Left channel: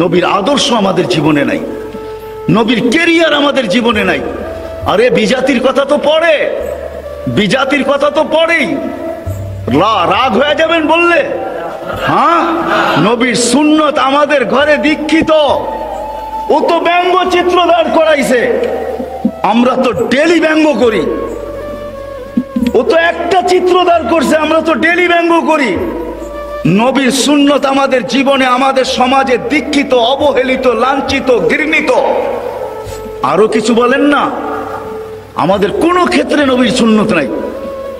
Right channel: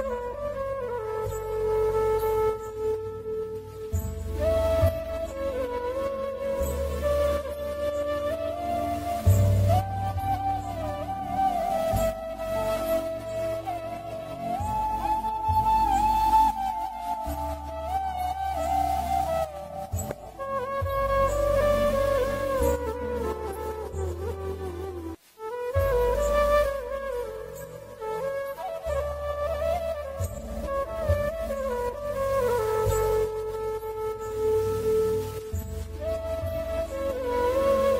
নবীর আদর্শ আমাদের জীবনে নাই, নবীর কেরিয়ার আমাদের জীবনে নাই। আরে বিজাতির কথা তো পড়ে, বিজাতির কথা তো পড়েই, রাগ হয়ে যাবেন বললে? হ্যাঁ, নবীর সুন্নত আমাদের ঘরে দীক্ষিত। ও তো ব্যঙ্গচিত্র দাঁড় করাইছে, আমরা তো ডেলি ব্যঙ্গ করি। ও তো একটা চিত্র দাঁড় করছে, আমরা তো ডেলি ব্যঙ্গ করি। নবীর সুন্নত আমাদের জীবনে, আমাদের সমাজে দীক্ষিত, অবহেলিত, লাঞ্ছিত, ঘৃণিত। আরো কিছু বলেন না, আমাদের কোনো ক্ষেত্রে নবীর সুন্নত নাই।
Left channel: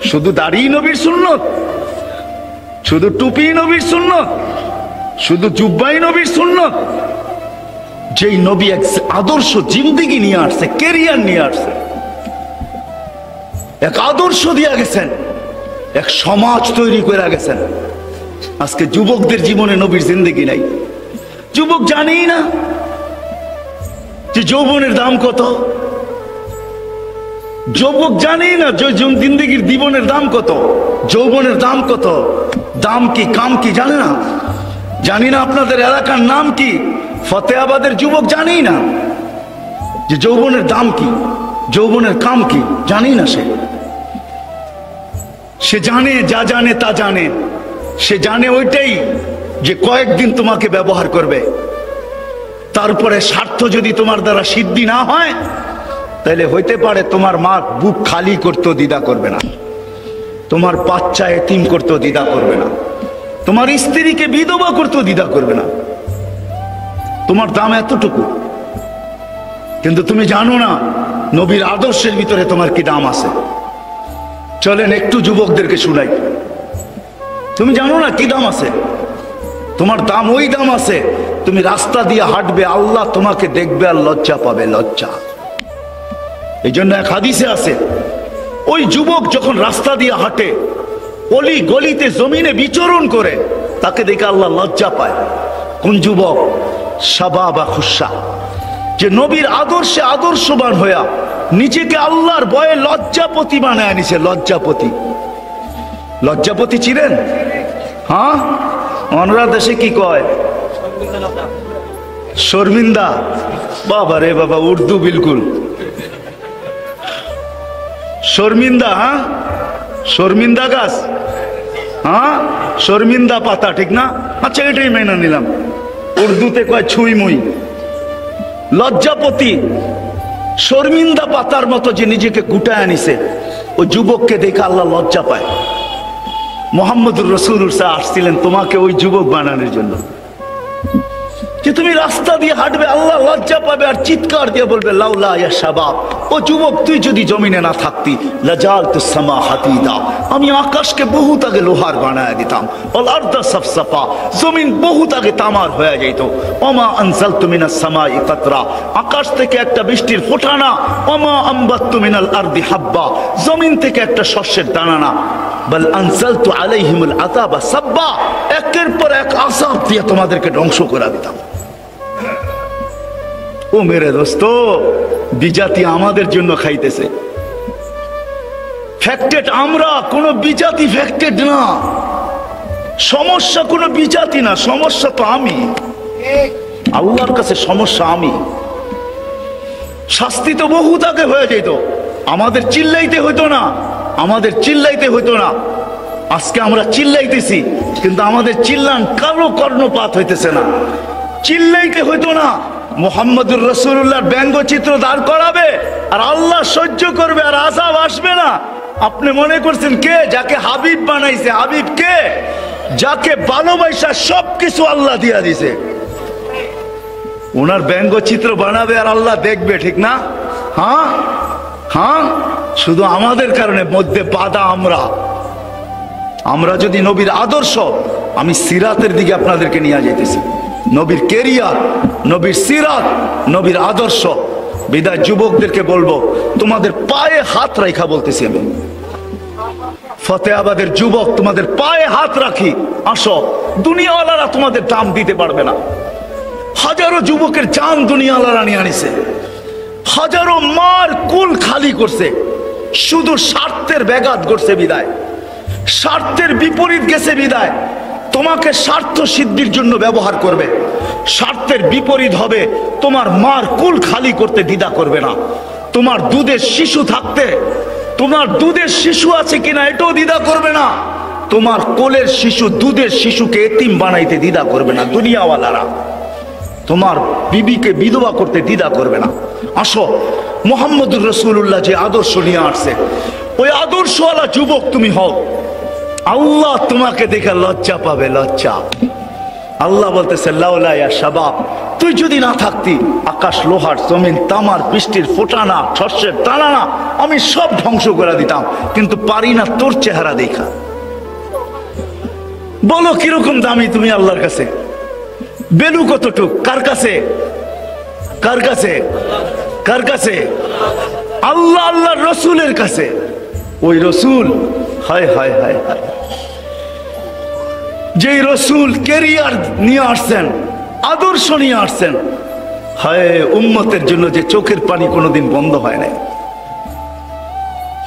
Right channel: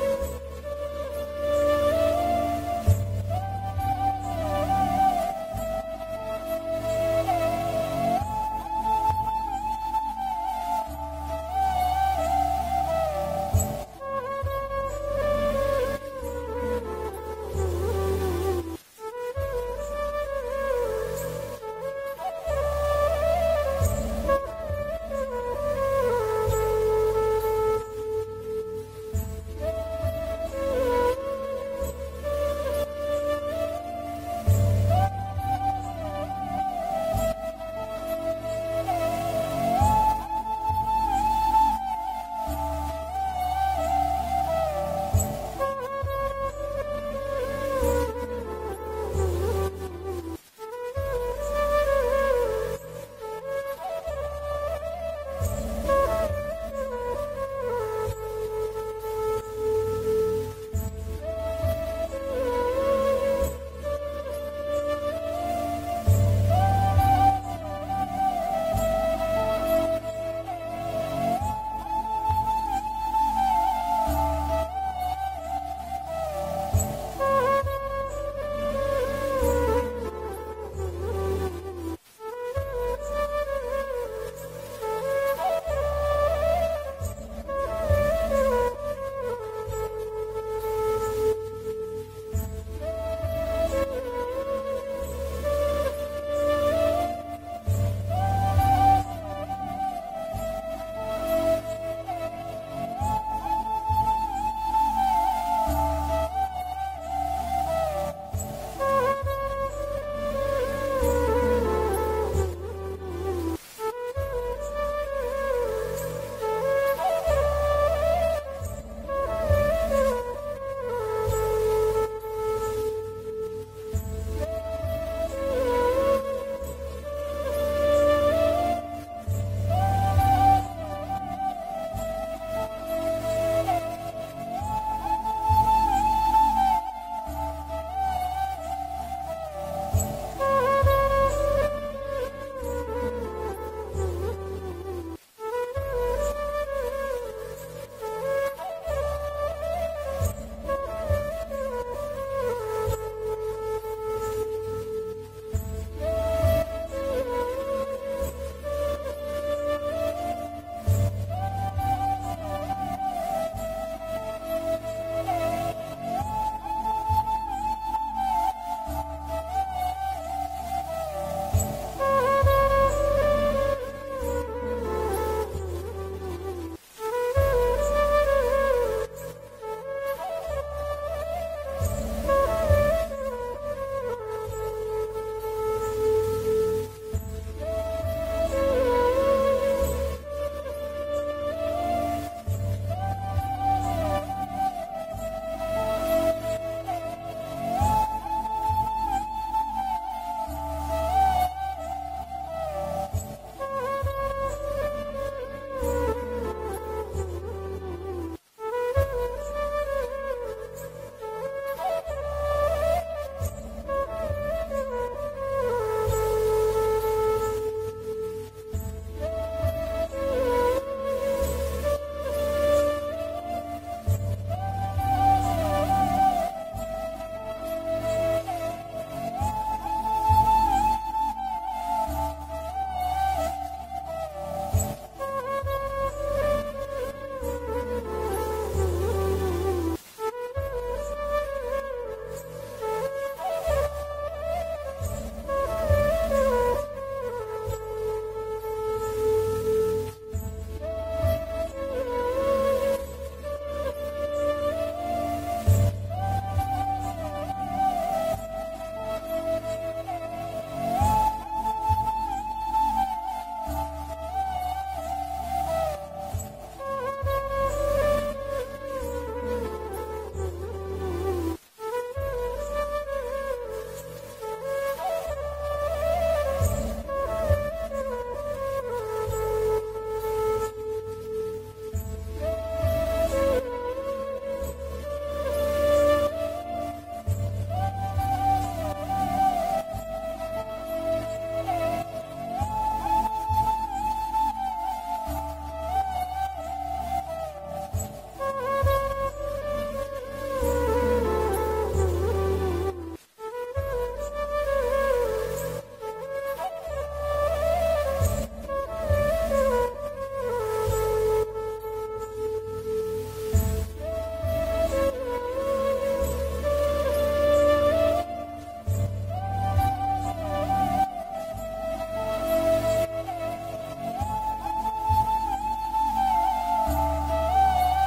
শুধু দাড়ি নবীর সুন্নত, শুধু টুপি নবীর সুন্নত, শুধু জুব্বাই নবীর সুন্নত। যেই নবী এক আদর্শ জিন্দেগি নিয়ে আসছে, কেরিয়ার নিয়ে আসছে, এক আদর্শ দিয়ে গেছেন, এক সমাজ তৈরি করে গেছেন। আজকে যুবকদের জীবনে নবীর জিন্দেগি নাই। যুবক জানেই না যে যৌবনের দাম কত, যুবক জানেই না যে জিন্দেগির জীবনের দাম কত, যৌবনের দাম কত, দাম কি কাম কি জানে না। জানি না আপনাদের এলাকার নাম কি, ফতেহাবাদের যুবক জানেই না যে যৌবনের দাম কি, যৌবনের কাম কি, জানি না। সে জানে, যা জানে তা জানে। সে জানে ওইটাই যে কয়েকদিন তোমাকে ব্যবহার করবে, তারপরে স্বার্থ যদি তোমার দ্বারা সিদ্ধি না হয়, তাহলে হইতে পারে তোমার মা বুক খালি করতেও দ্বিধা করবে না, তোমার বাচ্চা এতিম করতেও দ্বিধা করবে না, তোমার স্ত্রীকে বিধবা করতেও দ্বিধা করবে না। তোমার দাম এতটুকু, কিন্তু তুমি জানো না নবীর আদর্শের ভিতরে তোমার কি দাম আছে। চলেন একটু যুবকদেরকে শুনাই। তুমি জানো না কি দাম আছে, তোমার দাম ওই দাম আছে, তুমি রাস্তা দিয়ে হাঁটবে, আল্লাহ তোমাকে দেখবে আর লজ্জা পাবে, লজ্জা। এই জন্য এক হাদিসে আছে, ওই যুবক যখন রাস্তা দিয়ে হাঁটে, অলি গলিতে জমিনে বিচরণ করে, তাকে দেখে আল্লাহ লজ্জা পায়। কোন যুবক? শাবাবা খুশা, যে নবীর আদর্শে আদর্শবান হইয়া নিজেকে আল্লাহর ভয়ে লজ্জাপতি বানায় নিছে। লজ্জাপতি, লজ্জাপতি চিনেন? হ্যাঁ, অনরা দেশে কি কয়? শর্মিন্দা। বাবা রে বাবা, উর্দু বিলকুল শর্মিন্দা। হ্যাঁ, শর্মিন্দা গাছ, হ্যাঁ শর্মিন্দা পাতা, ঠিক না? আচ্ছা, এটাই মেনে নিলাম। উর্দুতে কয় ছুই মুই। লজ্জাপতি, শর্মিন্দা পাতার মতো যে নিজেকে গুটায় আনিছে, ওই যুবককে দেখে আল্লাহ লজ্জা পায়। মুহাম্মদুর রাসূলুল্লাহ আসছিলেন তোমাকে ওই যুবক বানানোর জন্য, যে তুমি রাস্তা দিয়ে হাঁটবে, আল্লাহ লজ্জা পাবে আর চিৎকার দিয়ে বলবে লাউলা ইয়া শাবাব, ও যুবক তুই যদি জমিনে না থাকতি, লাজালতুস সামা হাতিদা, আমি আকাশকে বহুত আগে লোহার বানায় দিতাম, ওয়াল আরদা সাফসাফা, জমিন বহুত আগে তামার হয়ে যেত। ওমা আনজালতু মিনাস সামাই কাতরা, আকাশ থেকে একটা বৃষ্টির ফোঁটা না। ওমা আমবাততু মিনাল আরদি হাব্বা, জমিন থেকে একটা শস্যের দানা না। বল আনজালতু আলাইহিমুল আযাবা সাব্বা, একের পর এক আযাব দিয়ে তোমাদেরকে ধ্বংস করে দিতাম। ও মেরে দোস্ত, বিজাতি আমাদের জন্য খাইতেছে। ফ্যাক্টেড আমরা, কোন বিজাতি ফ্যাক্টেড না। সমস্যা কোন বিজাতি না, সমস্যা তো আমি। আল্লাহর কাছে সমস্যা আমি। শাস্তি তো বহুত আগে হয়ে যেত, আমাদের চিল্লাইতে হইতো না, আমাদের চিল্লাইতে হইতো না। আজকে আমরা চিল্লাইতেছি, কিন্তু আমাদের চিল্লান কারো কর্ণপাত হইতেছে না। চিল্লাইতে হইতো না, মুহাম্মদুর রাসূলুল্লাহর ব্যঙ্গচিত্র দাঁড় করাবে আর আল্লাহ সহ্য করবে আর আযাব আসবে না। আপনি মনে করছেন কে? যাকে হাবিব বানাইছে। হাবিব কে? যাকে ভালোবাসা সবকিছু আল্লাহ দিয়া দিছে। ওনার ব্যঙ্গচিত্র বানাবে আর আল্লাহ দেখবে, ঠিক না? হ্যাঁ হ্যাঁ, শুধু আমাদের কারণে মধ্যে বাধা আমরা। আমরা যদি নবীর আদর্শ, আমি সিরাতের দিকে আপনাদেরকে নিয়ে যাইতেছি, নবীর কেরিয়ার, নবীর সিরাত, নবীর আদর্শ। বিদায় যুবকদেরকে বলবো, তোমাদের পায়ে হাত রাখা বলতেছি আমি, ফতেহাবাদের যুবক, তোমাদের পায়ে হাত রাখি, আসো। দুনিয়াওয়ালারা তোমাদের দাম দিতে পারবে না। হাজারো যুবকের জান দুনিয়াওয়ালারা নিয়ে আনিছে, হাজারো মার কুল খালি করছে, শুধু স্বার্থের ব্যাঘাত করছে বিদায়, স্বার্থের বিপরীত গেছে বিদায়। তোমাকে স্বার্থ সিদ্ধির জন্য ব্যবহার করবে, স্বার্থের বিপরীত হবে তোমার মার কুল খালি করতে দ্বিধা করবে না। তোমার দুধের শিশু থাকতে, তোমার দুধের শিশু আছে কিনা এটাও দ্বিধা করবে না। তোমার কোলের শিশু দুধের শিশুকে এতিম বানাইতে দ্বিধা করবে না দুনিয়াওয়ালারা। তোমার বিবিকে বিধবা করতে দ্বিধা করবে না। আসো, মুহাম্মদুর রাসূলুল্লাহ যে আদর্শ নিয়ে আসছে ওই আদর্শওয়ালা যুবক তুমি হও। আল্লাহ তোমাকে দেখে লজ্জা পাবে, লজ্জা। আল্লাহ বলতেছে লাউলা ইয়া শাবাব, তুই যদি না থাকতি আকাশ লোহার জমিন তামার বৃষ্টির ফোটানা শস্যের টানা আমি সব ধ্বংস করে দিতাম, কিন্তু পারি না তোর চেহারা দেখা। বলো কিরকম দামি তুমি আল্লাহর কাছে, বেলু কতটুক, কার কাছে, কার কাছে, কার কাছে? আল্লাহ আল্লাহর রসুলের কাছে। ওই রসুল, হায় হায় হায় হায়, যেই রসুল কেরিয়ার নিয়ে আসছেন, আদর্শ নিয়ে আসছেন, হায় উম্মতের জন্য যে চোখের পানি কোনোদিন বন্ধ হয় নাই।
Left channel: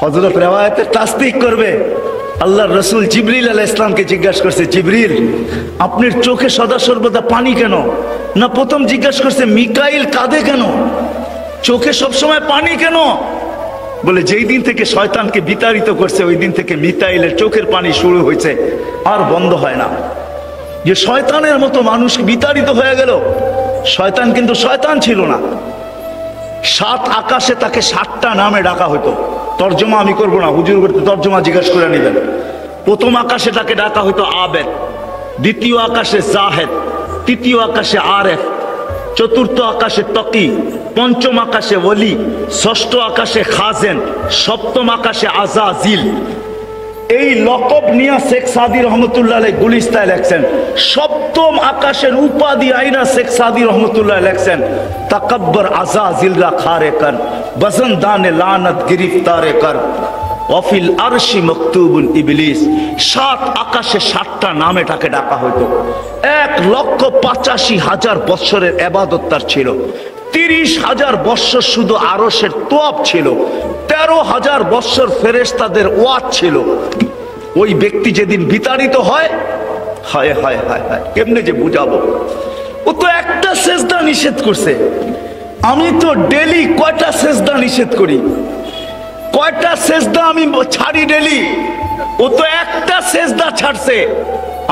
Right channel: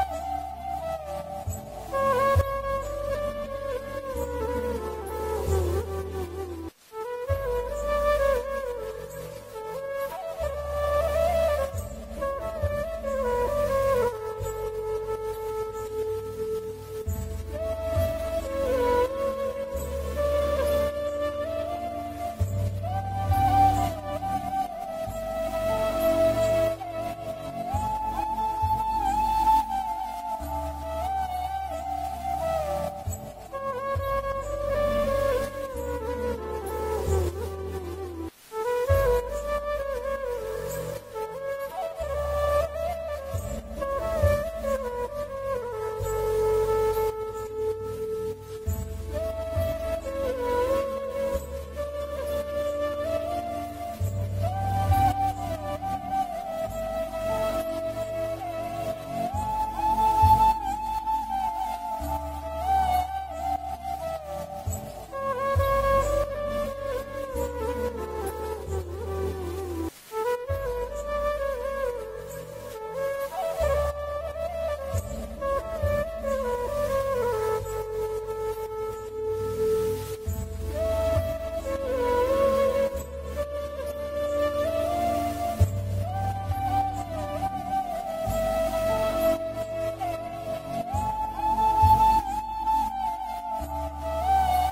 হযরত রিওয়ায়াতে তাসদীক করবে, আল্লাহর রসুল জিবরিল আলাইহিস সালামকে জিজ্ঞাসা করছে, জিবরিল আপনার চোখে সদা সর্বদা পানি কেন? না প্রথম জিজ্ঞাসা করছে মিকাইল কাঁদে কেন, চোখে সবসময় পানি কেন? বলে যেই দিন থেকে শয়তানকে বিতাড়িত করছে ওই দিন থেকে মিকাইলের চোখের পানি শুরু হয়েছে, আর বন্ধ হয় না। যে শয়তানের মতো মানুষ বিতাড়িত হয়ে গেল। শয়তান কিন্তু শয়তান ছিল না। 7 আকাশে তাকে 7টা নামে ডাকা হতো। তর্জমা আমি করব না, হুজুর করতে তর্জমা জিজ্ঞাসা করে নেবেন। প্রথম আকাশে তাকে ডাকা হতো আবেদ, দ্বিতীয় আকাশে জাহেদ, তৃতীয় আকাশে আরেফ, চতুর্থ আকাশে তকি, পঞ্চম আকাশে ওলি, ষষ্ঠ আকাশে খাজেন, সপ্তম আকাশে আজাজিল। এই লকব নিয়ে শেখ সাদি রহমতুল্লাহ আলাইহি গুলিস্তায় লেখছেন। সপ্তম আকাশের উপাধি আইনা শেখ সাদি রহমতুল্লাহ লেখছেন, তাকাব্বর আজাজিল রা খারে কর, বজনদানে লানত গিরিফতারে কর, ওয়াফিল আরশি মকতুবুল ইবলিস। 7 আকাশে 7টা নামে তাকে ডাকা হতো। 1,85,000 বৎসরের ইবাদত তার ছিল। 30,000 বৎসর শুধু আরশের তোয়াব ছিল। 13,000 বৎসর ফেরেশতাদের ওয়াজ ছিল। ওই ব্যক্তি যেদিন বিতাড়িত হয়, হায় হায় হায় হায়, কেমনে যে বুঝাবো। ও তো একটা সেজদা নিষেধ করছে, আমি তো ডেলি কয়টা সেজদা নিষেধ করি, কয়টা সেজদা আমি ছাড়ি ডেলি। ও তো একটা সেজদা ছাড়ছে,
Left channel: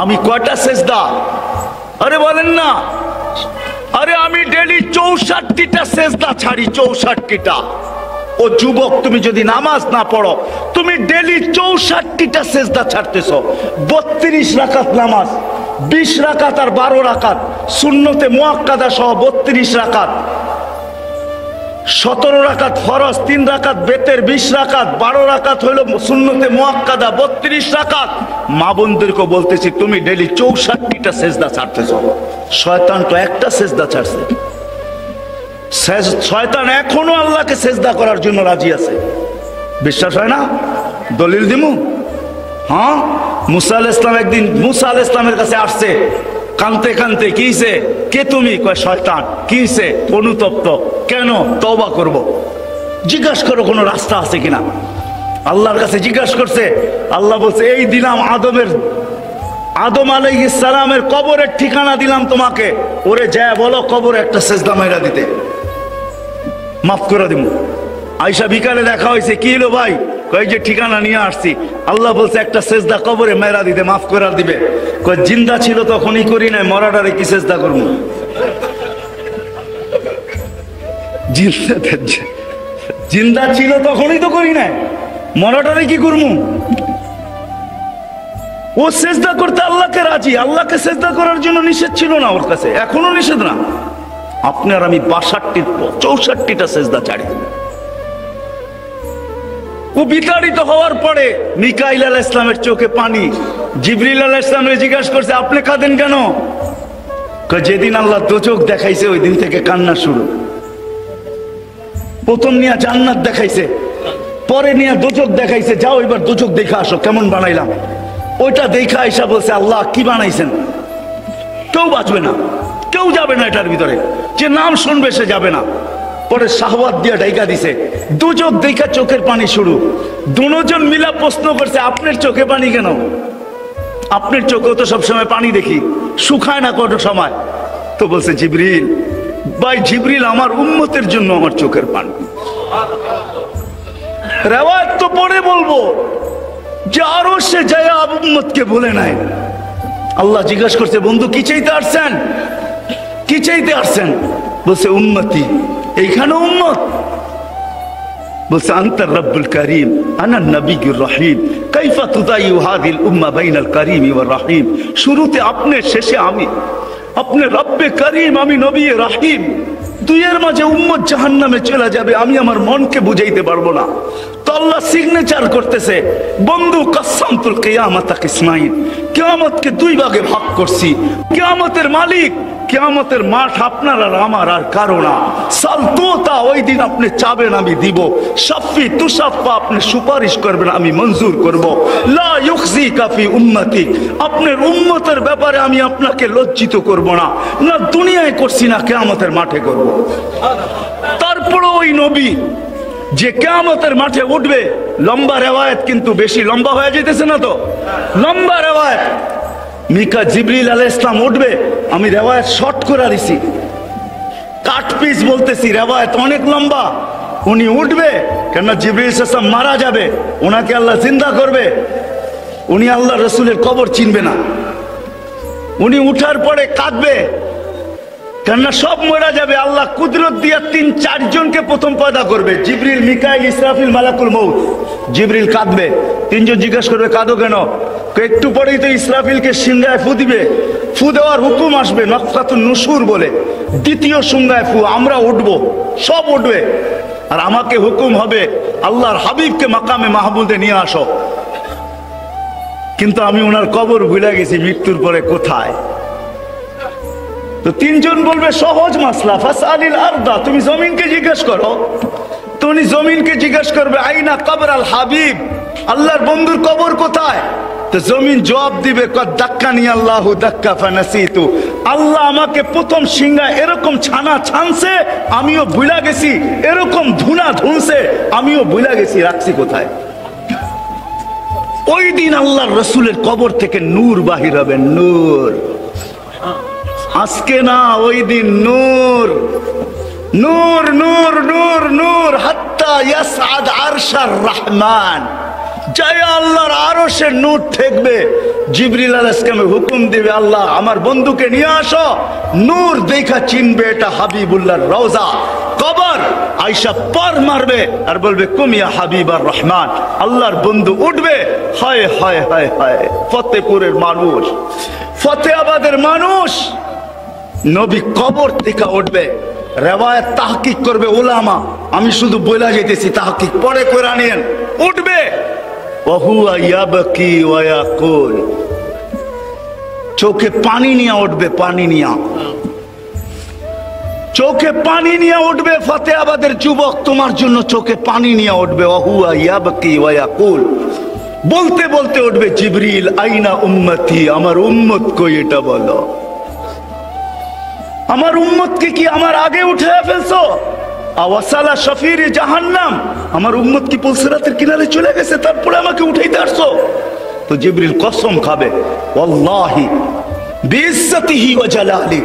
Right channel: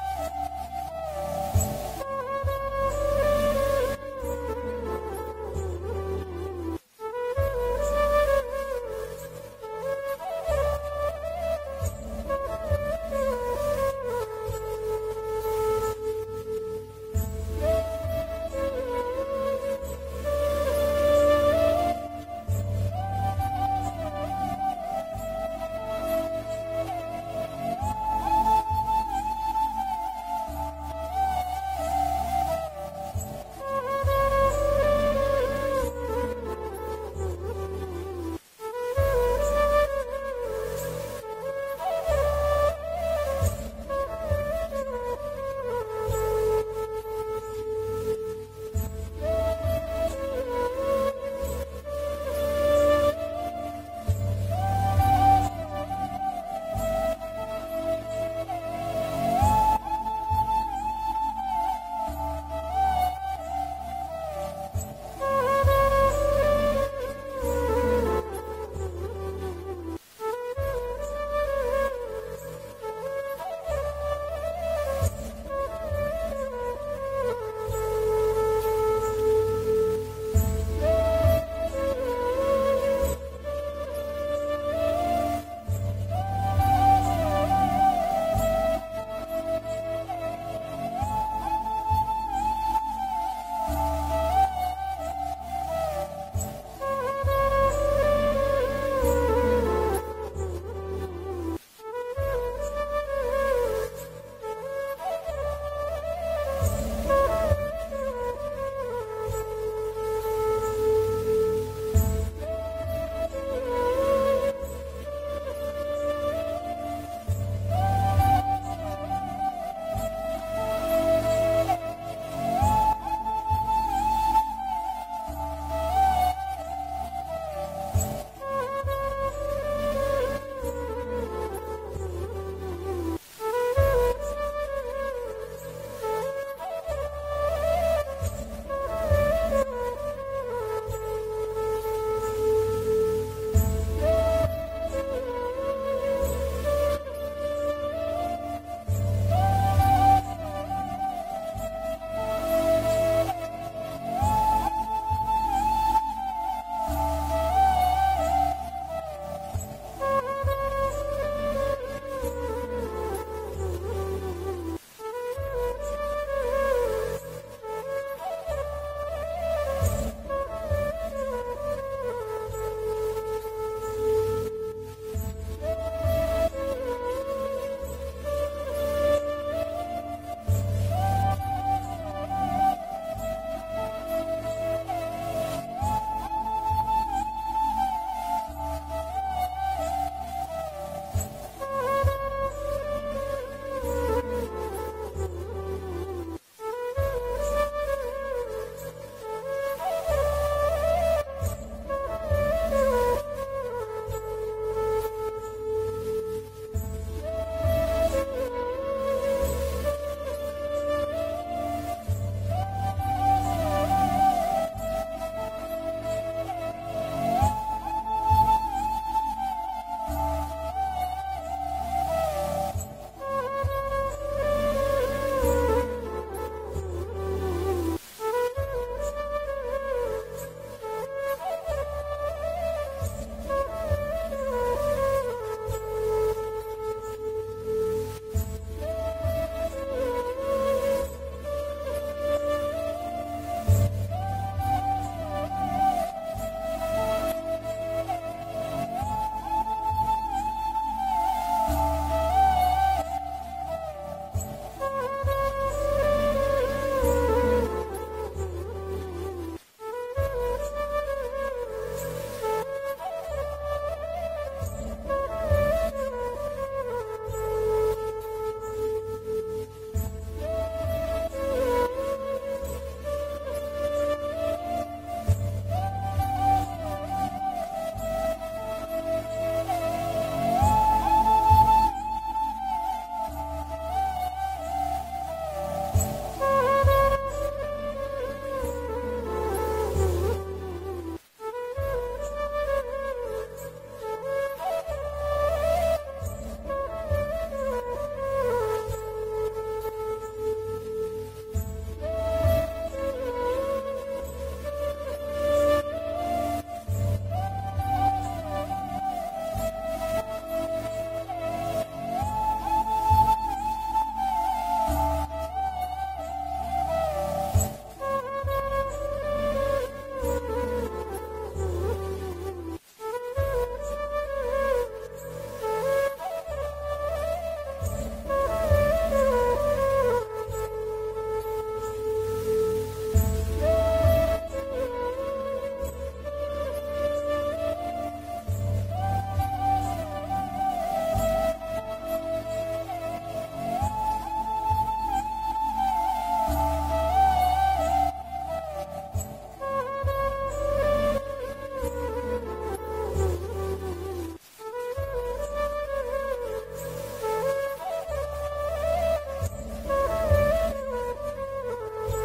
আমি কয়টা সেজদা? আরে বলেন না। আরে আমি ডেলি 64টা সেজদা ছাড়ি, 64টা। ও যুবক, তুমি যদি নামাজ না পড়ো, তুমি ডেলি 64টা সেজদা ছাড়তেছো। 32 রাকাত নামাজ, 20 রাকাত আর 12 রাকাত সুন্নতে মুআক্কাদা সহ 32 রাকাত, 17 রাকাত ফরজ, 3 রাকাত বেতের, 20 রাকাত, 12 রাকাত হইল সুন্নতে মুআক্কাদা, 32 রাকাত। মা বোনদেরকে বলতেছি তুমি ডেলি 64টা সেজদা ছাড়তেছো। শয়তান তো একটা সেজদা ছাড়ছে। শয়তান এখনো আল্লাহকে সেজদা করার জন্য রাজি আছে। বিশ্বাস হয় না? দলিল দিমু। হ্যাঁ, মুসা আলাইহিস সালাম একদিন মুসা আলাইহিস সালামের কাছে আসছে কানতে কানতে। কিছে? কে তুমি? কয় শয়তান। কিছে? অনুতপ্ত। কেন? তওবা করব। জিজ্ঞাসা করো কোনো রাস্তা আছে কিনা। আল্লাহর কাছে জিজ্ঞাসা করছে। আল্লাহ বলছে এই দিলাম আদম আলাইহিস সালামের কবরের ঠিকানা দিলাম তোমাকে, ওরে যায় বলো কবরে একটা সেজদা মাইরা দিতে, মাফ করে দিব। আয়েশা বিকালে দেখা হয়েছে, কি হলো ভাই? কই যে ঠিকানা নিয়ে আসছি। আল্লাহ বলছে একটা সেজদা কবরে মেরা দিতে, মাফ করে দিবে। কই জিন্দা ছিল তখনই করি নাই, মরাটারে কি সেজদা করবো? জিন্দা ছিল তখনই তো করি নাই, মরাটারে কি করবো? ও সেজদা করতে আল্লাহকে রাজি। আল্লাহকে সেজদা করার জন্য নিষেধ ছিল না ওর কাছে, এখনো নিষেধ না। আপনার আমি 64টা সেজদা ছাড়ি। ও বিতাড়িত হওয়ার পরে মিকাইল আলাইহিস সালামের চোখে পানি। জিবরিল আলাইহিস সালামকে জিজ্ঞাসা করছে আপনি কাঁদেন কেন? যেদিন আল্লাহ দোজখ দেখাইছে ওই দিন থেকে কান্না শুরু। প্রথম নিয়ে জান্নাত দেখাইছে, পরে নিয়ে দোজখ দেখাইছে। যাও এবার দোজখ দেখে আসো কেমন বানাইলাম। ওইটা দেখা আয়েশা বলছে আল্লাহ কি বানাইছেন? কেউ বাঁচবে না, কেউ যাবে না এটার ভিতরে, যে নাম শুনবে সে যাবে না। পরে শাহওয়াত দিয়ে ঢাইকা দিছে। দুচোখ দেখা চোখের পানি শুরু। দুজন মিলা প্রশ্ন করছে আপনার চোখে পানি কেন? আপনার চোখেও তো সবসময় পানি দেখি, শুকায় না কত সময়। তো বলছে জিবরিল, ভাই জিবরিল আমার উম্মতের জন্য আমার চোখের পানি। রেওয়ায়াত তো পরে বলবো যে আরো সে যায় উম্মতকে বলে নাই। আল্লাহ জিজ্ঞাসা করছে, বন্ধু কি চাইতে আসছেন, কি চাইতে আসছেন? বলছে উম্মতি। এইখানে উম্মত বলছে আনতার রব্বুল করিম আনা নবিয়ুর রহিম কাইফা তুদাইয়ু হাযিল উম্মাহ বাইনাল করিম ওয়ার রহিম। শুরুতে আপনি, শেষে আমি। আপনি রব্বে করিম, আমি নবী রহিম। দুইয়ের মাঝে উম্মত জাহান্নামে চলে যাবে, আমি আমার মনকে বুঝাইতে পারবো না। তো আল্লাহ সিগনেচার করতেছে, বন্ধু কাসামতুল কিয়ামাতা কিসমাইন, কিয়ামতকে দুই ভাগে ভাগ করছি। কিয়ামতের মালিক, কিয়ামতের মাঠ আপনার আর আমার আর কারো না। সালতোতা, ওই দিন আপনি চাবেন আমি দিব। শাফি তুশাফা, আপনি সুপারিশ করবেন আমি মঞ্জুর করব। লা ইউখজিকা ফি উম্মতি, আপনার উম্মতের ব্যাপারে আমি আপনাকে লজ্জিত করব না, না দুনিয়ায় করছি না কিয়ামতের মাঠে করব। তারপরে ওই নবী যে কিয়ামতের মাঠে উঠবে, লম্বা রেওয়ায়েত কিন্তু বেশি লম্বা হয়ে যেতেছে না তো, লম্বা রেওয়ায়েত। মিকা জিবরিল আলাইহিস সালাম উঠবে, আমি রেওয়ায়েত শর্ট করে দিছি, কাট পিস বলতেছি, রেওয়ায়েত অনেক লম্বা। উনি উঠবে, কেন জিবরিল আলাইহিস সালাম মারা যাবে, ওনাকে আল্লাহ জিন্দা করবে। উনি আল্লাহ রসুলের কবর চিনবে না। উনি উঠার পরে কাঁদবে, কেননা সব মরা যাবে। আল্লাহ কুদরত দিয়া ৩-৪ জনকে প্রথম পয়দা করবে, জিবরিল, মিকাইল, ইসরাফিল, মালাকুল মউত। জিবরিল কাঁদবে, ৩ জন জিজ্ঞাসা করবে কাঁদো কেন? একটু পরেই তো ইসরাফিলকে সিংহায় ফু দিবে, ফু দেওয়ার হুকুম আসবে, নফখাতুন নুশুর বলে, দ্বিতীয় সিংহায় ফু, আমরা উঠবো, সব উঠবে। আর আমাকে হুকুম হবে আল্লাহর হাবিবকে মাকামে মাহমুদে নিয়ে আসো। কিন্তু আমি ওনার কবর ভুলে গেছি, মৃত্যুর পরে কোথায়। তো ৩ জন বলবে সহজ মাসলা, ফাসআলিল আরদা, তুমি জমিনকে জিজ্ঞেস করো। তো উনি জমিনকে জিজ্ঞেস করবে আইনা কবর আল হাবিব, আল্লাহর বন্ধুর কবর কোথায়? তো জমিন জবাব দিবে দাক্কানি আল্লাহু দাক্কা ফানাসিতু, আল্লাহ আমাকে প্রথম সিংহা এরকম ছানা ছানছে, আমিও ভুলা গেছি, এরকম ধুনা ধুনছে, আমিও ভুলা গেছি, রাখছি কোথায়। ওই দিন আল্লাহর রসুলের কবর থেকে নূর বাহির হবে, নূর। আজকে না, ওই দিন নূর, নূর নূর নূর নূর, হাত্তা ইয়াসআদ আরশার রহমান, জয় আল্লাহর আরশের নূর ঠেকবে। জিবরিল আলাইহিস সালাম হুকুম দিবে, আল্লাহ আমার বন্ধুকে নিয়ে আসো। নূর দেখা চিনবে এটা হাবিবুল্লাহর রওজা, কবর। আয়েশা পার মারবে আর বলবে কুমিয়া হাবিবার রহমান, আল্লাহর বন্ধু উঠবে। হায় হায় হায় হায়, ফতেপুরের মানুষ, ফতেহাবাদের মানুষ, নবী কবর থেকে উঠবে। রেওয়ায়াত তাহকিক করবে উলামা, আমি শুধু বলে যেতেছি, তাহকিক পরে করে নিয়েন। উঠবে, ওহুয়া ইয়াবকি ওয়া ইয়াকুল, চোখে পানি নিয়ে উঠবে, পানি নিয়ে, চোখে পানি নিয়ে উঠবে। ফতেহাবাদের যুবক, তোমার জন্য চোখে পানি নিয়ে উঠবে। ওহুয়া ইয়াবকি ওয়া ইয়াকুল, বলতে বলতে উঠবে জিবরিল আইনা উম্মতি, আমার উম্মত কই এটা বলো। আমার উম্মতকে কি আমার আগে উঠে ফেলছো? আওয়াসালা শফির জাহান্নাম, আমার উম্মত কি পুলসিরাতের কিনারে চলে গেছে, তারপরে আমাকে উঠাইতে আসছো? তো জিবরিল কসম খাবে, ওয়াল্লাহি বিইজ্জতিহি ওয়া জালালি,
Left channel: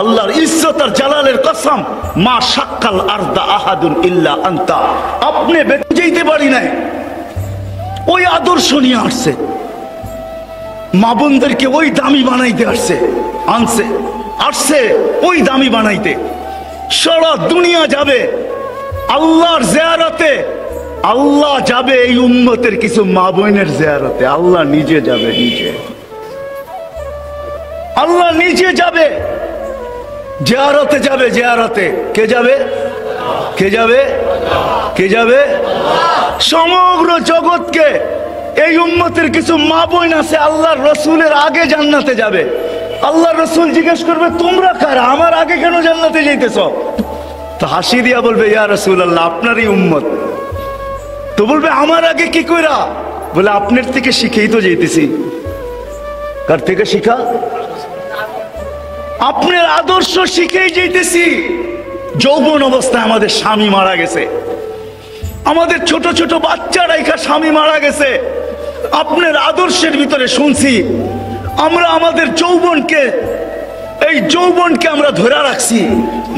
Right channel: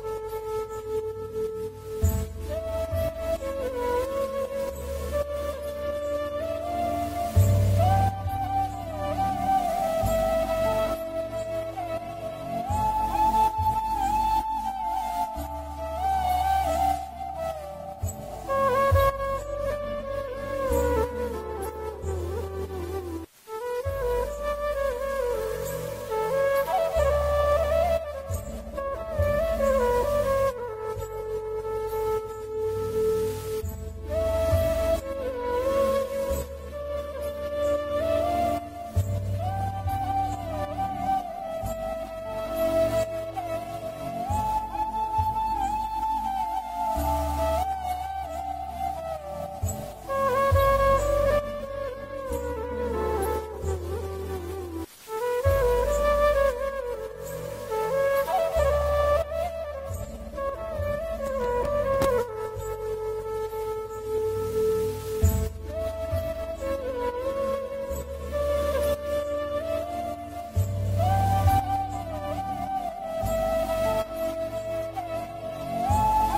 আল্লাহর ইজ্জত আর জালালের কসম, মা শাক্কাল আরদা আহাদুন ইল্লা আনতা, আপনি বেঁচে যেতে পারি নাই। ওই আদর্শ নিয়ে আসছে, মা বোনদেরকে ওই দামি বানাইতে আসছে, আনছে আসছে ওই দামি বানাইতে। সারা দুনিয়া যাবে আল্লাহর জিয়ারতে, আল্লাহ যাবে এই উম্মতের কিছু মা বোনের জিয়ারতে, আল্লাহ নিজে যাবে, নিজে আল্লাহ নিজে যাবে, জিয়ারতে যাবে, জিয়ারতে। কে যাবে? কে যাবে? কে যাবে? সমগ্র জগৎকে এই উম্মতের কিছু মা বোন আছে আল্লাহর রসুলের আগে জান্নাতে যাবে। আল্লাহ রসুল জিজ্ঞেস করবে তোমরা কারা, আমার আগে কেন জান্নাতে যাইতেছ? তো হাসি দিয়া বলবে ইয়া রাসূলুল্লাহ, আপনারই উম্মত। তো বলবে আমার আগে কি কইরা? বলে আপনার থেকে শিখেই তো যাইতেছি। কার থেকে শিখা? আপনার আদর্শ শিখেই যাইতেছি। যৌবন অবস্থায় আমাদের স্বামী মারা গেছে, আমাদের ছোট ছোট বাচ্চারা স্বামী মারা গেছে, আপনার আদর্শের ভিতরে শুনছি আমরা আমাদের এই যৌবনকে আমরা ধরে রাখছি,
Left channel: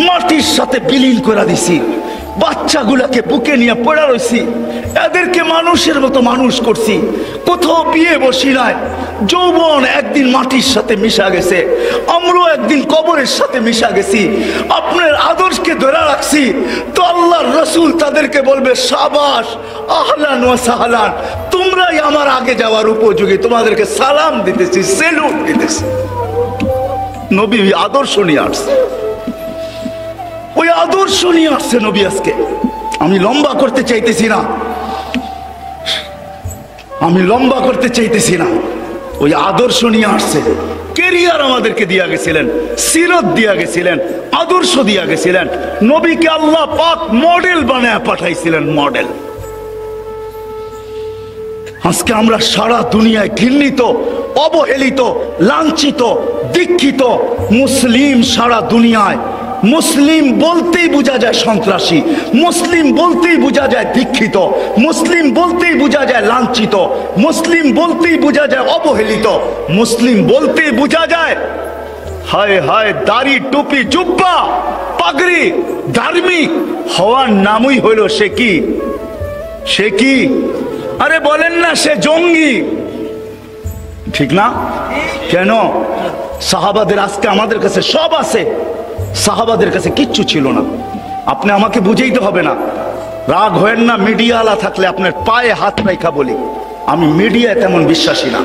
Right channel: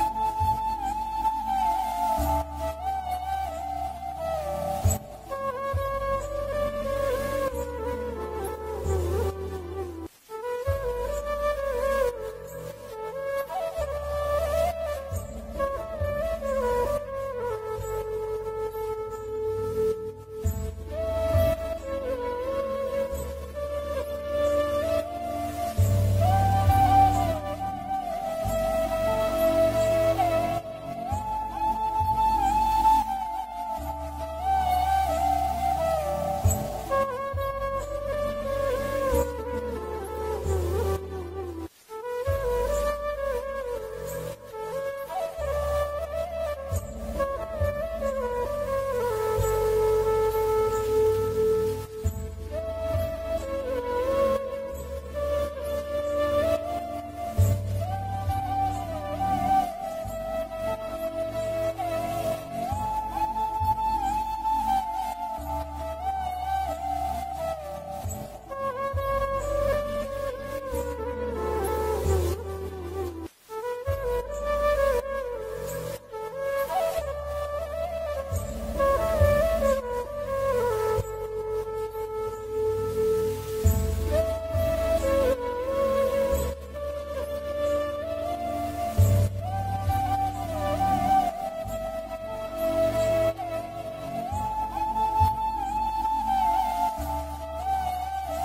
মাটির সাথে বিলীন করে দিছি। বাচ্চাগুলাকে বুকে নিয়ে পড়া রয়েছি, এদেরকে মানুষের মতো মানুষ করছি, কোথাও বিয়ে বসি নাই। যৌবন একদিন মাটির সাথে মিশা গেছে, আমরাও একদিন কবরের সাথে মিশা গেছি। আপনার আদর্শকে ধরে রাখছি তো আল্লাহর রাসূল তাদেরকে বলবে, সাবাস, আহলান ওয়া সাহলান, তোমরাই আমার আগে যাওয়ার উপযোগী, তোমাদেরকে সালাম দিতেছি, সেলুট দিতেছি। নবী আদর্শ নিয়ে আসছে, ওই আদর্শ নিয়ে আসছে নবী আজকে। আমি লম্বা করতে চাইতেছি না, ওই আদর্শ নিয়ে আসছে। কেরিয়ার আমাদেরকে দিয়া গেছিলেন, সিরত দিয়া গেছিলেন, আদর্শ দিয়া গেছিলেন। নবীকে আল্লাহ পাক মডেল বানায় পাঠাইছিলেন, মডেল। আজকে আমরা সারা দুনিয়ায় ঘৃণিত, অবহেলিত, লাঞ্ছিত, দীক্ষিত মুসলিম। সারা দুনিয়ায় মুসলিম বলতেই বোঝা যায় সন্ত্রাসী, মুসলিম বলতেই বোঝা যায় দীক্ষিত, মুসলিম বলতেই বোঝা যায় লাঞ্ছিত, মুসলিম বলতেই বোঝা যায় অবহেলিত, মুসলিম বলতেই বোঝা যায় হায় হায় দাড়ি, টুপি, জুব্বা, পাগড়ি ধার্মিক হওয়ার নামই হইল সে কি আরে বলেন না, সে জঙ্গি, ঠিক না? কেন? সাহাবাদের আজকে আমাদের কাছে সব আছে, সাহাবাদের কাছে কিচ্ছু ছিল না। আপনি আমাকে বুঝাইতে হবে না, রাগ হয়েন না। মিডিয়াওয়ালা থাকলে আপনার পায়ে হাত রাখা বলি, আমি মিডিয়ায় তেমন বিশ্বাসী না।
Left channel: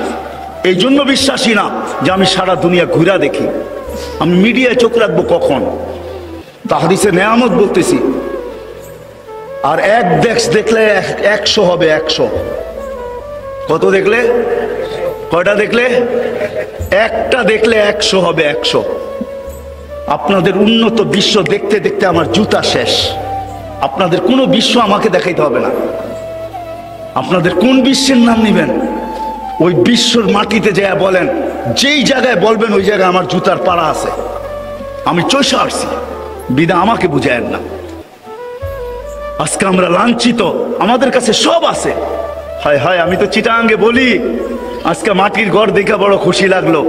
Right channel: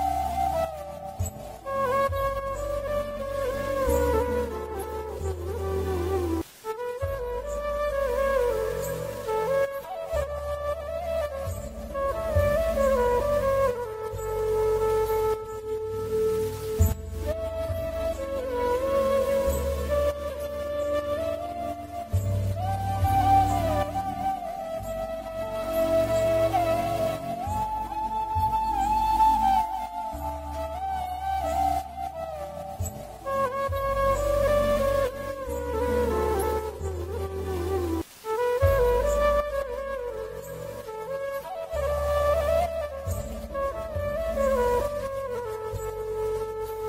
এই জন্য বিশ্বাসী না যে আমি সারা দুনিয়া ঘুরা দেখি। আমি মিডিয়ায় চোখ রাখবো কখন? তাহাদিসে নেয়ামত বলতেছি। আর এক দেখলে 100 হবে, 100। কত দেখলে? কয়টা দেখলে? একটা দেখলে 100 হবে, 100। আপনাদের উন্নত বিশ্ব দেখতে দেখতে আমার জুতা শেষ। আপনাদের কোনো বিশ্ব আমাকে দেখাইতে হবে না। আপনাদের কোন বিশ্বের নাম নিবেন, ওই বিশ্বর মাটিতে যায় বলেন, যেই জায়গায় বলবেন ওই জায়গায় আমার জুতার পাড়া আছে। আমি চষে আসছি, বিনা আমাকে বুঝায়েন না। আজকে আমরা লাঞ্ছিত, আমাদের কাছে সব আছে। হায় হায়, আমি তো চিটাঙ্গে বলি, আজকে মাটির ঘর দেখে বড় খুশি লাগলো।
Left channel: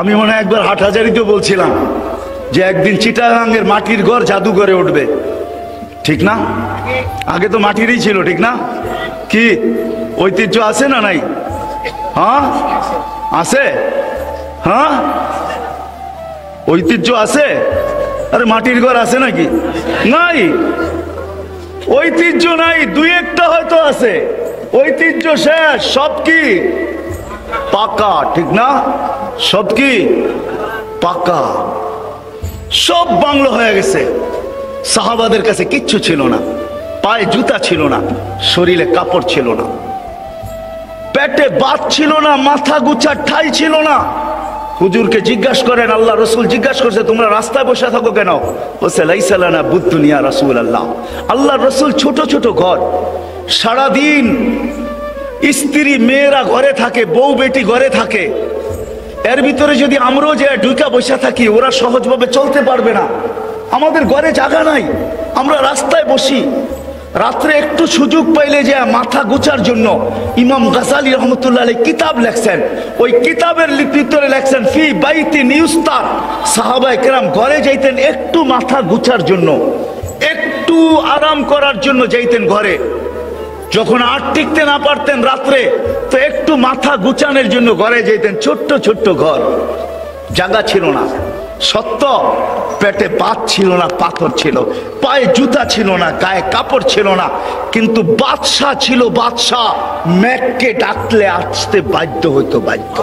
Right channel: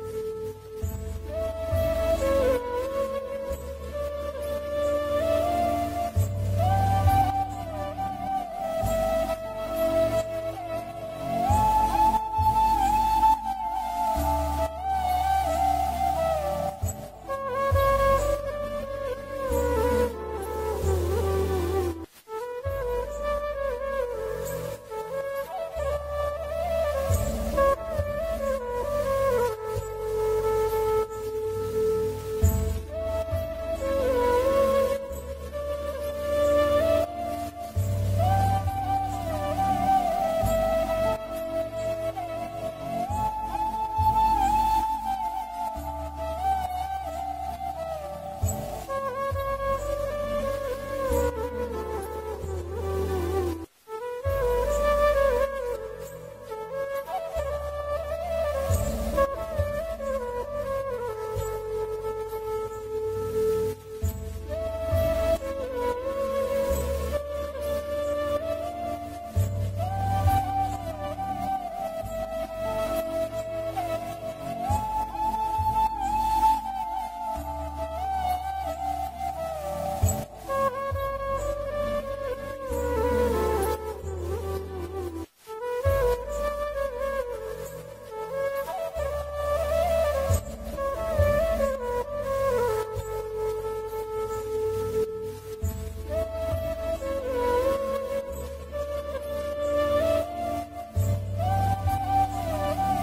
আমি মনে হয় একবার হাটহাজারিতেও বলছিলাম যে একদিন চিটাগাঙ্গের মাটির ঘর জাদুঘরে উঠবে, ঠিক না? আগে তো মাটিরই ছিল, ঠিক না? কি ঐতিহ্য আছে না নাই? হ্যাঁ আছে, হ্যাঁ ঐতিহ্য আছে। আরে মাটির ঘর আছে নাকি? নাই, ঐতিহ্য নাই। দুই একটা হয়তো আছে, ঐতিহ্য শেষ। সব কি পাকা, ঠিক না? সব কি পাকা, সব বাংলো হয়ে গেছে। সাহাবাদের কাছে কিচ্ছু ছিল না, পায়ে জুতা ছিল না, শরীরে কাপড় ছিল না, পেটে ভাত ছিল না, মাথা গুছার ঠাই ছিল না। হুজুরকে জিজ্ঞাসা করেন, আল্লাহ রসুল জিজ্ঞাসা করছে, তোমরা রাস্তায় বসে থাকো কেন? বলছে লাইসা লানা বুদ্দুনিয়া রাসূলুল্লাহ। আল্লাহ রসুল ছোট ছোট ঘর, সারাদিন স্ত্রী মেয়েরা ঘরে থাকে, বউ বেটি ঘরে থাকে। এর ভিতরে যদি আমরাও যে ঢুকা বসে থাকি, ওরা সহজভাবে চলতে পারবে না। আমাদের ঘরে জায়গা নাই, আমরা রাস্তায় বসি। রাত্রে একটু সুযোগ পাইলে যে মাথা গুছার জন্য ইমাম গাজালি রহমতুল্লাহ আলাইহি কিতাব লেখছেন। ওই কিতাবের ভিতরে লেখছেন, ফি বাইতি নিউস্তার, সাহাবায়ে কেরাম ঘরে যাইতেন একটু মাথা গুছার জন্য, একটু আরাম করার জন্য যাইতেন ঘরে। যখন আর টিকতে না পারতেন রাত্রে, তো একটু মাথা গুছানোর জন্য ঘরে যেতেন। ছোট্ট ছোট্ট ঘর, জায়গা ছিল না, সত্য। পেটে ভাত ছিল না, পাথর ছিল, পায়ে জুতা ছিল না, গায়ে কাপড় ছিল না, কিন্তু বাদশাহ ছিল। বাদশাহ মেঘকে ডাকলে আসতে বাধ্য হইতো, বাধ্য।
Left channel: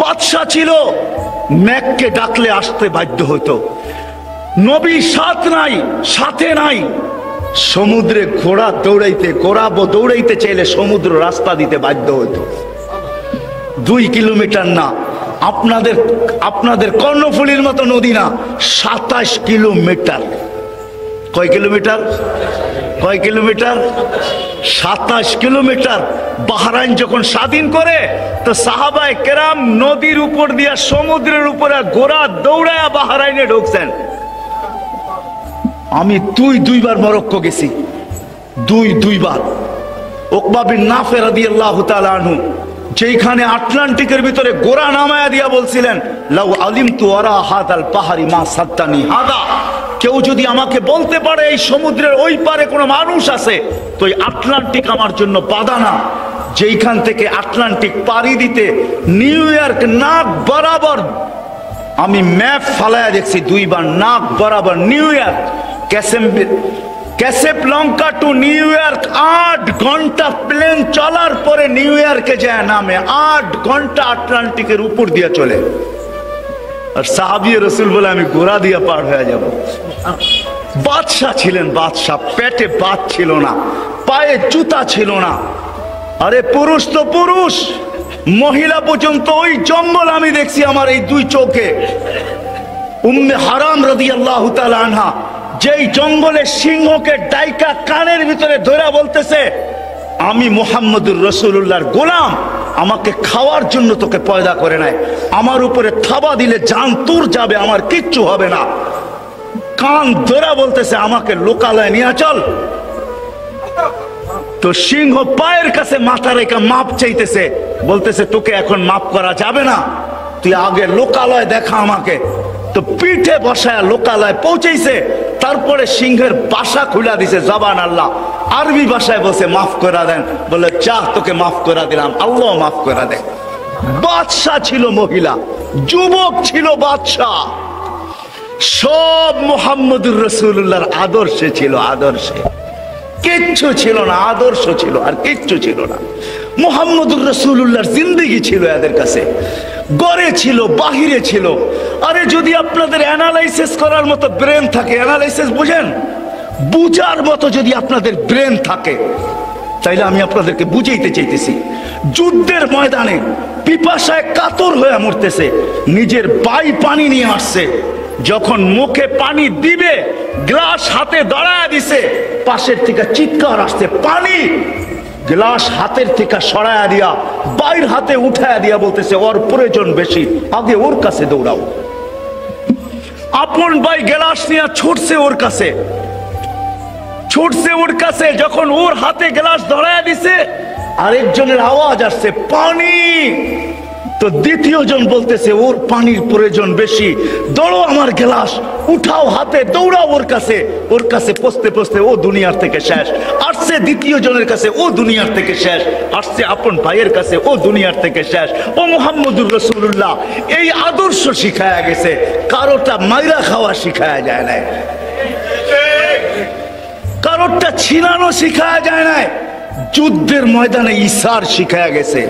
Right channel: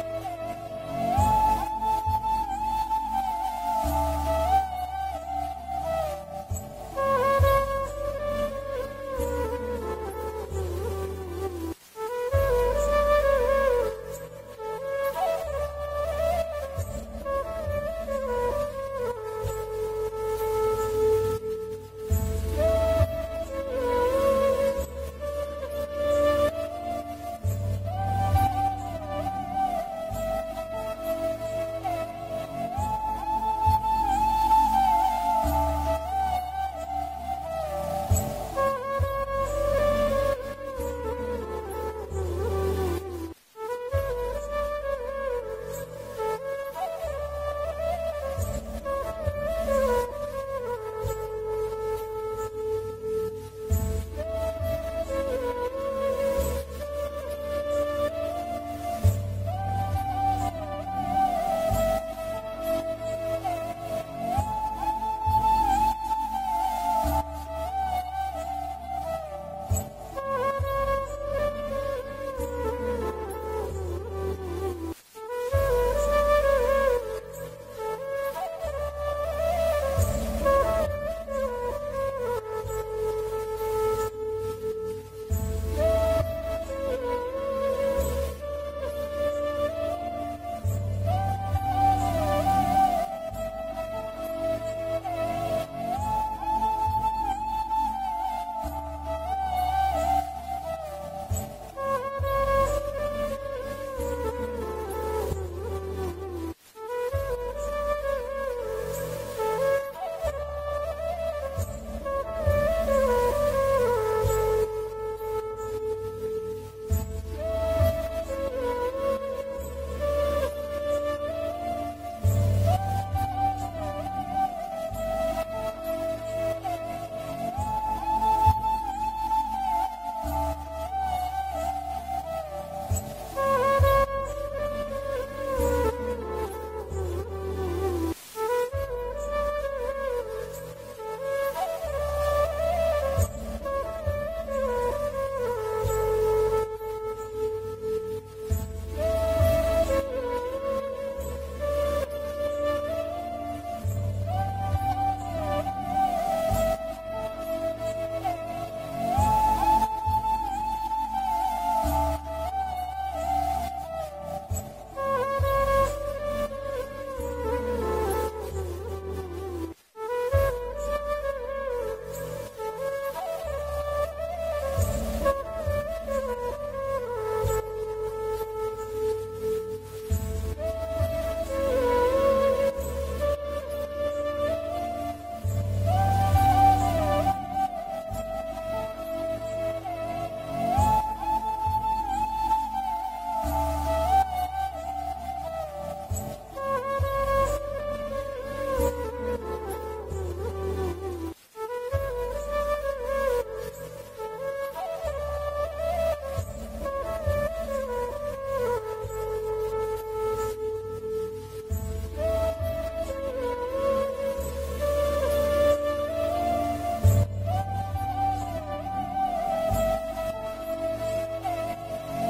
বাদশাহ ছিল, মেঘকে ডাকলে আসতে বাধ্য হইতো। নবী সাথে নাই। সমুদ্রে ঘোড়া দৌড়াইতে চাইলে সমুদ্র রাস্তা দিতে বাধ্য হইতো। 2 কিলোমিটার না, আপনাদের কর্ণফুলীর মতো নদী না, 27 কিলোমিটার। কয় কিলোমিটার? 27 কিলোমিটার। বাহরাইন যখন স্বাধীন করে, তো সাহাবায়ে কেরাম নদীর উপর দিয়া সমুদ্রের উপরে ঘোড়া দৌড়ায়া বাহরাইনে ঢুকছেন। আমি দুইবার মরক্কো গেছি, দুইবার। উকবা বিন নাফে রাদিয়াল্লাহু তাআলা আনহু যেখানে আটলান্টিকের ভিতরে গোরা নামায়া দিয়া বলছিলেন, লাউ আলিমতু ওয়ারা হাদাল পাহাড়ি মা সাদ্দানি হাদা, কেউ যদি আমাকে বলতে পারে এই সমুদ্রের ওই পারে কোনো মানুষ আছে, তো এই আটলান্টিক আমার জন্য বাধা না। যেখান থেকে আটলান্টিক পাড়ি দিতে নিউ ইয়র্ক নাক বরাবর, আমি ম্যাপ ফালায়া দেখছি 2 বার, নাক বরাবর New York, Casablanca to New York 8 ঘন্টা প্লেন চলার পরে নিউ ইয়র্কে যায় নামে, 8 ঘন্টা আটলান্টিকের উপর দিয়ে চলে। আর সাহাবী রাসূল বলে আমি ঘোড়া দিয়ে পার হয়ে যাব। বাদশাহ ছিলেন, বাদশাহ, পেটে ভাত ছিল না, পায়ে জুতা ছিল না। আরে পুরুষ তো পুরুষ, মহিলা পর্যন্ত ওই জঙ্গল আমি দেখছি আমার এই 2 চোখে। উম্মে হারাম রাদিয়াল্লাহু তাআলা আনহা যেই জঙ্গলে সিংহকে ডাইকা কানের ভিতরে ধরে বলতেছে, আমি মুহাম্মদুর রাসূলুল্লাহর গোলাম, আমাকে খাওয়ার জন্য তোকে পয়দা করে নাই, আমার উপরে থাবা দিলে জান তোর যাবে, আমার কিচ্ছু হবে না। কান ধরে বলতেছে আমাকে লোকালয়ে নিয়ে চল। তো সিংহ পায়ের কাছে মাথা রেখে মাপ চাইতেছে, বলতেছে তোকে এখন মাপ করা যাবে না, তুই আগে লোকালয় দেখা আমাকে। তো পিঠে বসায় লোকালয় পৌঁছেছে, তারপরে সিংহের বাসা খুলে দিছে, জবান আল্লাহ, আরবি ভাষায় বসে মাফ করে দেন, বলে চাহ তোকে মাফ করে দিলাম, আল্লাহ মাফ করে দেন। বাদশা ছিল মহিলা, যুবক ছিল বাদশা, সব মুহাম্মদুর রাসূলুল্লাহর আদর্শে ছিল, আদর্শে কিচ্ছু ছিল না, আদর্শ ছিল আর কিচ্ছু ছিল না। মুহাম্মদুর রাসূলুল্লাহর জিন্দেগি ছিল এদের কাছে, গড়ে ছিল, বাহিরে ছিল। আরে যদি আপনাদের অ্যানালাইসিস করার মতো ব্রেন থাকে, অ্যানালাইসিস বুঝেন, বুঝার মতো যদি আপনাদের ব্রেন থাকে, তাইলে আমি আপনাদেরকে বুঝাইতে চাইতেছি। যুদ্ধের ময়দানে পিপাসায় কাতর হয়ে মরতেছে, নিজের বাই পানি নিয়ে আসছে, যখন মুখে পানি দিবে গ্লাস হাতে দাঁড়ায় দিছে, পাশের থেকে চিৎকার আসছে, পানি! গ্লাস হাতের থেকে সরায়া দিয়া বাইর হাতে উঠায়া দিয়া বলতেছে, ওর প্রয়োজন বেশি, আগে ওর কাছে দৌড়াও। আপন ভাই গ্লাস নিয়ে ছুটছে ওর কাছে, ছুটছে ওর কাছে, যখন ওর হাতে গ্লাস ধরায়া দিছে, আরেকজনের আওয়াজ আসছে, পানি! তো দ্বিতীয় জন বলতেছে, ওর পানির প্রয়োজন বেশি, দৌড়ো আমার গ্লাস উঠাও হাতে, দৌড়াও ওর কাছে। ওর কাছে পৌঁছতে পৌঁছতে ও দুনিয়ার থেকে শেষ। আসছে দ্বিতীয় জনের কাছে, ও দুনিয়ার থেকে শেষ। আসছে আপন ভাইয়ের কাছে, ও দুনিয়ার থেকে শেষ। ও মুহাম্মদুর রাসূলুল্লাহ এই আদর্শ শিখায়া গেছে, কারোটা মাইরা খাওয়া শিখায়া যায় না, কারোরটা ছিনানো শিখায়া যায় না, যুদ্ধের ময়দানে ইসার শিখায়া গেছে।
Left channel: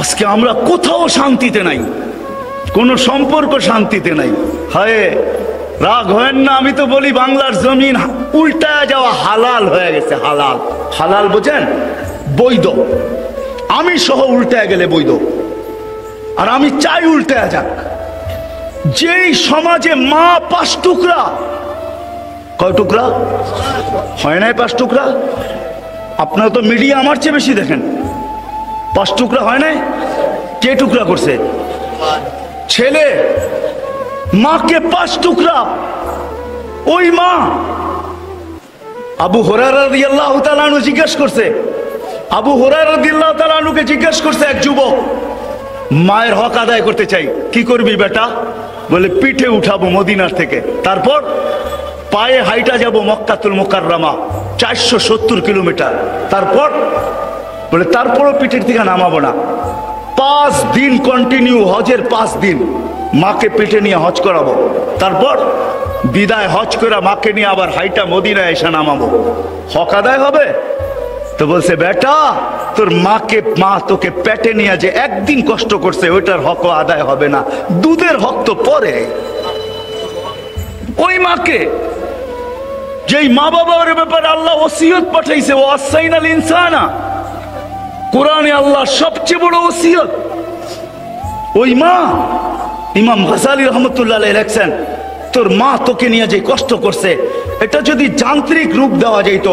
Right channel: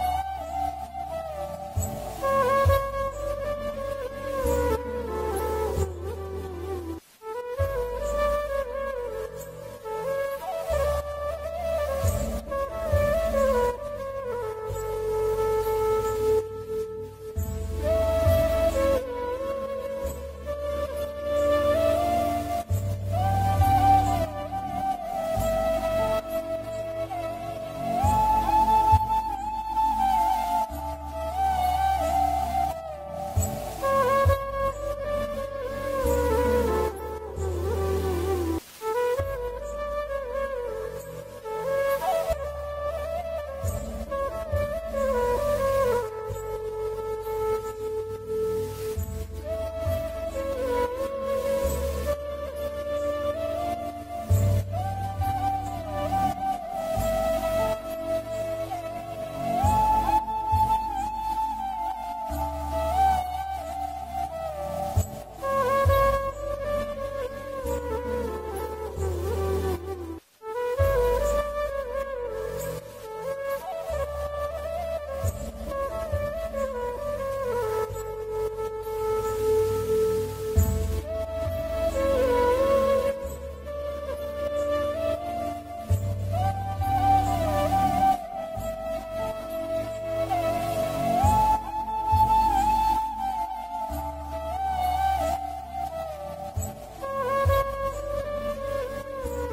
আজকে আমরা কোথাও শান্তিতে নাই, কোন সম্পর্ক শান্তিতে নাই। হায় রাগ হয় না, আমি তো বলি বাংলার জমিন উল্টায় যাওয়া হালাল হয়ে গেছে, হালাল। হালাল বোঝেন? বৈধ। আমি সহ উল্টায় গেলে বৈধ, আর আমি চাই উল্টায় যাক। যেই সমাজে মা 5 টুকরা, কয় টুকরা হয় নাই? 5 টুকরা। আপনারা তো মিডিয়া আমার চেয়ে বেশি দেখেন। 5 টুকরা হয় নাই? কে টুকরা করছে? ছেলে। মাকে 5 টুকরা। ওই মা আবু হুরায়রা রাদিয়াল্লাহু তাআলা আনহু জিজ্ঞেস করছে, আবু হুরায়রা রাদিয়াল্লাহু তাআলা আনহুকে জিজ্ঞেস করছে এক যুবক, মায়ের হক আদায় করতে চাই, কি করবি বেটা? বলে পিঠে উঠাবো মদিনার থেকে, তারপর পায়ে হাইটা যাব মক্কাতুল মুকাররমা 470 কিলোমিটার, তারপর বলে তারপরও পিঠের থেকে নামাবো না। 5 দিন কন্টিনিউ হজের 5 দিন মাকে পিঠে নিয়ে হজ করাবো, তারপর বিদায় হজ করে মাকে নিয়ে আবার হাইটা মদিনায় এসে নামাবো। হক আদায় হবে? তো বলছে, বেটা তোর মাকে, মা তোকে পেটে নিয়ে যে একদিন কষ্ট করছে, ওইটার হক আদায় হবে না, দুধের হক তো পরে। ওই মাকে, যেই মা বাবার ব্যাপারে আল্লাহ ওসিয়ত পাঠাইছে, ও আসাইনাল ইনসানা, কোরআনে আল্লাহ সবচেয়ে বড় ওসিয়ত। ওই মা, ইমাম গাজালি রহমতুল্লাহ আলাইহি লেখছেন, তোর মা তোকে নিয়ে যে কষ্ট করছে, এটা যদি যান্ত্রিক রূপ দেওয়া যেত,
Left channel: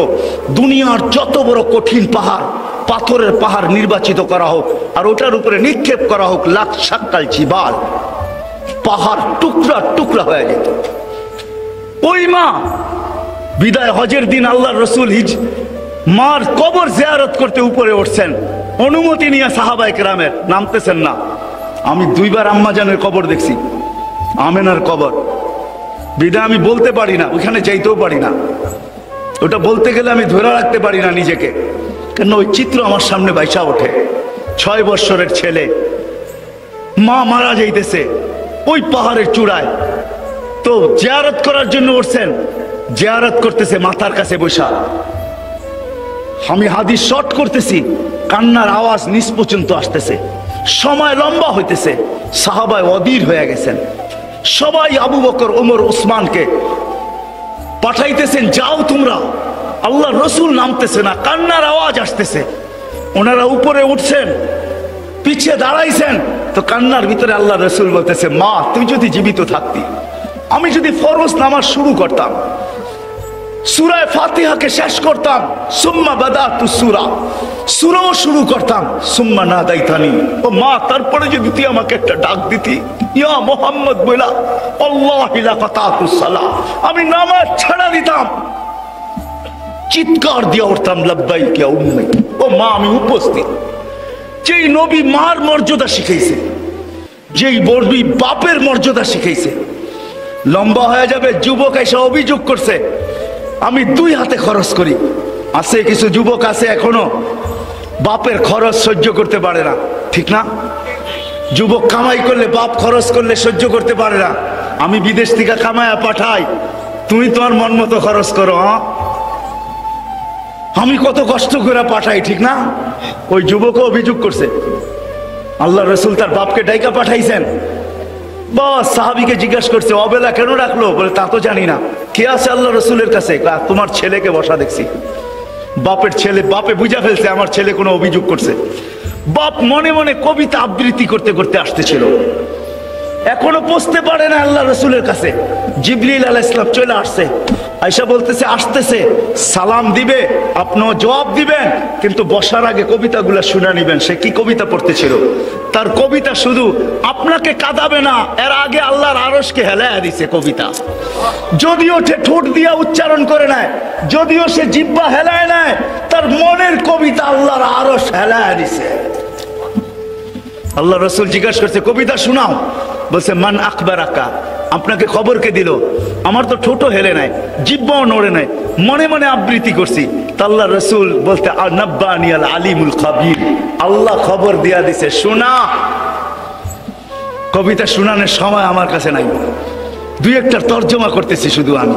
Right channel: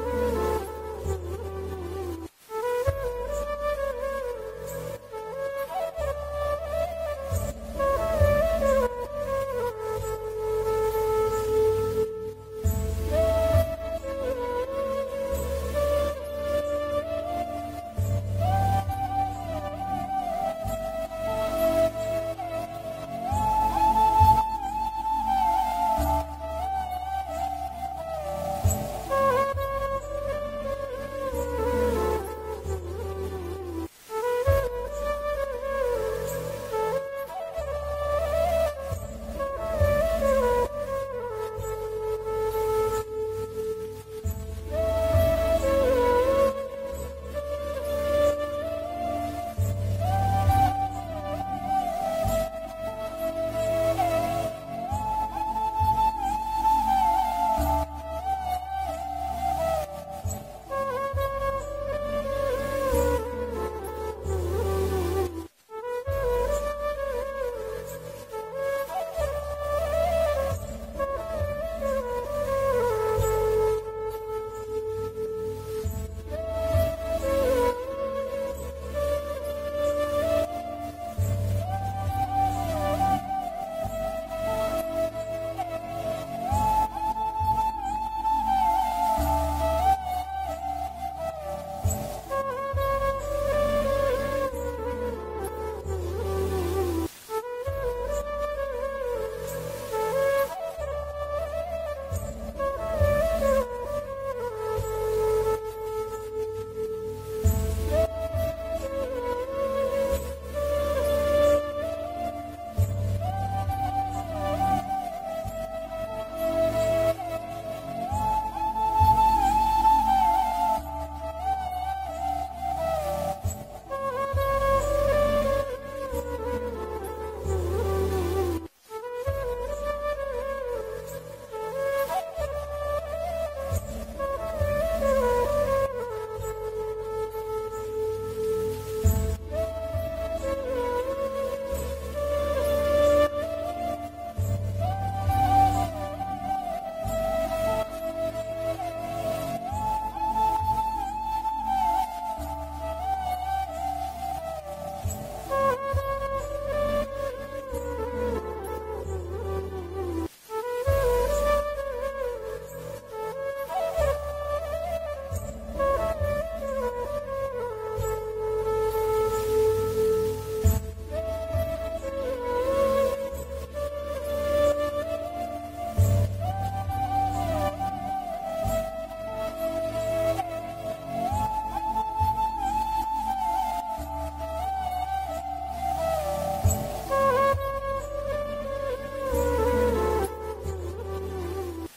দুনিয়ার যত বড় কঠিন পাহাড়, পাথরের পাহাড় নির্বাচিত করা হোক, আর ওটার উপরে নিক্ষেপ করা হোক লাখ শাক্কাল জিবাল, পাহাড় টুকরা টুকরা হয়ে যেত। ওই মা বিদায় হজের দিন আল্লাহর রাসূল মার কবর জিয়ারত করতে উপরে উঠছেন, অনুমতি নিয়ে সাহাবায়ে কেরামের, নামতেছেন না। আমি দুইবার আম্মাজানের কবর দেখছি, আমেনার কবর, বিদা আমি বলতে পারি না, ওইখানে যাইতেও পারি না। ওটা বলতে গেলে আমি ধরে রাখতে পারি না নিজেকে, কেন ওই চিত্র আমার সামনে বাইসা ওঠে। 6 বৎসরের ছেলে, মা মারা যাইতেছে ওই পাহাড়ের চূড়ায়, তো জিয়ারত করার জন্য উঠছেন, জিয়ারত করতেছে মাথার কাছে বসা। আমি হাদিস শর্ট করতেছি, কান্নার আওয়াজ নিচ পর্যন্ত আসতেছে, সময় লম্বা হইতেছে। সাহাবায় অধীর হয়ে গেছেন, সবাই আবু বকর, ওমর, ওসমানকে পাঠাইতেছেন, যাও তোমরা। আল্লাহ রসুল নামতেছে না, কান্নার আওয়াজ আসতেছে। ওনারা উপরে উঠছেন, পিছিয়ে দাঁড়াইছেন, তো কান্নার ভিতরে আল্লাহ রসুল বলতেছে, মা তুই যদি জীবিত থাকতি, আমি যদি ফরজ নামাজ শুরু করতাম, সূরা ফাতিহাকে শেষ করতাম, সুম্মা বাদাতু সূরা, সূরাও শুরু করতাম, সুম্মা নাদাইতানি, ও মা তারপরে যদি তুই আমাকে একটা ডাক দিতি, ইয়া মুহাম্মদ বলা, আল্লাহি লা ফাতাতুস সালাহ, আমি নামাজ ছাড়া দিতাম, চিৎকার দিয়ে উঠতাম, লাব্বাইক ইয়া উম্মি, ও মা আমি উপস্থিত। যেই নবী মার মর্যাদা শিখাইছে, যেই নবী বাপের মর্যাদা শিখাইছে। লম্বা হয়ে যাবে, যুবক এসে অভিযোগ করছে, আমি 2 হাতে খরচ করি। আছে কিছু যুবক আছে এখনো বাপের খরচ সহ্য করতে পারে না, ঠিক না? যুবক কামাই করলে, বাপ খরচ করলে সহ্য করতে পারে না। আমি বিদেশ থেকে কামায়া পাঠাই, তুমি তোমার মন মতো খরচ করো। আমি কত কষ্ট করে পাঠাই, ঠিক না? ওই যুবকও অভিযোগ করছে, আল্লাহ রসুল তার বাপকে ডাইকা পাঠাইছেন। বাস সাহাবীকে জিজ্ঞাসা করছে, অবেলা কেন রাখলো? বলে তা তো জানি না। কে আছে আল্লাহ রসুলের কাছে? তোমার ছেলেকে বসা দেখছি। বাপের ছেলে, বাপে বুঝা ফেলছে আমার ছেলে কোনো অভিযোগ করছে। বাপ মনে মনে কবিতা আবৃত্তি করতে করতে আসতেছিল, এখনো পৌঁছতে পারে না আল্লাহ রসুলের কাছে। জিবরিল আলাইহিস সালাম চলে আসছে, আয়েশা বলতেছে আসতেছে, সালাম দিবে, আপনিও জবাব দিবেন, কিন্তু বসার আগে কবিতাগুলো শুনে নিবেন। সে কি কবিতা পড়তেছিল? তার কবিতা শুধু আপনাকে কাঁদাবে না, এর আগে আল্লাহর আরশকে হেলায়া দিছে কবিতা। যদিও সে ঠোঁট দিয়া উচ্চারণ করে নেয়, যদিও সে জিহ্বা হেলায় নেয়, তার মনের কবিতা আল্লাহর আরশ হেলায়া দিছে। আল্লাহ রসুল জিজ্ঞাসা করছে, কবিতা শোনাও। বলছে, মান আখবারাকা, আপনাকে খবর কে দিল? আমার তো ঠোঁটও হেলে নাই, জিহ্বাও নড়ে নাই, মনে মনে আবৃত্তি করছি। আল্লাহ রসুল বলতে, নাব্বানি আল আলিমুল খাবীর, আল্লাহ খবর দিয়া দিছে, শোনা। কবিতা শোনানোর সময় আমার কাছে নাই, 2-1টার তর্জমা করতেছি, শুধু আমি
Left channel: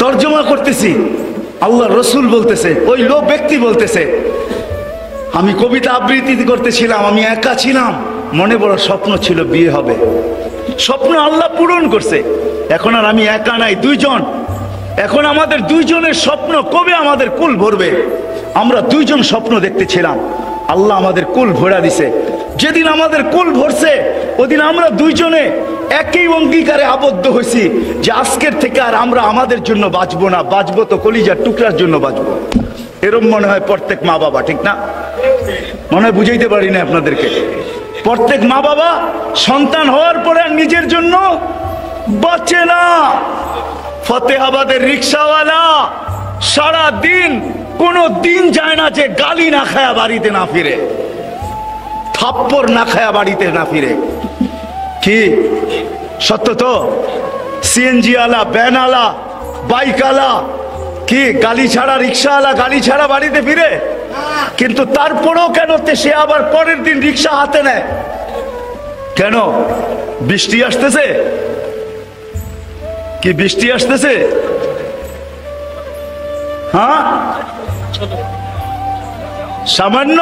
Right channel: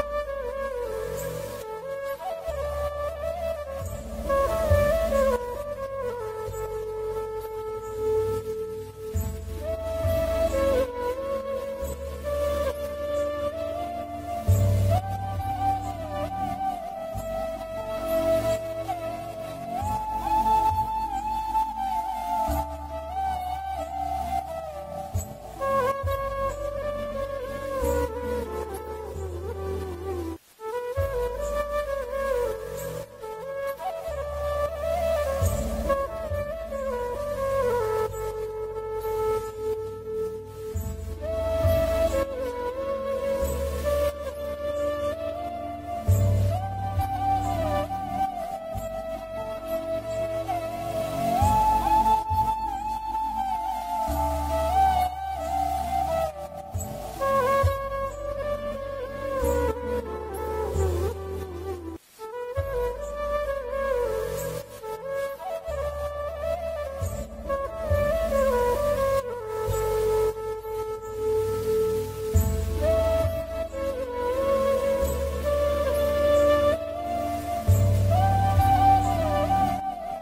তর্জমা করতেছি। আল্লাহ রসুল বলতেছে, ওই লোক ব্যক্তি বলতেছে, আমি কবিতা আবৃত্তি করতেছিলাম, আমি একা ছিলাম, মনে বড় স্বপ্ন ছিল বিয়ে হবে, স্বপ্ন আল্লাহ পূরণ করছে। এখন আর আমি একা নাই, 2 জন। এখন আমাদের 2 জনের স্বপ্ন কবে আমাদের কুল ভরবে? আমরা 2 জন স্বপ্ন দেখতেছিলাম, আল্লাহ আমাদের কুল ভরা দিছে। যেদিন আমাদের কুল ভরছে, ওদিন আমরা 2 জনে একই অঙ্গীকারে আবদ্ধ হয়েছি যে আজকের থেকে আর আমরা আমাদের জন্য বাঁচবো না, বাঁচবো তো কলিজার টুকরার জন্য বাঁচবো। এরকম মনে হয় প্রত্যেক মা বাবা, ঠিক না? মনে হয় বুঝাইতে পারি না আপনাদেরকে। প্রত্যেক মা বাবা সন্তান হওয়ার পরে নিজের জন্য বাঁচে না। ফতেহাবাদের রিক্সাওয়ালা সারা দিন, কোনো দিন যায় না যে গালি না খায়া বাড়িতে না ফিরে, থাপ্পড় না খায়া বাড়িতে না ফিরে। কি সত্য তো? সিএনজি আলা, ভ্যান আলা, বাইক আলা, কি গালি ছাড়া, রিক্সাওয়ালা গালি ছাড়া বাড়িতে ফিরে? কিন্তু তারপরেও কেন সে আবার পরের দিন রিক্সা হাতে নেয়? কেন? বৃষ্টি আসতেছে, কি বৃষ্টি আসতেছে? হ্যাঁ, সামান্য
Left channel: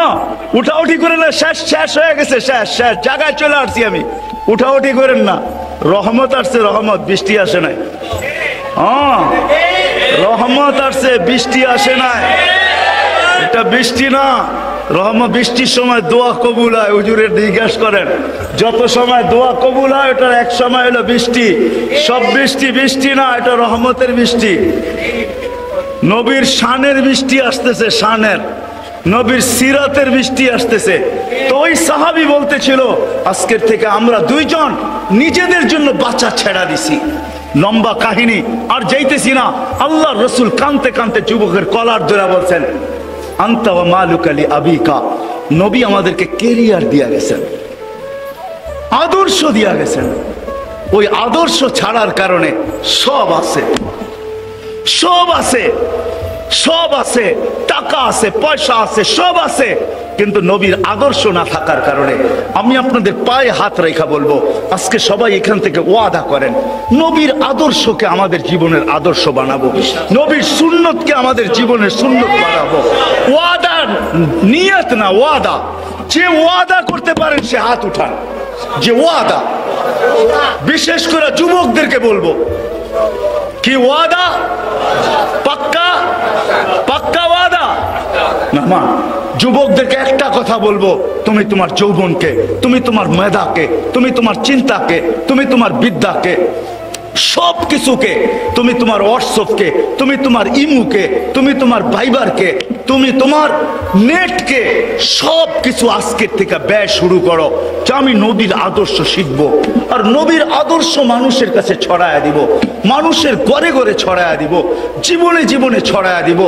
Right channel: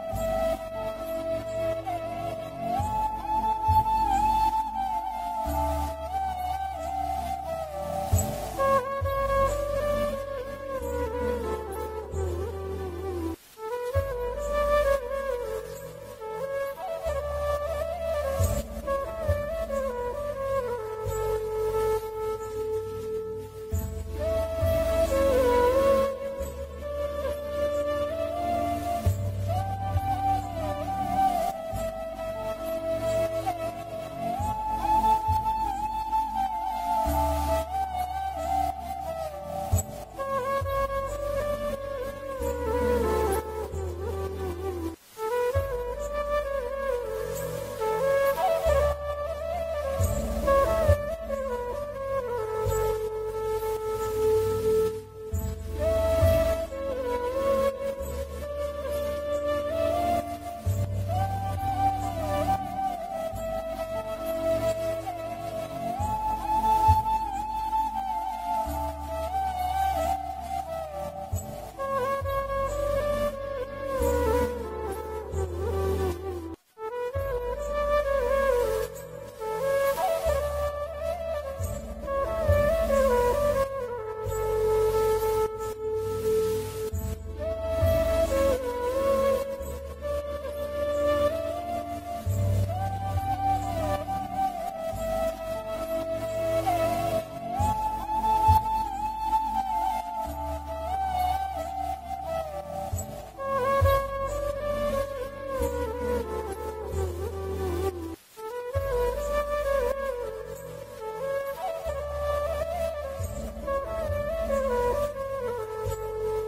উঠাউঠি করে না, শেষ শেষ হয়ে গেছে, শেষ শেষ জায়গায় চলে আসছি আমি। উঠাউঠি করেন না, রহমত আসছে, রহমত, বৃষ্টি আসে নাই। হ্যাঁ, রহমত আসছে, বৃষ্টি আসে নাই। এটা বৃষ্টি না, রহমত। বৃষ্টির সময় দোয়া কবুল হয়, হুজুরের জিজ্ঞাসা করেন, যত সময় দোয়া কবুল হয় ওটার এক সময় হলো বৃষ্টি। সব বৃষ্টি বৃষ্টি না, এটা রহমতের বৃষ্টি। নবীর শানের বৃষ্টি আসতেছে, শানের। নবীর সিরাতের বৃষ্টি আসতেছে। তো ওই সাহাবী বলতেছিল আজকের থেকে আমরা দুইজন নিজেদের জন্য বাচ্চা ছেড়া দিছি। লম্বা কাহিনী আর যাইতেছি না। আল্লাহর রাসূল কাঁদতে কাঁদতে যুবকের কলার ধরে বলছেন, আনতা ওয়া মালুকা লি আবিকা। নবী আমাদেরকে কেরিয়ার দিয়া গেছেন, আদর্শ দিয়া গেছেন। ওই আদর্শ ছাড়ার কারণে সব আছে, সব আছে, সব আছে, টাকা আছে, পয়সা আছে, সব আছে, কিন্তু নবীর আদর্শ না থাকার কারণে। আমি আপনাদের পায়ে হাত রেখা বলবো, আজকে সবাই এখান থেকে ওয়াদা করেন নবীর আদর্শকে আমাদের জীবনের আদর্শ বানাবো, নবীর সুন্নতকে আমাদের জীবনের সুন্নত বানাবো। ওয়াদা, নিয়ত না, ওয়াদা। যে ওয়াদা করতে পারেন সে হাত উঠান। যে ওয়াদা, বিশেষ করে যুবকদেরকে বলবো, কি ওয়াদা? পাক্কা, পাক্কা ওয়াদা না? মা যুবকদেরকে একটা কথা বলবো, তুমি তোমার যৌবনকে, তুমি তোমার মেধাকে, তুমি তোমার চিন্তাকে, তুমি তোমার বিদ্যাকে, সব কিছুকে, তুমি তোমার হোয়াটসঅ্যাপকে, তুমি তোমার ইমুকে, তুমি তোমার ভাইবারকে, তুমি তোমার নেটকে, সব কিছু আজকের থেকে ব্যয় শুরু করো যে আমি নবীর আদর্শ শিখব। আর নবীর আদর্শ মানুষের কাছে ছড়ায়া দিব, মানুষের ঘরে ঘরে ছড়ায়া দিব, জীবনে জীবনে ছড়ায়া দিব।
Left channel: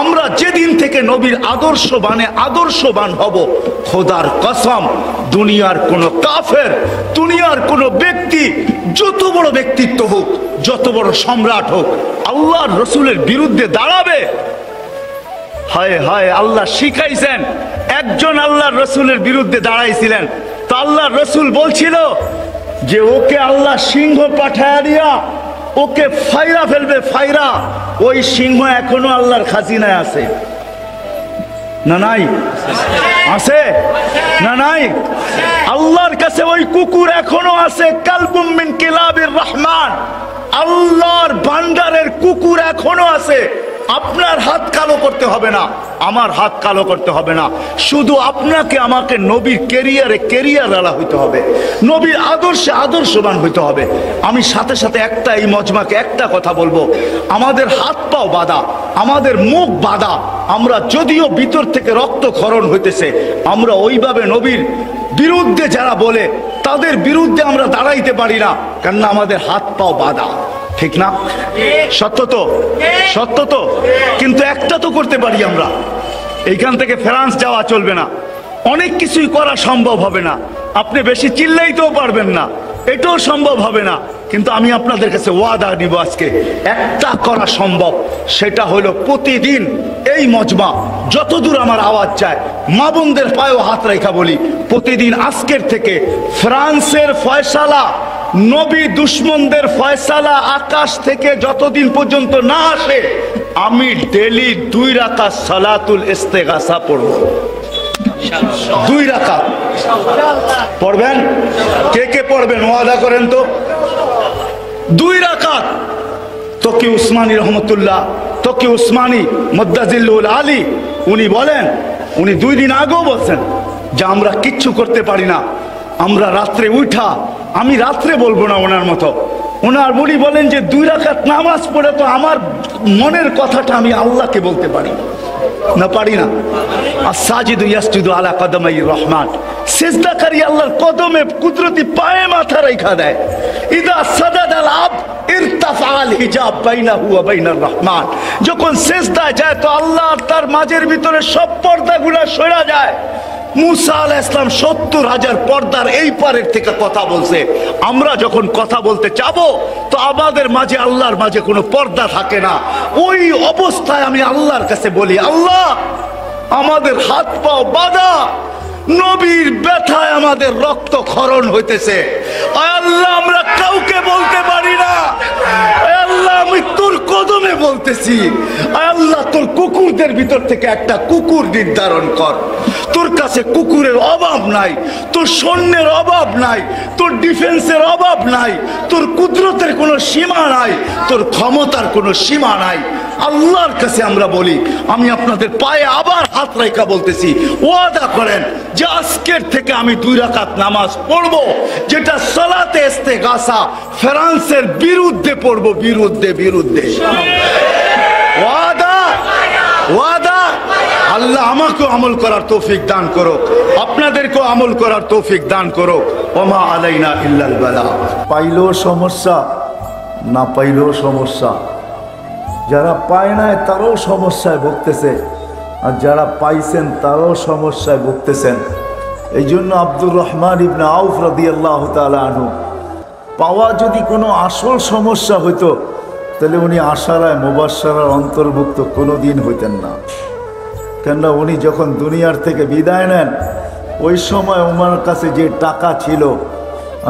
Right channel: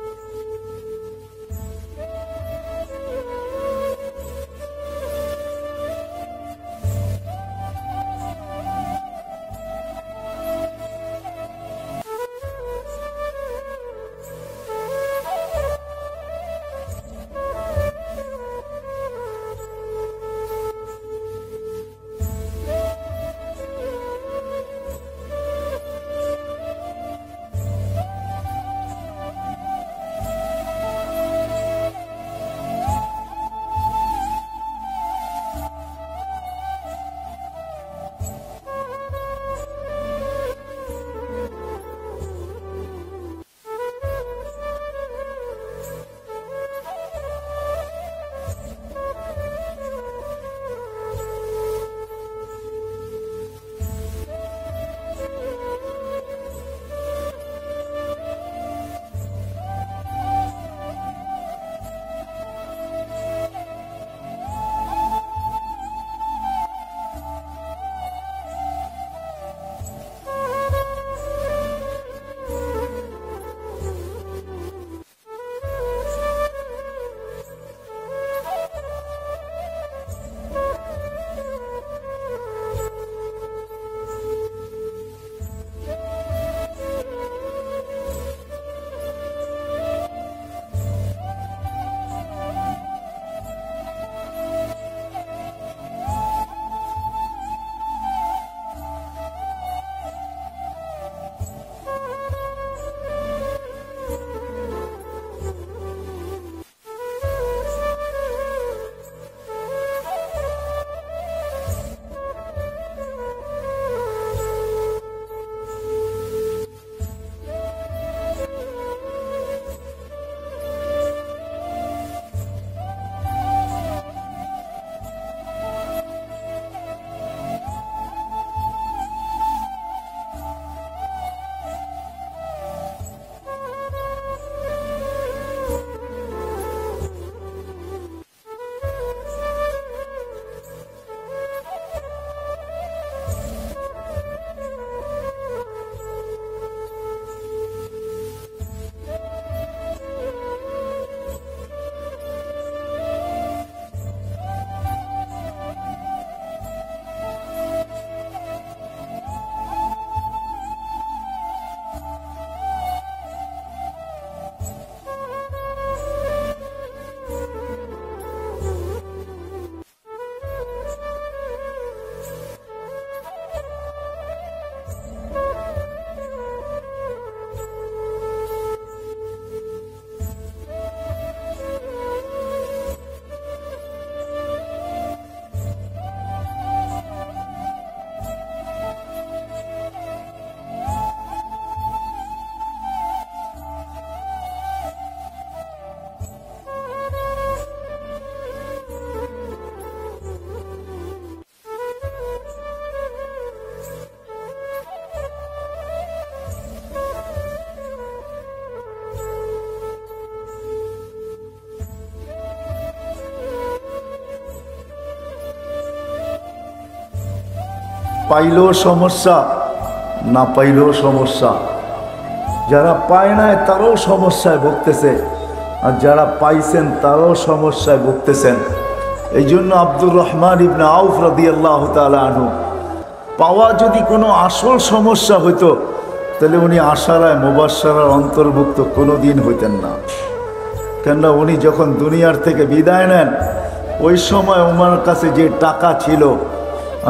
আমরা যেদিন থেকে নবীর আদর্শবান হব, খোদার কসম, দুনিয়ার কোন কাফের, দুনিয়ার কোন ব্যক্তি, যত বড় ব্যক্তিত্ব হোক, যত বড় সম্রাট হোক, আল্লাহর রসুলের বিরুদ্ধে দাঁড়াবে। হায় হায়, আল্লাহ শিখাইছেন। একজন আল্লাহর রসুলের বিরুদ্ধে দাঁড়াইছিলেন, তো আল্লাহর রসুল বলছিল যে ওকে আল্লাহ সিংহ পাঠায়া দিয়া ওকে ফাইরা ফেলবে, ফাইরা। ওই সিংহ এখনো আল্লাহর খাজিনায় আছে না নাই? আছে না নাই? আল্লাহর কাছে ওই কুকুর এখনো আছে, কালবুম মিন কিলাবির রহমান। আল্লাহর ভান্ডারের কুকুর এখনো আছে। আপনার হাত কালো করতে হবে না, আমার হাত কালো করতে হবে না, শুধু আপনাকে আমাকে নবীর কেরিয়ারওয়ালা হইতে হবে, নবীর আদর্শে আদর্শবান হইতে হবে। আমি সাথে সাথে এই মজমাকে একটা কথা বলবো, আমাদের হাত পাও বাঁধা, আমাদের মুখ বাঁধা। আমরা যদিও ভিতর থেকে রক্তক্ষরণ হইতেছে, আমরা ওইভাবে নবীর বিরুদ্ধে যারা বলে তাদের বিরুদ্ধে আমরা দাঁড়াইতে পারি না, কেননা আমাদের হাত পাও বাঁধা। ঠিক না? সত্য তো, সত্য তো। কিন্তু একটা তো করতে পারি আমরা, এইখান থেকে ফ্রান্স যাওয়া চলবে না, অনেক কিছুই করা সম্ভব হবে না, আপনি বেশি চিল্লাইতেও পারবেন না, এটাও সম্ভব হবে না। কিন্তু আমি আপনাদের কাছে ওয়াদা নিব, আজকে একটা করা সম্ভব, সেটা হলো প্রতিদিন এই মজমা, যতদূর আমার আওয়াজ চায়, মা বোনদের পায়েও হাত রেখা বলি, প্রতিদিন আজকের থেকে ফ্রান্সের ফয়সালা, নবী দুশ্মনদের ফয়সালা আকাশ থেকে যতদিন পর্যন্ত না আসে, আমি ডেলি 2 রাকাত সালাতুল ইস্তেগাসা পড়ব। 2 রাকাত পড়বেন? কে কে পড়বেন ওয়াদা করেন তো? 2 রাকাত। তকি উসমানী রহমতুল্লাহ, তকি উসমানী মুদ্দাজিল্লুল আলী, উনি বলেন, উনি 2 দিন আগেও বলছেন যে আমরা কিচ্ছু করতে পারি না, আমরা রাত্রে উঠা, আমি রাত্রে বলবো না ওনার মতো, ওনার উনি বলেন যে 2 রাকাত নামাজ পড়ে তো আমার মনের কথাটা আমি আল্লাহকে বলতে পারি না, পারি না। আস-সাজিদু ইয়াসজুদু আলা কদমাইর রহমান, সিজদাকারী আল্লাহর কদমে কুদরতি পায়ে মাথা রাখা দেয়। ইদা সাজাদাল আবদ ইরতাফাল হিজাব বাইনাহু ওয়া বাইনার রহমান, যখন সিজদায় যায় তো আল্লাহ আর তার মাঝের ভিতরে সব পর্দাগুলো সরে যায়। মুসা আলাইহিস সালাম 70,000 পর্দার এই পারের থেকে কথা বলছে। আমরা যখন কথা বলতে যাবো তো আমাদের মাঝে আল্লাহর মাঝে কোনো পর্দা থাকে না। ওই অবস্থায় আমি আল্লাহর কাছে বলি, আল্লাহ আমাদের হাত পাও বাঁধা, নবীর ব্যথায় আমাদের রক্ত ক্ষরণ হইতেছে, আল্লাহ আমরা কাউকে বলতে পারি না, আল্লাহ আমি তোর কদমে বলতেছি, আল্লাহ তোর কুকুরদের ভিতর থেকে একটা কুকুর নির্ধারণ কর। তোর কাছে কুকুরের অভাব নাই, তোর সৈন্যের অভাব নাই, তোর ডিফেন্সের অভাব নাই, তোর কুদরতের কোনো সীমা নাই, তোর ক্ষমতার কোনো সীমা নাই। আল্লাহর কাছে আমরা বলি, আমি আপনাদের পায়ে আবার হাত রেখা বলতেছি, ওয়াদা করেন যে আজকের থেকে আমি 2 রাকাত নামাজ পড়বো, যেটা সালাতে ইস্তেগাসা ফ্রান্সের বিরুদ্ধে পড়বো, বিরুদ্ধে। ওয়াদা, ওয়াদা। আল্লাহ আমাকেও আমল করার তৌফিক দান করো, আপনাদেরকেও আমল করার তৌফিক দান করো। ওমা আলাইনা ইল্লাল বালা। পাইলেও সমস্যা, না পাইলেও সমস্যা। যারা পায় নাই তারাও সমস্যায় ভুগতেছে, আর যারা পাইছেন তারাও সমস্যায় ভুগতেছেন। এই জন্য আব্দুর রহমান ইবনে আউফ রাদিয়াল্লাহু তাআলা আনহু, পাওয়া যদি কোনো আসল সমস্যা হইতো তাহলে উনি আশারায় মুবাশশারার অন্তর্ভুক্ত কোনো দিন হইতেন না। কেননা উনি যখন দুনিয়ার থেকে বিদায় নেন, ওই সময় ওনার কাছে যে টাকা ছিল,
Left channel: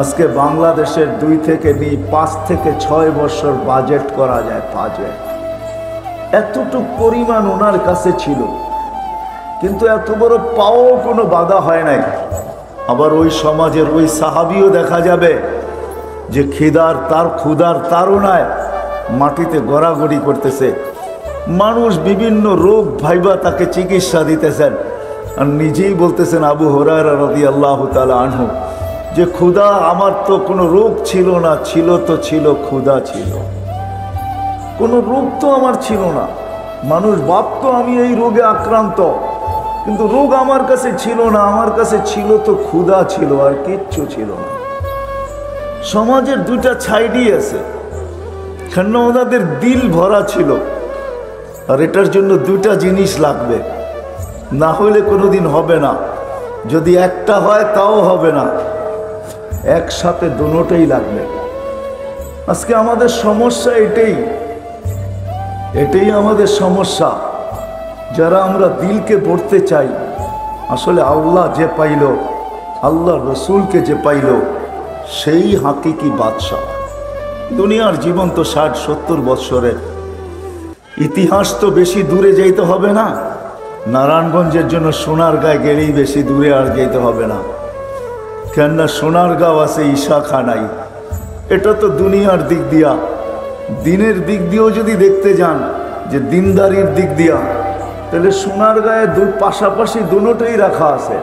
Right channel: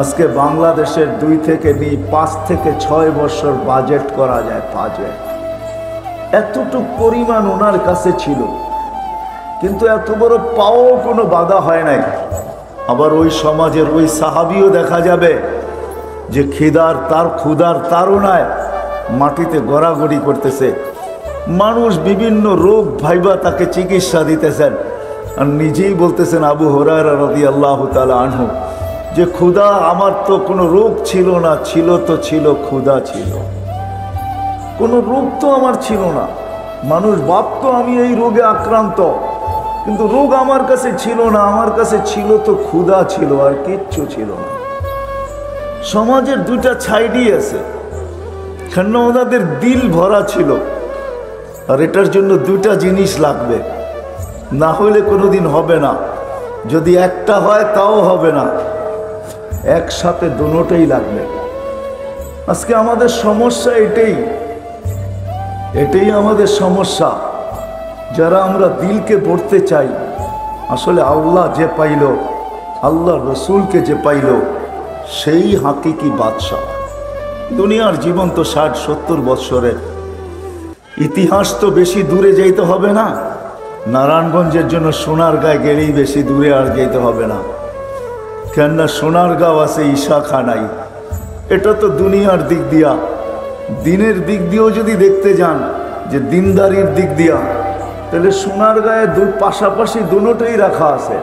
আজকে বাংলাদেশের 2 থেকে 5 থেকে 6 বছর বাজেট করা যায়। বাজেট এতটুকু পরিমাণ ওনার কাছে ছিল, কিন্তু এত বড় পাও কোনো বাধা হয় নাই। আবার ওই সমাজের ওই সাহাবিও দেখা যাবে যে ক্ষুধার তাড়নায় মাটিতে গড়াগড়ি করতেছে, মানুষ বিভিন্ন রোগ ভাইবা তাকে চিকিৎসা দিতেছেন, আর নিজেই বলতেছেন আবু হুরায়রা রাদিয়াল্লাহু তাআলা আনহু যে ক্ষুধা আমার তো কোনো রোগ ছিল না, ছিল তো ছিল ক্ষুধা ছিল, কোনো রোগ তো আমার ছিল না। মানুষ ভাবতো আমি এই রোগে আক্রান্ত, কিন্তু রোগ আমার কাছে ছিল না, আমার কাছে ছিল তো ক্ষুধা ছিল, আর কিচ্ছু ছিল না। সমাজের 2টা সাইডই আছে, কেন ওনাদের দিল ভরা ছিল, আর এটার জন্য 2টা জিনিস লাগবে, না হলে কোনোদিন হবে না। যদি একটা হয় তাও হবে না, একসাথে দুটোই লাগবে। আজকে আমাদের সমস্যা এটাই আমাদের সমস্যা। যারা আমরা দিলকে পড়তে চাই, আসলে আল্লাহ যে পাইল, আল্লাহ রসুলকে যে পাইল, সেই হাকিকি বাদশাহ। দুনিয়ার জীবন তো 60-70 বৎসরের, ইতিহাস তো বেশি দূরে যাইতে হবে না। নারায়ণগঞ্জের জন্য সোনারগাঁয় গেলেই বেশি দূরে আর যেতে হবে না, কেননা সোনারগাঁও আছে ঈশাখানাই। এটা তো দুনিয়ার দিক দিয়া। দিনের দিক দিয়েও যদি দেখতে যান, যে দিনদারির দিক দিয়া, তাহলে সোনারগাঁয়ে পাশাপাশি দুটোই রাখা আছে।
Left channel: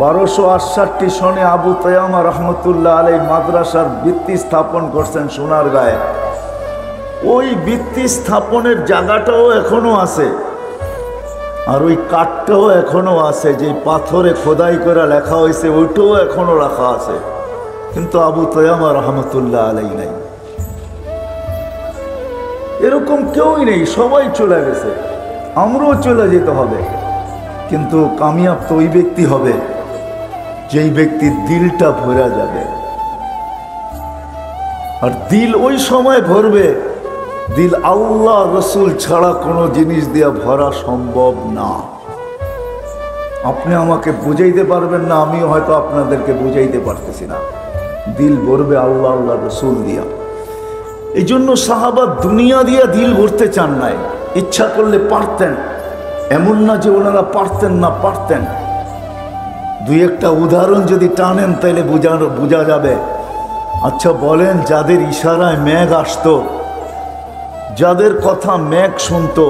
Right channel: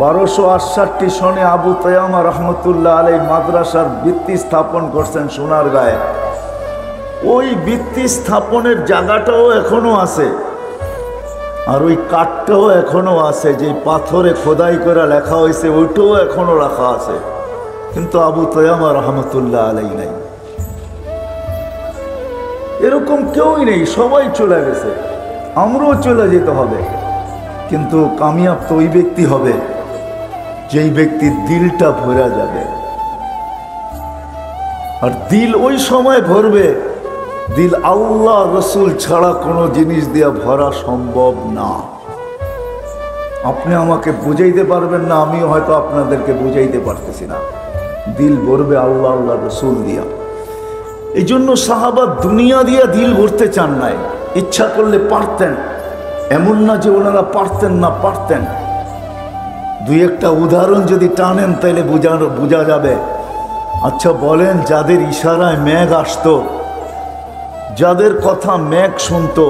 1268 সনে আবু তায়ামা রহমতুল্লাহ আলাইহি মাদ্রাসার ভিত্তি স্থাপন করছেন সোনারগাঁয়ে। ওই ভিত্তি স্থাপনের জায়গাটাও এখনো আছে, আর ওই কাঠটাও এখনো আছে, যে পাথরে খোদাই করে লেখা হয়েছে ওইটাও এখনো রাখা আছে, কিন্তু আবু তায়ামা রহমতুল্লাহ আলাইহি নাই। এরকম কেউই নেই, সবাই চলে গেছে, আমরাও চলে যেতে হবে। কিন্তু কামিয়াব তো ওই ব্যক্তি হবে যেই ব্যক্তির দিলটা ভরা যাবে। আর দিল ওই সময় ভরবে, দিল আল্লাহ রসুল ছাড়া কোনো জিনিস দিয়া ভরা সম্ভব না। আপনি আমাকে বুঝাইতে পারবেন না, আমিও হয়তো আপনাদেরকে বুঝাইতে পারতেছি না। দিল ভরবে আল্লাহ আল্লাহ রসুল দিয়া। এই জন্য সাহাবা দুনিয়া দিয়া দিল ভরতে চান নাই, ইচ্ছা করলে পারতেন, এমন না যে ওনারা পারতেন না, পারতেন। 2-1টা উদাহরণ যদি টানেন তাহলে বোঝা যাবে। আচ্ছা বলেন, যাদের ইশারায় মেঘ আসতো, যাদের কথা মেঘ শুনতো,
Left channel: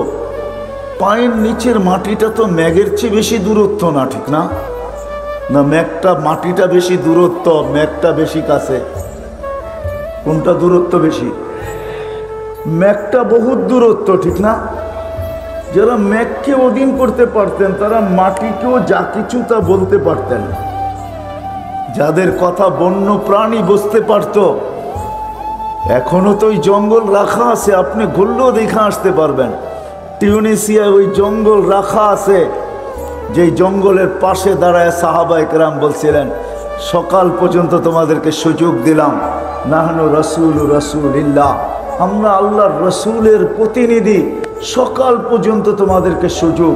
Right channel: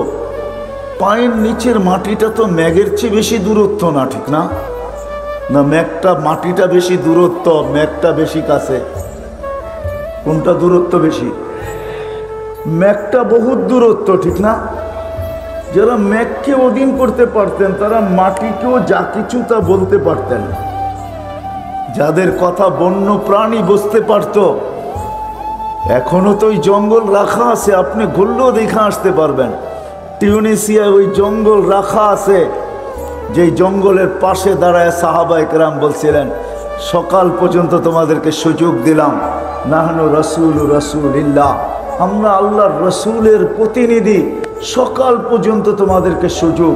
পায়ের নিচের মাটিটা তো মেঘের চেয়ে বেশি দূরত্ব না, ঠিক না? না মাটিটা বেশি দূরত্ব, মেঘটা বেশি কাছে? কোনটা দূরত্ব বেশি? মেঘটা বহুত দূরত্ব, ঠিক না? যারা মেঘকে অধীন করতে পারতেন, তারা মাটিকেও যা কিছু তা বলতে পারতেন। যাদের কথা বন্য প্রাণী বুঝতে পারত, এখনো তো ওই জঙ্গল রাখা আছে, আপনি ঘুরলেও দেখে আসতে পারবেন। টিউনিসিয়ায় ওই জঙ্গল রাখা আছে, যেই জঙ্গলের পাশে দাঁড়ায় সাহাবায়ে কেরাম বলছিলেন, সকাল পর্যন্ত তোমাদেরকে সুযোগ দিলাম, নাহনু রাসূলুল্লাহ, আমরা আল্লাহর রসুলের প্রতিনিধি, সকাল পর্যন্ত তোমাদেরকে সুযোগ,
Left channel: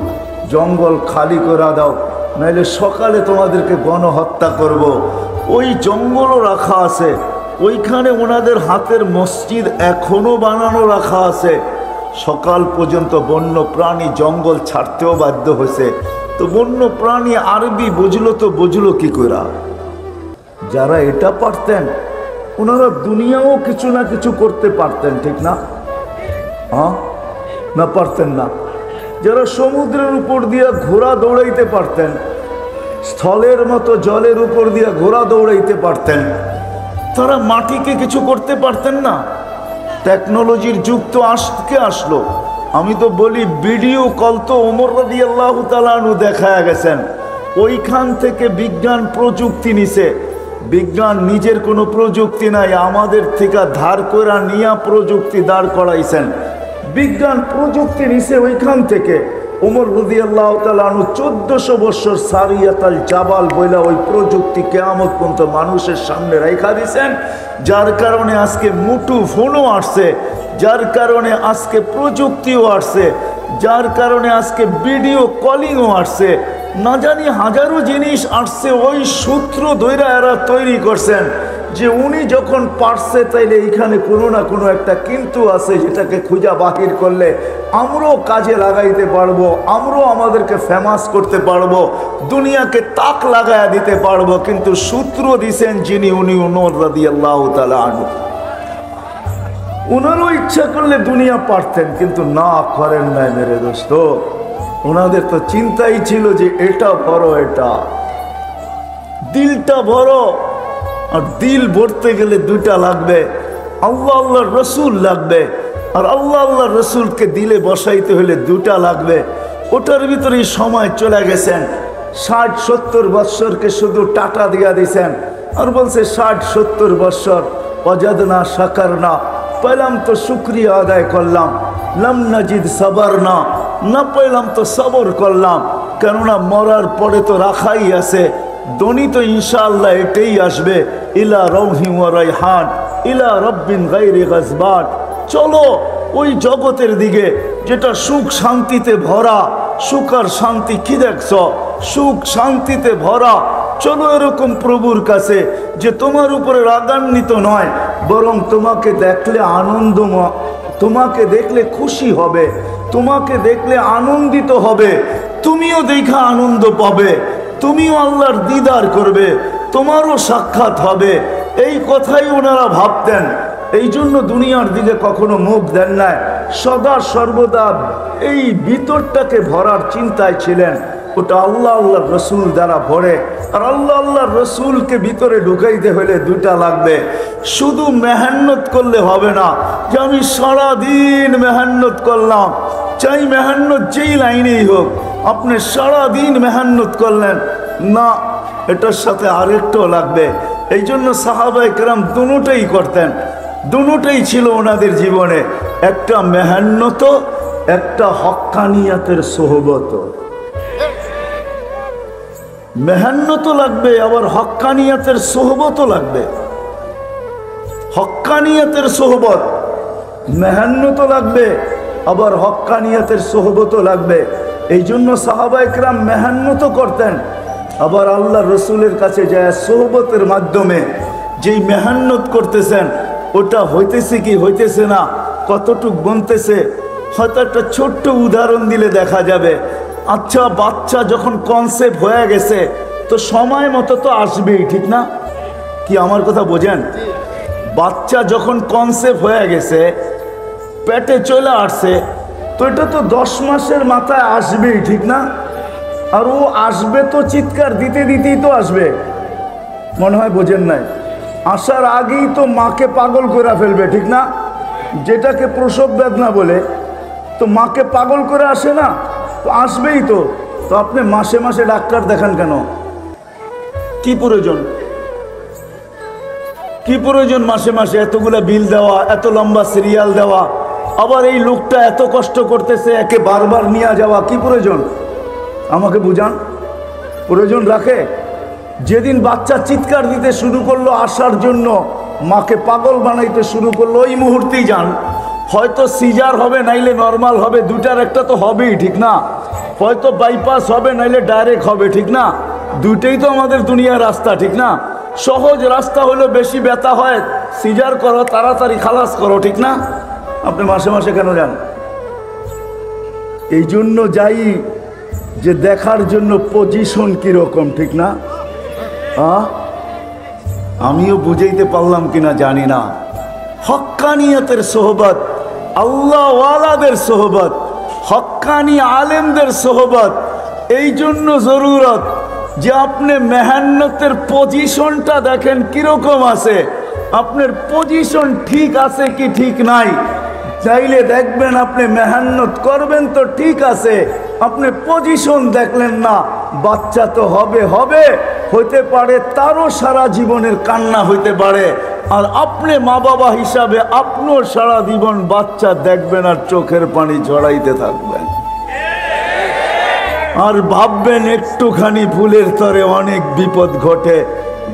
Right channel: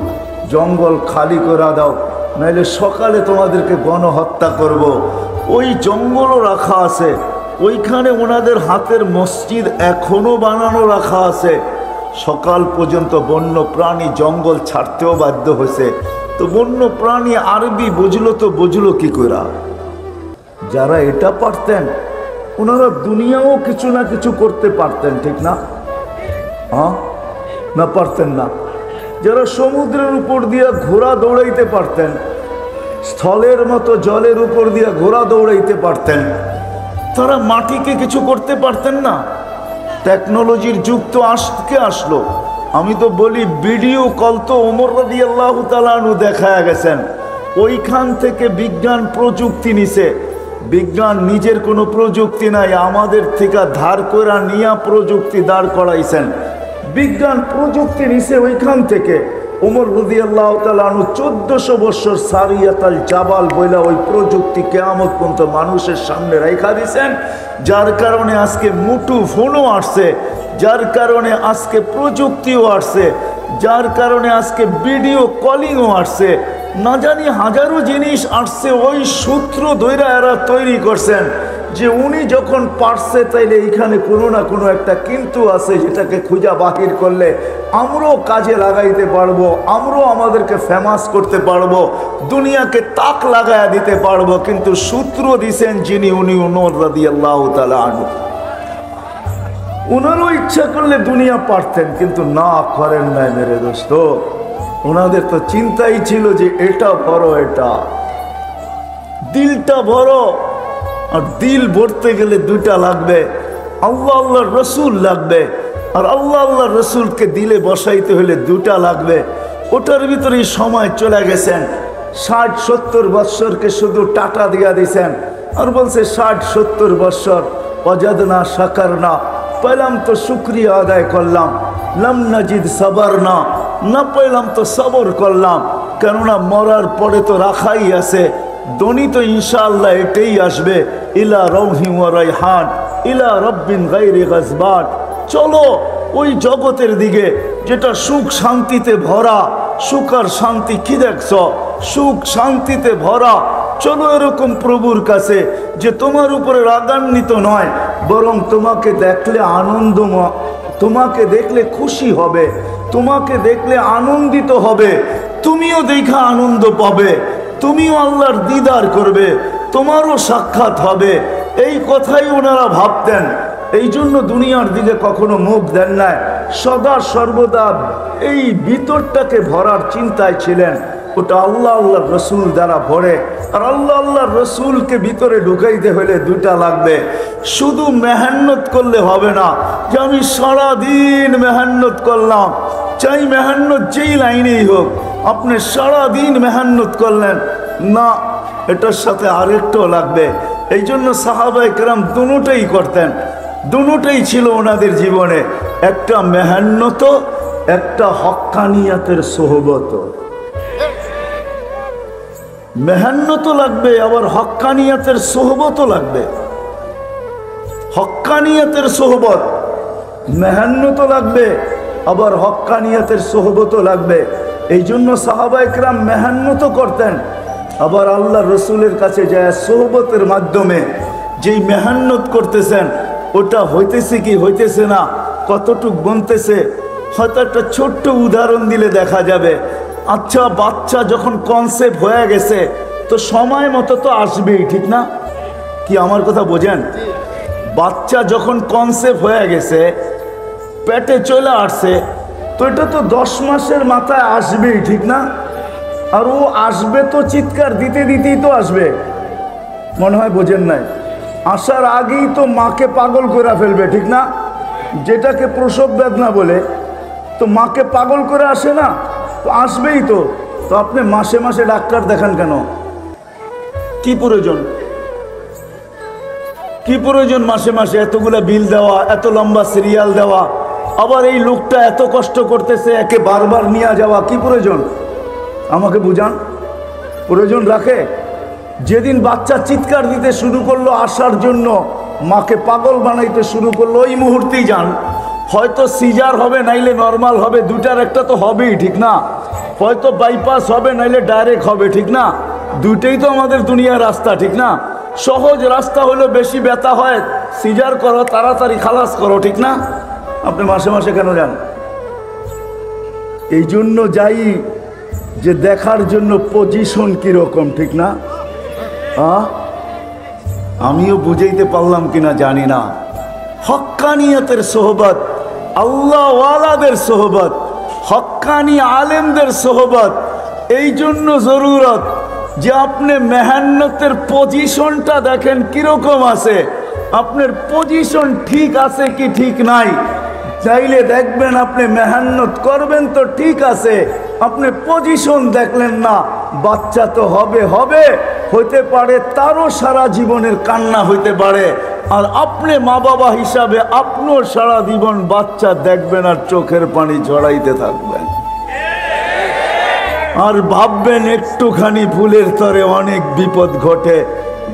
জঙ্গল খালি করে দাও, নাইলে সকালে তোমাদেরকে গণহত্যা করব। ওই জঙ্গলও রাখা আছে, ওইখানে ওনাদের হাতের মসজিদ এখনো বানানো রাখা আছে। সকাল পর্যন্ত বন্য প্রাণী জঙ্গল ছাড়তেও বাধ্য হয়েছে। তো বন্য প্রাণী আরবি বুঝলো কি করে? যারা এটা পারতেন, ওনারা দুনিয়াও কিছু না কিছু করতে পারতেন, ঠিক না? হ্যাঁ না, পারতেন না? যারা সমুদ্রের উপর দিয়ে ঘোড়া দৌড়াইতে পারতেন, স্থলের মতো জলের উপর দিয়ে ঘোড়া দৌড়াইতে পারতেন, তারা মাটিকে কিছু করতে পারতেন না? টেকনোলজির যুগ তো আজকে আসলো, আমি তো বলি ভিডিও কল তো ওমর রাদিয়াল্লাহু তাআলা আনহু দেখায়া গেছেন, ওইখান থেকে বিজ্ঞান প্রযুক্তি নিছে। বিজ্ঞান নিজের কোনো প্রযুক্তি নাই, আমাদের থেকে ধার করে নিয়া প্রযুক্তি দাঁড় করাইছেন। বিজ্ঞান প্রযুক্তি নিছে ওইখান থেকে। ওমর রাদিয়াল্লাহু তাআলা আনহু 1400 বছর সারিয়াতাল জাবাল বইলা ওই প্রযুক্তি কিয়ামত পর্যন্ত মানুষের সামনে রাইখা দিয়েছেন, যার কারণে আজকে মুঠো ফোনও আসছে, যার কারণে আজকে প্রযুক্তিও আসছে, যার কারণে আজকে ভিডিও কলিংও আসছে, না জানি হাজারো জিনিস আসছে। ওই সূত্র ধইরা এরা তৈরি করছেন যে উনি যখন পারছে তাইলে এইখানে কোনো না কোনো একটা কিন্তু আছে, যেটাকে খুঁজা বাহির করলে আমরাও কাজে লাগাইতে পারবো, আমরাও আমাদেরকে ফেমাস করতে পারবো, দুনিয়াকে তাক লাগায়া দিতে পারবো। কিন্তু সূত্র দিছেন যিনি, উনি ওমর রাদিয়াল্লাহু তাআলা আনহু। ওনারও ইচ্ছা করলে দুনিয়া পারতেন, কিন্তু না করেন নাই মেরে দোস্ত। ওনাদের তো চিন্তাই ছিল যে এটা বড়, এটা দিলটা বড়, আর দিল ভরতে গেলে দুইটা লাগবে, আল্লাহ আল্লাহর রসুল লাগবে, আর আল্লাহ আল্লাহর রসুলকে দিলে বসাইতে হলে দুটা লাগবে। ওটার ভিতরেই সময় চলে গেছেন। 60-70 বৎসরকে শুধু টাটা দিয়া দিছেন, আর বলছে 60-70 বৎসর ওয়াজাদনা শাকারনা, পেলাম তো শুকরিয়া আদায় করলাম, লাম নাজিদ সাবারনা, না পেলাম তো সবর করলাম। কেননা মরার পরে তো রাখাই আছে, দনি তো ইনশাআল্লাহ এটাই আসবে, ইলা রৌহি ওয়া রাইহান ইলা রব্বিন গায়রি গাজবান। চলো ওই জগতের দিকে যেটা সুখ শান্তিতে ভরা। সুখ আর শান্তি কি দেখছ? সুখ শান্তিতে ভরা। চলো এরকম প্রভুর কাছে যে তোমার উপরে রাগান্বিত নয়, বরং তোমাকে দেখলে আনন্দময়, তোমাকে দেখলে খুশি হবে, তোমাকে দেখলে আনন্দিত হবে, তুমিও দেখা আনন্দ পাবে, তুমিও আল্লাহর দিদার করবে, তোমারও সাক্ষাৎ হবে। এই কথাই ওনারা ভাবতেন। এই জন্য দুনিয়ার দিকে কখনো মুখ দেন নাই, সদা সর্বদা এই ভিতরটাকে ভরার চিন্তায় ছিলেন। ওটা আল্লাহ আল্লাহর রসুল দ্বারা ভরে। আর আল্লাহ আল্লাহর রসুলকে ভিতরে ঢুকাইতে হলে দুইটা লাগবে। শুধু মেহান্নত করলে হবে না যে আমি সারাদিন মেহান্নত করলাম, চাই মেহান্নত যেই লাইনেই হোক, আপনি সারাদিন মেহান্নত করলেন না, এটার সাথে আরেকটাও লাগবে। এই জন্য সাহাবায়ে কেরাম দুটোই করতেন, দুটোই ছিল ওনাদের জীবনে, একটা মেহান্নত, একটা হক্কানিয়াতের সোহবত। মেহান্নত লাগবে, আবার হক্কানিয়াতের সোহবতও লাগবে। হক্কানিয়াতের সোহবত, মেহান্নত লাগবে, আবার হক্কানিয়াতের সোহবতও লাগবে। এই জন্য সাহাবায়ে কেরাম মেহান্নত করতেন, আবার আল্লাহ রসুলের কাছে যায় সোহবতের মাধ্যমে যেই মেহান্নত করতেছেন ওটা হইতেছে কি হইতেছে না, কতটুক বনতেছে। হয়তো একটা ছোট্ট উদাহরণ দিলে দেখা যাবে। আচ্ছা, বাচ্চা যখন কনসেপ্ট হয়ে গেছে তো সময় মতো তো আসবেই, ঠিক না? কি আমার কথা বোঝেন? বাচ্চা যখন কনসেপ্ট হয়ে গেছে, পেটে চলে আসছে, তো এটা তো 10 মাসের মাথায় আসবেই, ঠিক না? আর ও আসবে তো চিৎকার দিতে দিতেই তো আসবে, মনে হয় বোঝেন নাই। আসার আগেই তো মাকে পাগল করে ফেলবে, ঠিক না? যেটাকে প্রসব বেদনা বলে, তো মাকে পাগল করে আসে না, তো আসবেই তো। তো আপনি মাসে মাসে ডাক্তার দেখান কেন? কি প্রয়োজন? কি প্রয়োজন মাসে মাসে এতগুলা বিল দেওয়া, এত লম্বা সিরিয়াল দেওয়া, আবার এই লোকটা এত কষ্ট করতেছে, একে বারবার নিয়ে যাওয়া, কি প্রয়োজন? আমাকে বুঝান, প্রয়োজন রাখে? যেদিন বাচ্চা চিৎকার দিতে শুরু করলো আসার জন্য, মাকে পাগল বানাইতে শুরু করলো, ওই মুহূর্তেই যান। হয়তো সিজার হবে, নাইলে নর্মাল হবে, দুটার একটা তো হবেই, ঠিক না? হয়তো বাইপাস হবে, নাইলে ডাইরেক্ট হবে, ঠিক না? দুইটাই তো আমাদের দুনিয়ার রাস্তা, ঠিক না? সহজ রাস্তা হলো বেশি ব্যথা হয়, সিজার করো, তাড়াতাড়ি খালাস করো, ঠিক না? আপনি মাসে মাসে কেন যান? এই জন্য যাই যে দেখার জন্য পজিশন কিরকম, ঠিক না? আমিও বুঝাইতে পারলাম কিনা জানি না। হক্কানিয়াতের সোহবত, আল্লাহ ওয়ালাদের সোহবত, হক্কানি আলেমদের সোহবত, এই জন্য জরুরত যে আপনি মেহান্নতের পজিশনটা দেখেন কিরকম আছে, আপনার পজিশন ঠিক আছে কি ঠিক নাই। চাইলে দেখবেন আপনি মেহনত করবেন তো ঠিক আছে, আপনি পজিশন দেখলেন না, বাচ্চা তো হবে হবে, হইতে পারে তারও সারা জীবনের কান্না হইতে পারে, আর আপনি মা বাবা হিসাবে আপনিও সারা জীবন বাচ্চা দেখবেন আর চোখের পানি ঝরাইতে থাকবেন, আর ভাববেন একটুখানি ভুলের তরে অনেক বিপদ ঘটে।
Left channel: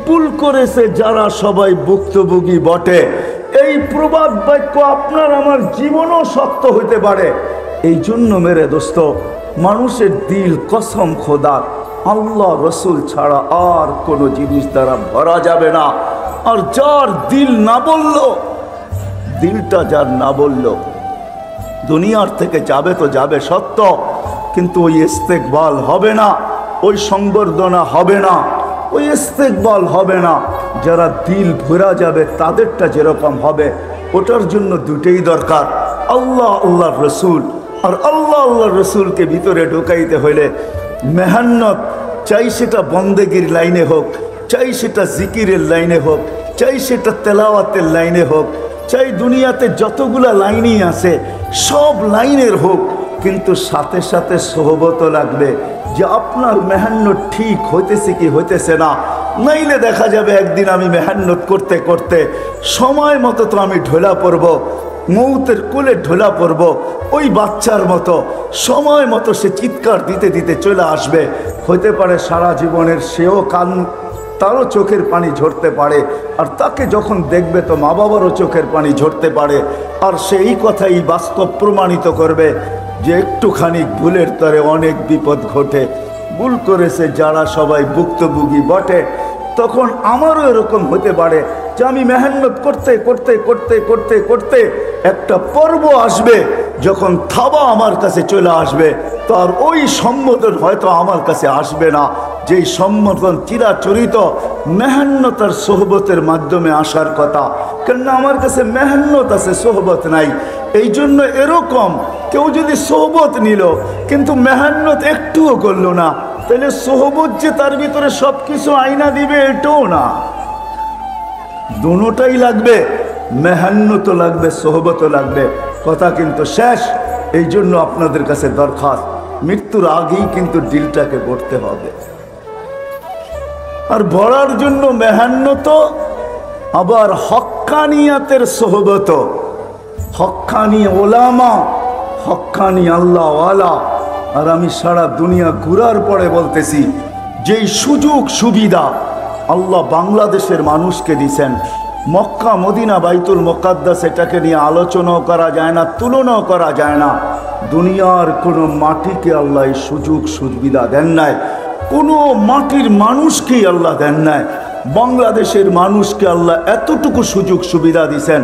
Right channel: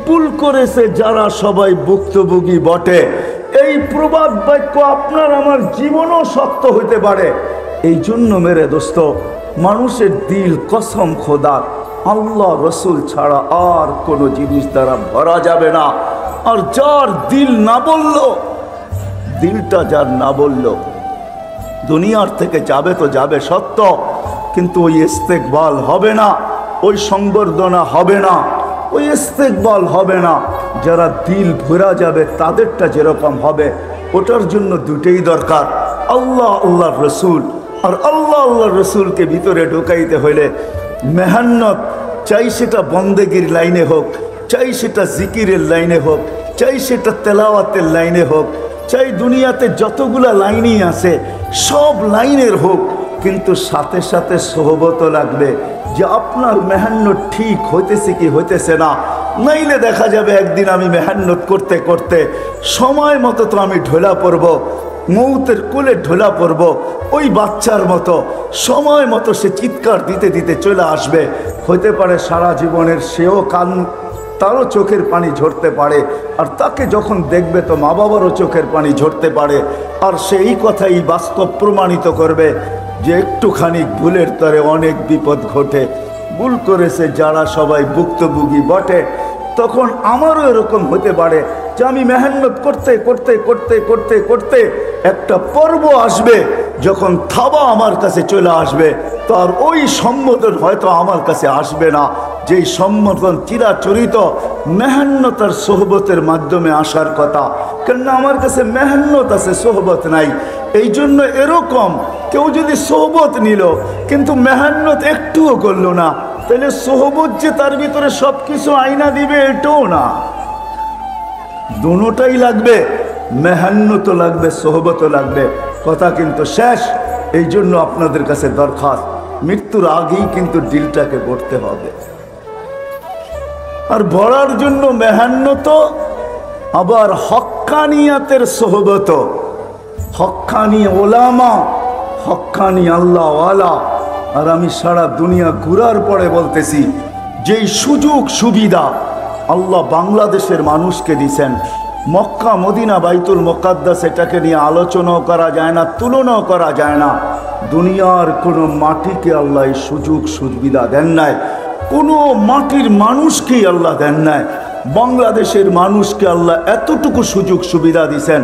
ভুল করেছে যারা সবাই ভুক্তভোগী বটে। এই প্রবাদ বাক্য আপনার আমার জীবনও সত্য হইতে পারে। এই জন্য মেরে দোস্ত, মানুষের দিল কসম খোদার আল্লাহ রসুল ছাড়া আর কোনো জিনিস দ্বারা ভরা যাবে না। আর যার দিল না বলল, দিলটা যার না বলল, দুনিয়ার থেকে যাবে তো যাবে সত্য, কিন্তু ওই ইস্তেকবাল হবে না, ওই সংবর্ধনা হবে না, ওই ইস্তেকবাল হবে না। যারা দিল ভরা যাবে তাদেরটা যেরকম হবে, ওটার জন্য দুটেই দরকার, আল্লাহ আল্লাহর রসুল। আর আল্লাহ আল্লাহর রসুলকে ভিতরে ঢোকাইতে হইলে মেহনত, চাই সেটা বন্দেগীর লাইনে হোক, চাই সেটা জিকিরের লাইনে হোক, চাই সেটা তেলাওয়াতের লাইনে হোক, চাই দুনিয়াতে যতগুলা লাইনই আছে সব লাইনের হোক, কিন্তু সাথে সাথে সোহবতও লাগবে যে আপনার মেহনত ঠিক হইতেছে কি হইতেছে না। নাইলে দেখা যাবে একদিন আমি মেহনত করতে করতে সময় মতো তো আমি ঢোলা পড়ব, মৌতের কোলে ঢোলা পড়ব, ওই বাচ্চার মতো সময় মতো সে চিৎকার দিতে দিতে চলে আসবে। হইতে পারে সারা জীবনের সেও কান, তারও চোখের পানি ঝরতে পারে, আর তাকে যখন দেখবে তো মা বাবারও চোখের পানি ঝরতে পারে। আর সেই কথাই বাস্তব প্রমাণিত করবে যে একটুখানি ভুলের তরে অনেক বিপদ ঘটে। ভুল করেছে যারা সবাই ভুক্তভোগী বটে, তখন আমারও এরকম হতে পারে যে আমি মেহনত করতে করতে করতে করতে করতে একটা পর্ব আসবে, যখন থাবা আমার কাছে চলে আসবে, তো আর ওই সম্বোধন হয়তো আমার কাছে আসবে না, যেই সম্বোধন চিরাচরিত মেহনত আর সোহবতের মাধ্যমে আসার কথা। কেননা আমার কাছে মেহনত আছে, সোহবত নাই। এই জন্য এরকম কেউ যদি সোহবত নিল কিন্তু মেহনত একটুও করলো না, তাহলে সোহবত যে তার ভিতরে সব কিছু আইনা দিবে এটাও না, দুটোটাই লাগবে, মেহনতও লাগবে, সোহবতও লাগবে। কথা কিন্তু শেষ। এই জন্য আপনাদের কাছে দরখাস্ত, মৃত্যুর আগেই কিন্তু দিলটাকে গড়তে হবে। আর ভরার জন্য মেহনত, আবার হক্কানিয়াতের সোহবত, হক্কানি ওলামা, হক্কানি আল্লাহওয়ালা। আর আমি সারা দুনিয়া ঘুরার পরে বলতেছি, যেই সুযোগ সুবিধা আল্লাহ বাংলাদেশের মানুষকে দিছেন, মক্কা মদিনা বাইতুল মুকাদ্দাস, এটাকে নিয়ে আলোচনাও করা যায় না, তুলনাও করা যায় না। দুনিয়ার কোনো মাটিকে আল্লাহ এই সুযোগ সুবিধা দেন নাই, কোনো মাটির মানুষকেই আল্লাহ দেন নাই। বাংলাদেশের মানুষকে আল্লাহ এতটুকু সুযোগ সুবিধা দিছেন।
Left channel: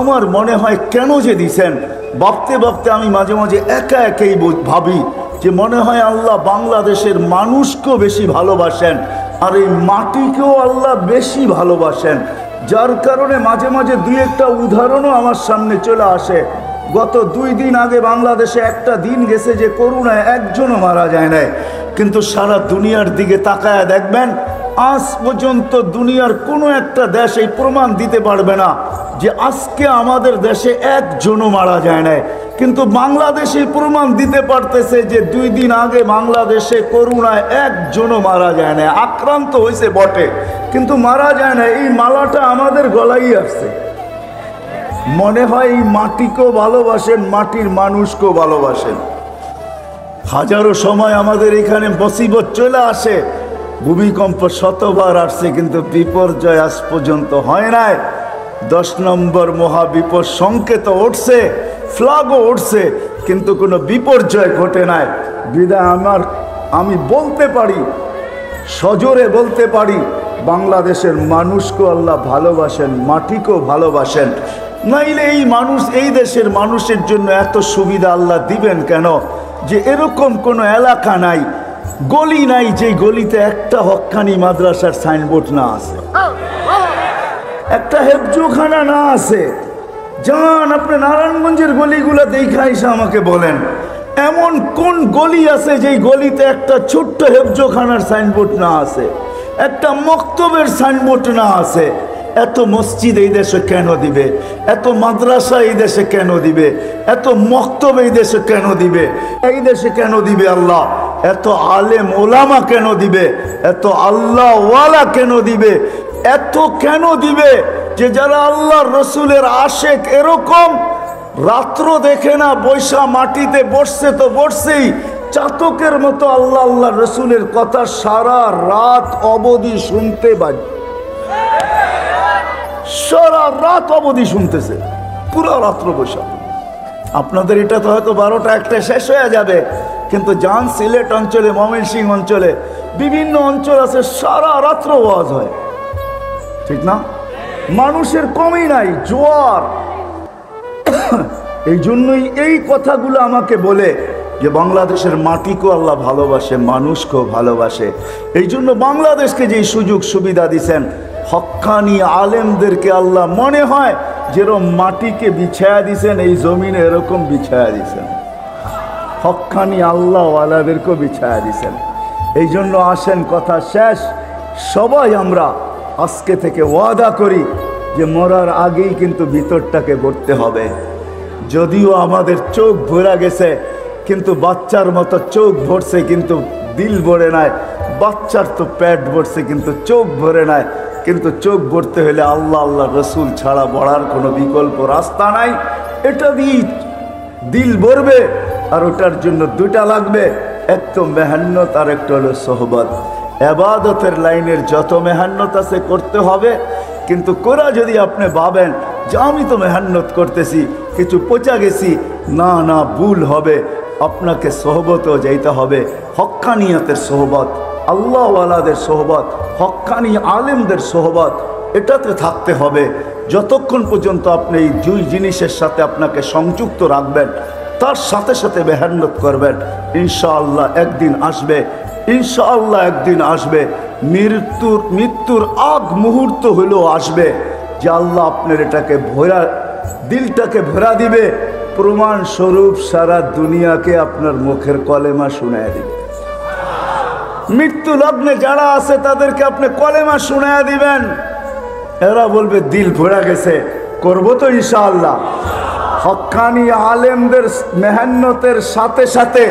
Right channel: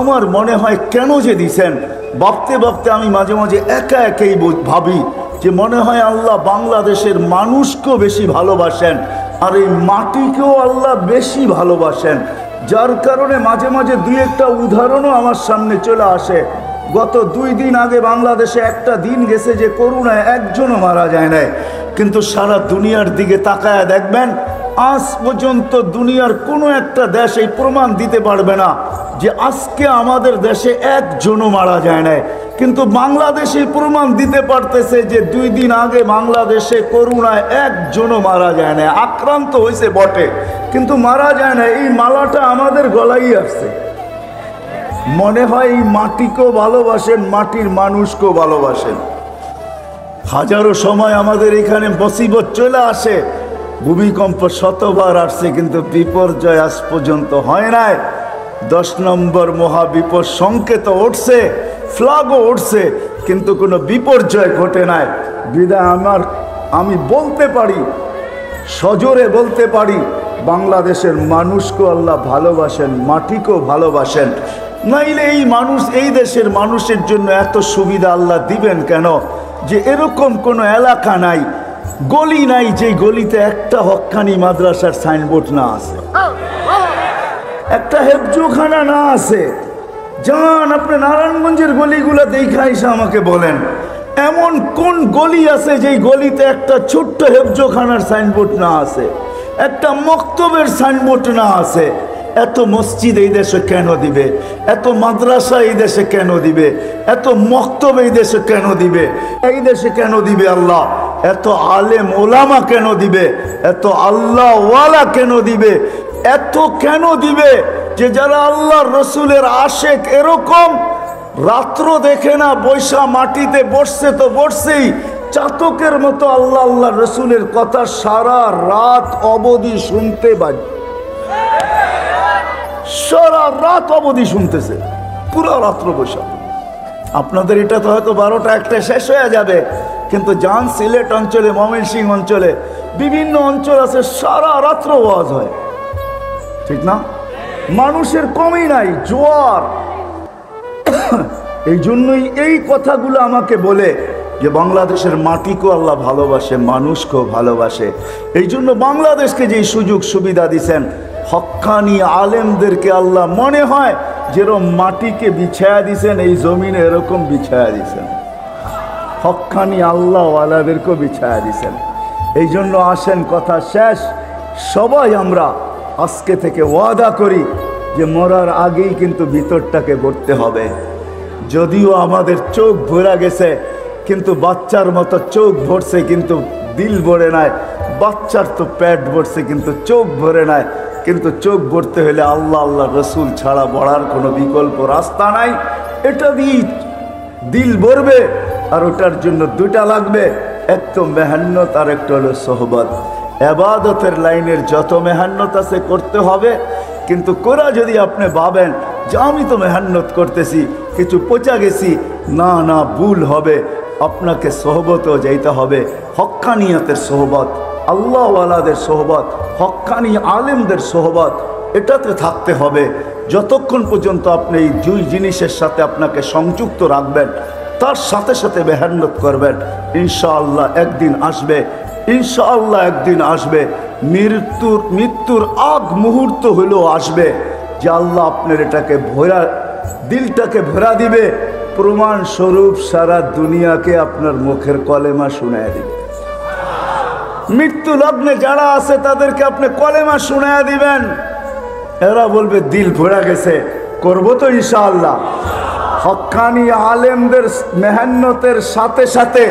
আমার মনে হয় কেন যে দিছেন, ভাবতে ভাবতে আমি মাঝে মাঝে একা একাই ভাবি যে মনে হয় আল্লাহ বাংলাদেশের মানুষকেও বেশি ভালোবাসেন, আর এই মাটিকেও আল্লাহ বেশি ভালোবাসেন। যার কারণে মাঝে মাঝে দুই একটা উদাহরণও আমার সামনে চলে আসে। গত 2 দিন আগে বাংলাদেশে একটা দিন গেছে যে করোনায় একজনও মারা যায় নাই, কিন্তু সারা দুনিয়ার দিকে তাকায় দেখবেন আজ পর্যন্ত দুনিয়ার কোনো একটা দেশ এই প্রমাণ দিতে পারবে না যে আজকে আমাদের দেশে একজনও মারা যায় নাই। কিন্তু বাংলাদেশে প্রমাণ দিতে পারতেছে যে 2 দিন আগে বাংলাদেশে করোনায় একজনও মারা যায় না, আক্রান্ত হয়েছে বটে কিন্তু মারা যায় না। এই মালাটা আমাদের গলায় আসছে। মনে হয় এই মাটিকেও ভালোবাসেন, মাটির মানুষকেও ভালোবাসেন। হাজারো সময় আমাদের এখানে মুসিবত চলে আসে, ভূমিকম্প শতবার আসছে কিন্তু বিপর্যয় আজ পর্যন্ত হয় নাই। 10 নম্বর মহাবিপদ সংকেত উঠছে, ফ্ল্যাগও উঠছে, কিন্তু কোনো বিপর্যয় ঘটে নাই। বিদায় আমি বলতে পারি, সজোরে বলতে পারি, বাংলাদেশের মানুষকেও আল্লাহ ভালোবাসেন, মাটিকেও ভালোবাসেন। নাইলে এই মানুষ, এই দেশের মানুষের জন্য এত সুবিধা আল্লাহ দিবেন কেন? যে এরকম কোনো এলাকা নাই, গলি নাই যে গলিতে একটা হক্কানি মাদ্রাসার সাইনবোর্ড না আছে, একটা হেফজোখানা না আছে। যান আপনি নারায়ণগঞ্জের গলিগুলো দেখা এসে আমাকে বলেন, এমন কোন গলি আছে যেই গলিতে একটা ছোট্ট হেফজোখানার সাইনবোর্ড না আছে, একটা মক্তবের সাইনবোর্ড না আছে, এত মসজিদ এই দেশে কেন দিবে, এত মাদ্রাসা এই দেশে কেন দিবে, এত মক্তব এই দেশে কেন দিবে, এই দেশে কেন দিবে আল্লাহ, এত আলেম ওলামা কেন দিবে, এত আল্লাহ ওয়ালা কেন দিবে, এত কেন দিবে যে যারা আল্লাহর রসুলের আশেক এরকম রাত্র দেখে না, বৈশা মাটিতে বসছে তো বসছেই, চাতকের মতো আল্লাহ আল্লাহ রসুলের কথা সারা রাত অবধি শুনতে পাই, সারা রাত অবধি শুনতেছে, পুরো রাত্র বৈশা। আপনাদের এটা তো হয়তো 12টা 1টা শেষ হয়ে যাবে, কিন্তু যান সিলেট অঞ্চলে, ময়মনসিংহ অঞ্চলে, বিভিন্ন অঞ্চল আছে সারা রাত্র ওয়াজ হয়, ঠিক না? মানুষের কমই নাই, জোয়ার। এই জন্যই এই কথাগুলো আমাকে বলে যে বাংলাদেশের মাটিকেও আল্লাহ ভালোবাসে, মানুষকেও ভালোবাসে। এই জন্য বাংলাদেশকে যে সুযোগ সুবিধা দিছেন, হক্কানি আলেমদেরকে আল্লাহ মনে হয় যেরকম মাটিকে বিছায়া দিছেন, এই জমিনে এরকম বিছায়া দিছেন, হক্কানি আল্লাহওয়ালাদেরকেও বিছায়া দিছেন। এই জন্য আসেন, কথা শেষ, সবাই আমরা আজকে থেকে ওয়াদা করি যে মরার আগেই কিন্তু ভিতরটাকে ভরতে হবে। যদিও আমাদের চোখ ভরা গেছে, কিন্তু বাচ্চার মতো চোখ ভরছে কিন্তু দিল ভরে নাই, বাচ্চার তো পেট ভরছে কিন্তু চোখ ভরে নাই। কিন্তু চোখ ভরতে হলে আল্লাহ আল্লাহ রসুল ছাড়া বড়ার কোনো বিকল্প রাস্তা নাই। এটা দিয়ে দিল ভরবে, আর ওটার জন্য দুটা লাগবে, এক তো মেহান্নত আর একটা হলো সোহবত। এবাদতের লাইনের যত মেহান্নত আছে করতে হবে, কিন্তু কোরা যদি আপনি ভাবেন যে আমি তো মেহান্নত করতেছি, কিছু পচা গেছি, না না, ভুল হবে। আপনাকে সোহবতও যাইতে হবে, হক্কানিয়তের সোহবত, আল্লাহওয়ালাদের সোহবত, হক্কানি আলেমদের সোহবত, এটাতে থাকতে হবে। যতক্ষণ পর্যন্ত আপনি এই দুই জিনিসের সাথে আপনাকে সংযুক্ত রাখবেন, তার সাথে সাথে মেহান্নত করবেন, ইনশাআল্লাহ একদিন আসবে, ইনশাআল্লাহ একদিন আসবে। মৃত্যুর আগ মুহূর্ত হলেও আসবে যে আল্লাহ আপনার এটাকে ভরা, দিলটাকে ভরা দিবে, প্রমাণ স্বরূপ সারা দুনিয়াকে আপনার মুখের কলেমা শুনায় দিবে। মৃত্যু লগ্নে যারা আছে তাদেরকে আপনি কলেমা শুনায় দিবেন, এরা বলবে দিল ভরা গেছে, করবো তো ইনশাআল্লাহ। হক্কানি আলেমদের মেহান্নতের সাথে সাথে,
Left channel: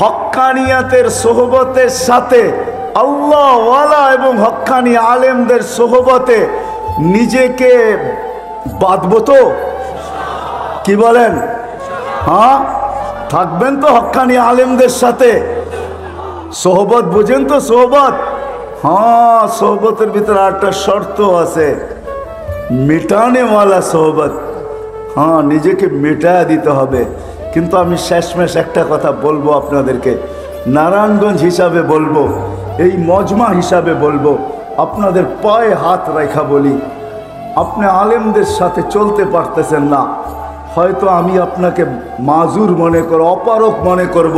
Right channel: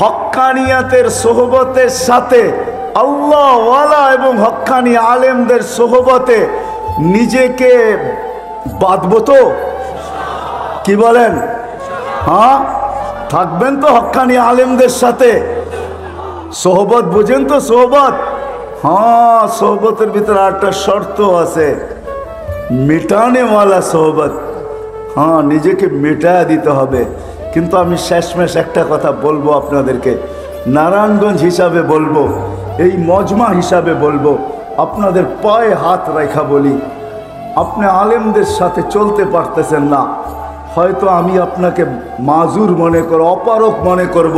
হক্কানিয়াতের সোহবতের সাথে, আল্লাহ ওয়ালা এবং হক্কানি আলেমদের সোহবতে নিজেকে বাঁধবো তো? কি বলেন? হ্যাঁ, থাকবেন তো হক্কানি আলেমদের সাথে? সোহবত বুঝেন তো? সোহবত, হ্যাঁ, সোহবতের ভিতরে একটা শর্ত আছে, মেটানেওয়ালা সোহবত। হ্যাঁ, নিজেকে মেটায়া দিতে হবে। কিন্তু আমি শেষমেশ একটা কথা বলবো আপনাদেরকে, নারায়ণগঞ্জ হিসাবে বলবো, এই মজমা হিসাবে বলবো, আপনাদের পায়ে হাত রেখা বলি, আপনি আলেমদের সাথে চলতে পারতেছেন না, হয়তো আমি আপনাকে মাজুর মনে করব, অপারক মনে করব,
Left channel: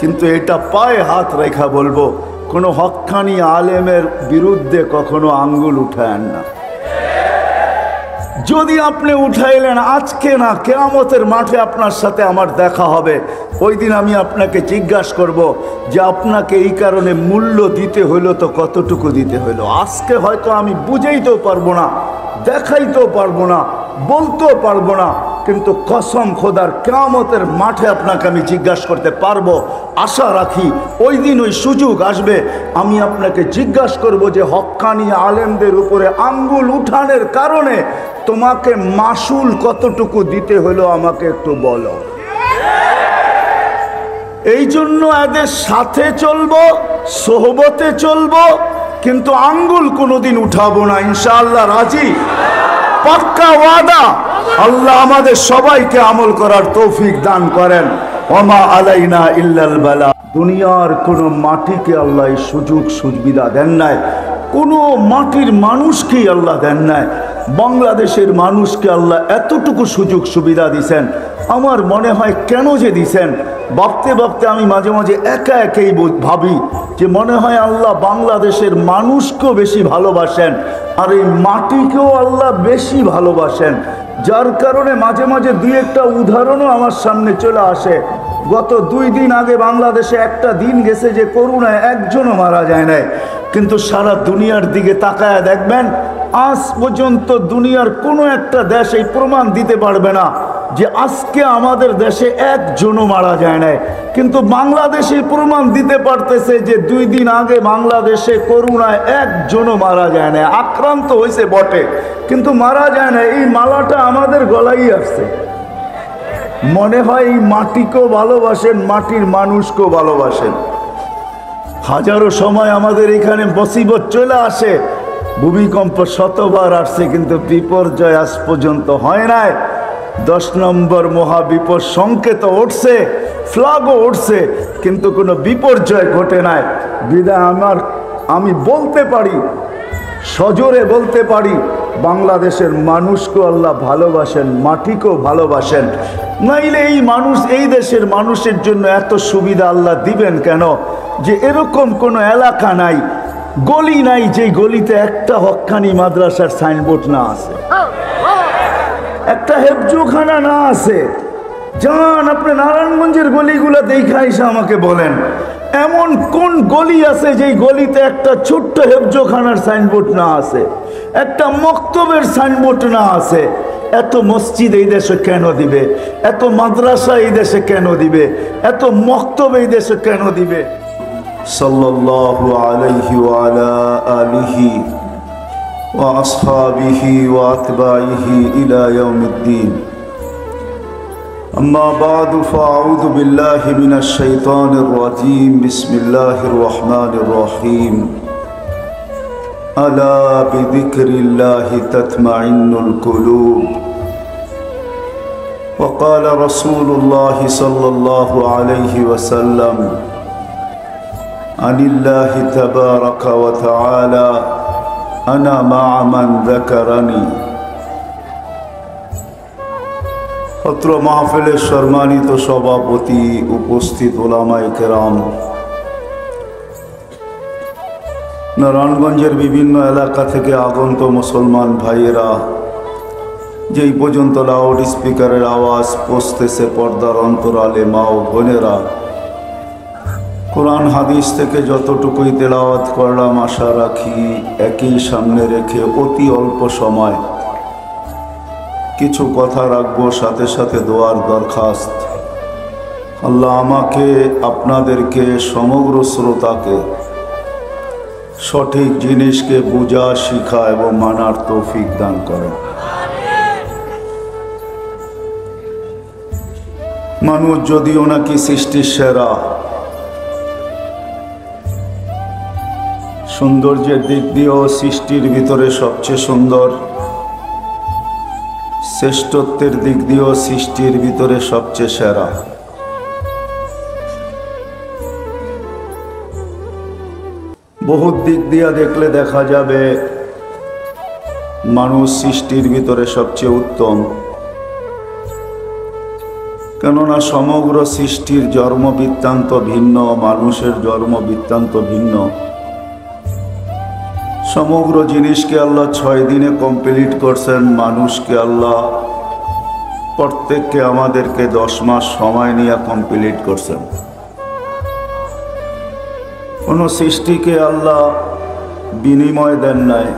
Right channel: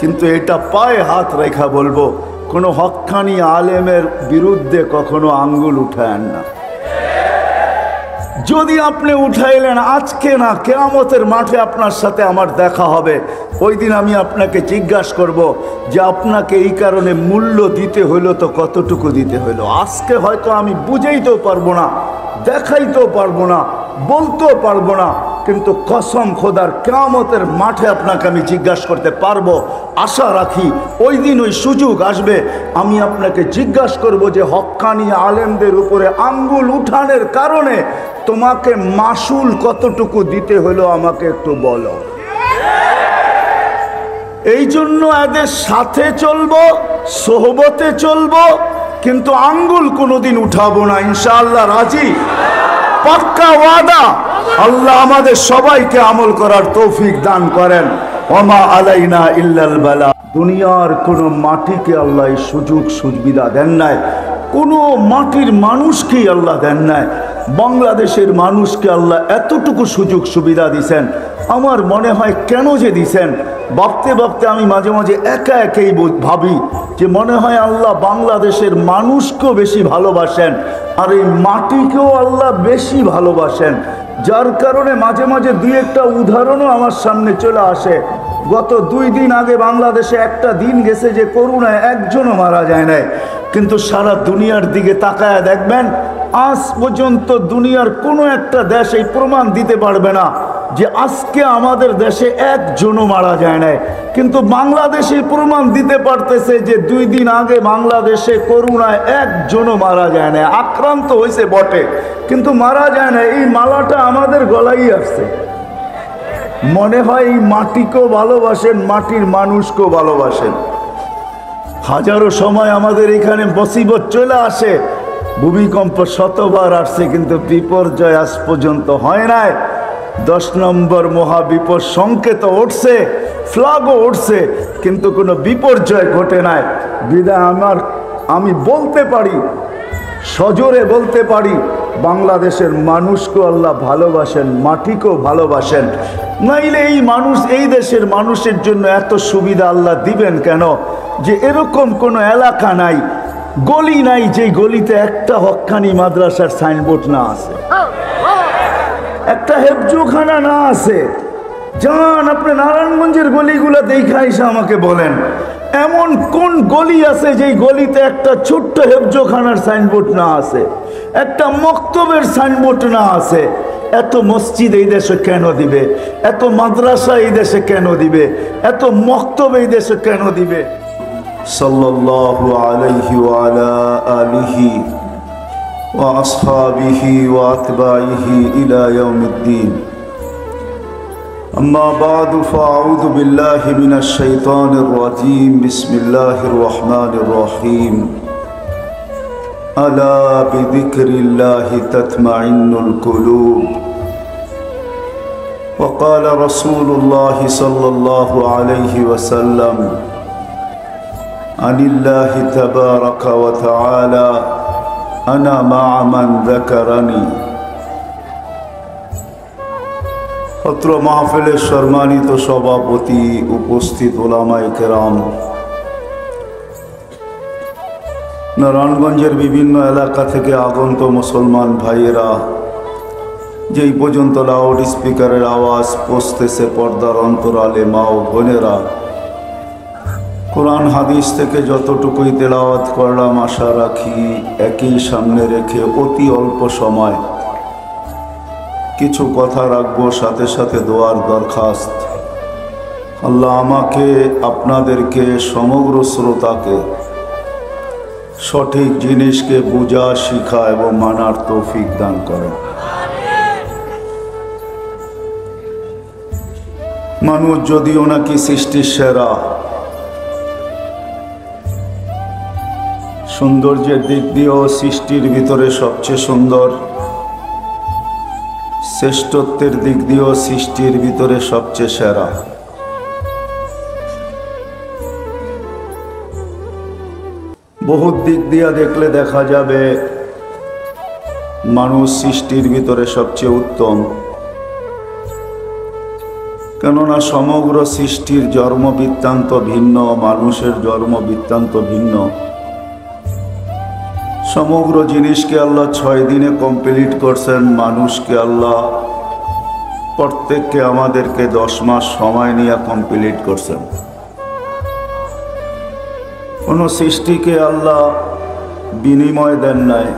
কিন্তু এটা পায়ে হাত রেখা বলবো, কোনো হক্কানি আলেমের বিরুদ্ধে কখনো আঙ্গুল উঠায়েন না। যদি আপনি উঠাইলেন, আজকে না, কিয়ামতের মাঠে আপনার সাথে আমার দেখা হবে, ওই দিন আমি আপনাকে জিজ্ঞাসা করব যে আপনাকে এই কারণে মূল্য দিতে হইলো তো কতটুকু দিতে হইলো। আজকে হয়তো আমি বুঝাইতেও পারবো না, দেখাইতেও পারবো না, বলতেও পারবো না, কিন্তু কসম খোদার কিয়ামতের মাঠে আপনাকে আমি জিজ্ঞাসা করতে পারবো। আশা রাখি ওই দিন ওই সুযোগ আসবে, আমি আপনাকে জিজ্ঞাসা করব যে হক্কানি আলেমদের উপরে আঙ্গুল উঠানের কারণে তোমাকে মাসুল কতটুকু দিতে হলো আমাকে একটু বলো। এই জন্য এদের সাথে চলবো, সোহবতে চলবো, কিন্তু আঙ্গুল কোনোদিন উঠাবো না, ইনশাআল্লাহ। রাজি? পাক্কা ওয়াদা। আল্লাহ আমাদের সবাইকে আমল করার তৌফিক দান করেন। ওমা আলাইনা ইল্লাল বালা। দুনিয়ার কোনো মাটিকে আল্লাহ এই সুযোগ সুবিধা দেন নাই, কোনো মাটির মানুষকেই আল্লাহ দেন নাই। বাংলাদেশের মানুষকে আল্লাহ এতটুকু সুযোগ সুবিধা দিছেন, আমার মনে হয় কেন যে দিছেন, ভাবতে ভাবতে আমি মাঝে মাঝে একা একাই ভাবি যে মনে হয় আল্লাহ বাংলাদেশের মানুষকেও বেশি ভালোবাসেন, আর এই মাটিকেও আল্লাহ বেশি ভালোবাসেন। যার কারণে মাঝে মাঝে দুই একটা উদাহরণও আমার সামনে চলে আসে। গত 2 দিন আগে বাংলাদেশে একটা দিন গেছে যে করোনায় একজনও মারা যায় নাই, কিন্তু সারা দুনিয়ার দিকে তাকায় দেখবেন আজ পর্যন্ত দুনিয়ার কোনো একটা দেশ এই প্রমাণ দিতে পারবে না যে আজকে আমাদের দেশে একজনও মারা যায় নাই। কিন্তু বাংলাদেশে প্রমাণ দিতে পারতেছে যে 2 দিন আগে বাংলাদেশে করোনায় একজনও মারা যায় না। আক্রান্ত হয়েছে বটে, কিন্তু মারা যায় না। এই মালাটা আমাদের গলায় আসছে। মনে হয় এই মাটিকেও ভালোবাসেন, মাটির মানুষকেও ভালোবাসেন। হাজারো সময় আমাদের এখানে মুসিবত চলে আসে, ভূমিকম্প শতবার আসছে, কিন্তু বিপর্যয় আজ পর্যন্ত হয় নাই। 10 নম্বর মহাবিপদ সংকেত উঠছে, ফ্ল্যাগও উঠছে, কিন্তু কোনো বিপর্যয় ঘটে নাই। বিদায় আমি বলতে পারি, সজোরে বলতে পারি, বাংলাদেশের মানুষকেও আল্লাহ ভালোবাসেন, মাটিকেও ভালোবাসেন। নাইলে এই মানুষ, এই দেশের মানুষের জন্য এত সুবিধা আল্লাহ দিবেন কেন? যে এরকম কোনো এলাকা নাই, গলি নাই, যে গলিতে একটা হক্কানি মাদ্রাসার সাইনবোর্ড না আছে, একটা হেফজোখানা না আছে। যান আপনি নারায়ণগঞ্জের গলিগুলো দেখা এসে আমাকে বলেন, এমন কোন গলি আছে যেই গলিতে একটা ছোট্ট হেফজোখানার সাইনবোর্ড না আছে, একটা মক্তবের সাইনবোর্ড না আছে? এত মসজিদ এই দেশে কেন দিবে? এত মাদ্রাসা এই দেশে কেন দিবে? এত মক্তব এই দেশে কেন দিবে? সাল্লাল্লাহু আলাইহি ওয়া আলা আলিহি ওয়া আসহাবিহি ওয়া আতবাইহি ইলা ইয়াউমিদ্দিন। أما بعد فأعوذ بالله من الشيطان الرجيم بسم الله الرحمن الرحيم ألا بذكر الله تطمئن القلوب وقال رسول الله صلى الله عليه وسلم عن الله تبارك وتعالى أنا مع من ذكرني। অত্র মাহফিলের সম্মানিত সভাপতি, উপস্থিত ওলামায়ে কেরাম, নারায়ণগঞ্জের বিভিন্ন এলাকা থেকে আগত মুসলমান ভাইয়েরা, যেই পর্যন্ত লাউড স্পিকারের আওয়াজ পৌঁছতেছে পর্দার অন্তরালে মা ও বোনেরা, কোরআন হাদিস থেকে যতটুকুই তেলাওয়াত করলাম আশা রাখি একই সামনে রেখে অতি অল্প সময় কিছু কথা রাখবো, সাথে সাথে দোয়ার দরখাস্ত। আল্লাহ আমাকে, আপনাদেরকে, সমগ্র শ্রোতাকে সঠিক জিনিসকে বুঝা, শিখা এবং মানার তৌফিক দান করেন। মানুষ যদিও নাকি সৃষ্টির সেরা, সৌন্দর্যের দিক দিয়েও সৃষ্টির ভিতরে সবচেয়ে সুন্দর, শ্রেষ্ঠত্বের দিক দিয়েও সৃষ্টির ভিতরে সবচেয়ে সেরা। বহুত দিক দিয়া দেখলে দেখা যাবে মানুষ সৃষ্টির ভিতরে সবচেয়ে উত্তম। কেননা সমগ্র সৃষ্টির জন্ম বৃত্তান্ত ভিন্ন, মানুষের জন্ম বৃত্তান্ত ভিন্ন। সমগ্র জিনিসকে আল্লাহ 6 দিনে কমপ্লিট করছেন, মানুষকে আল্লাহ প্রত্যেককে আমাদেরকে 10 মাস সময় নিয়ে কমপ্লিট করছেন। কোন সৃষ্টিকে আল্লাহ বিনিময় দেন নাই,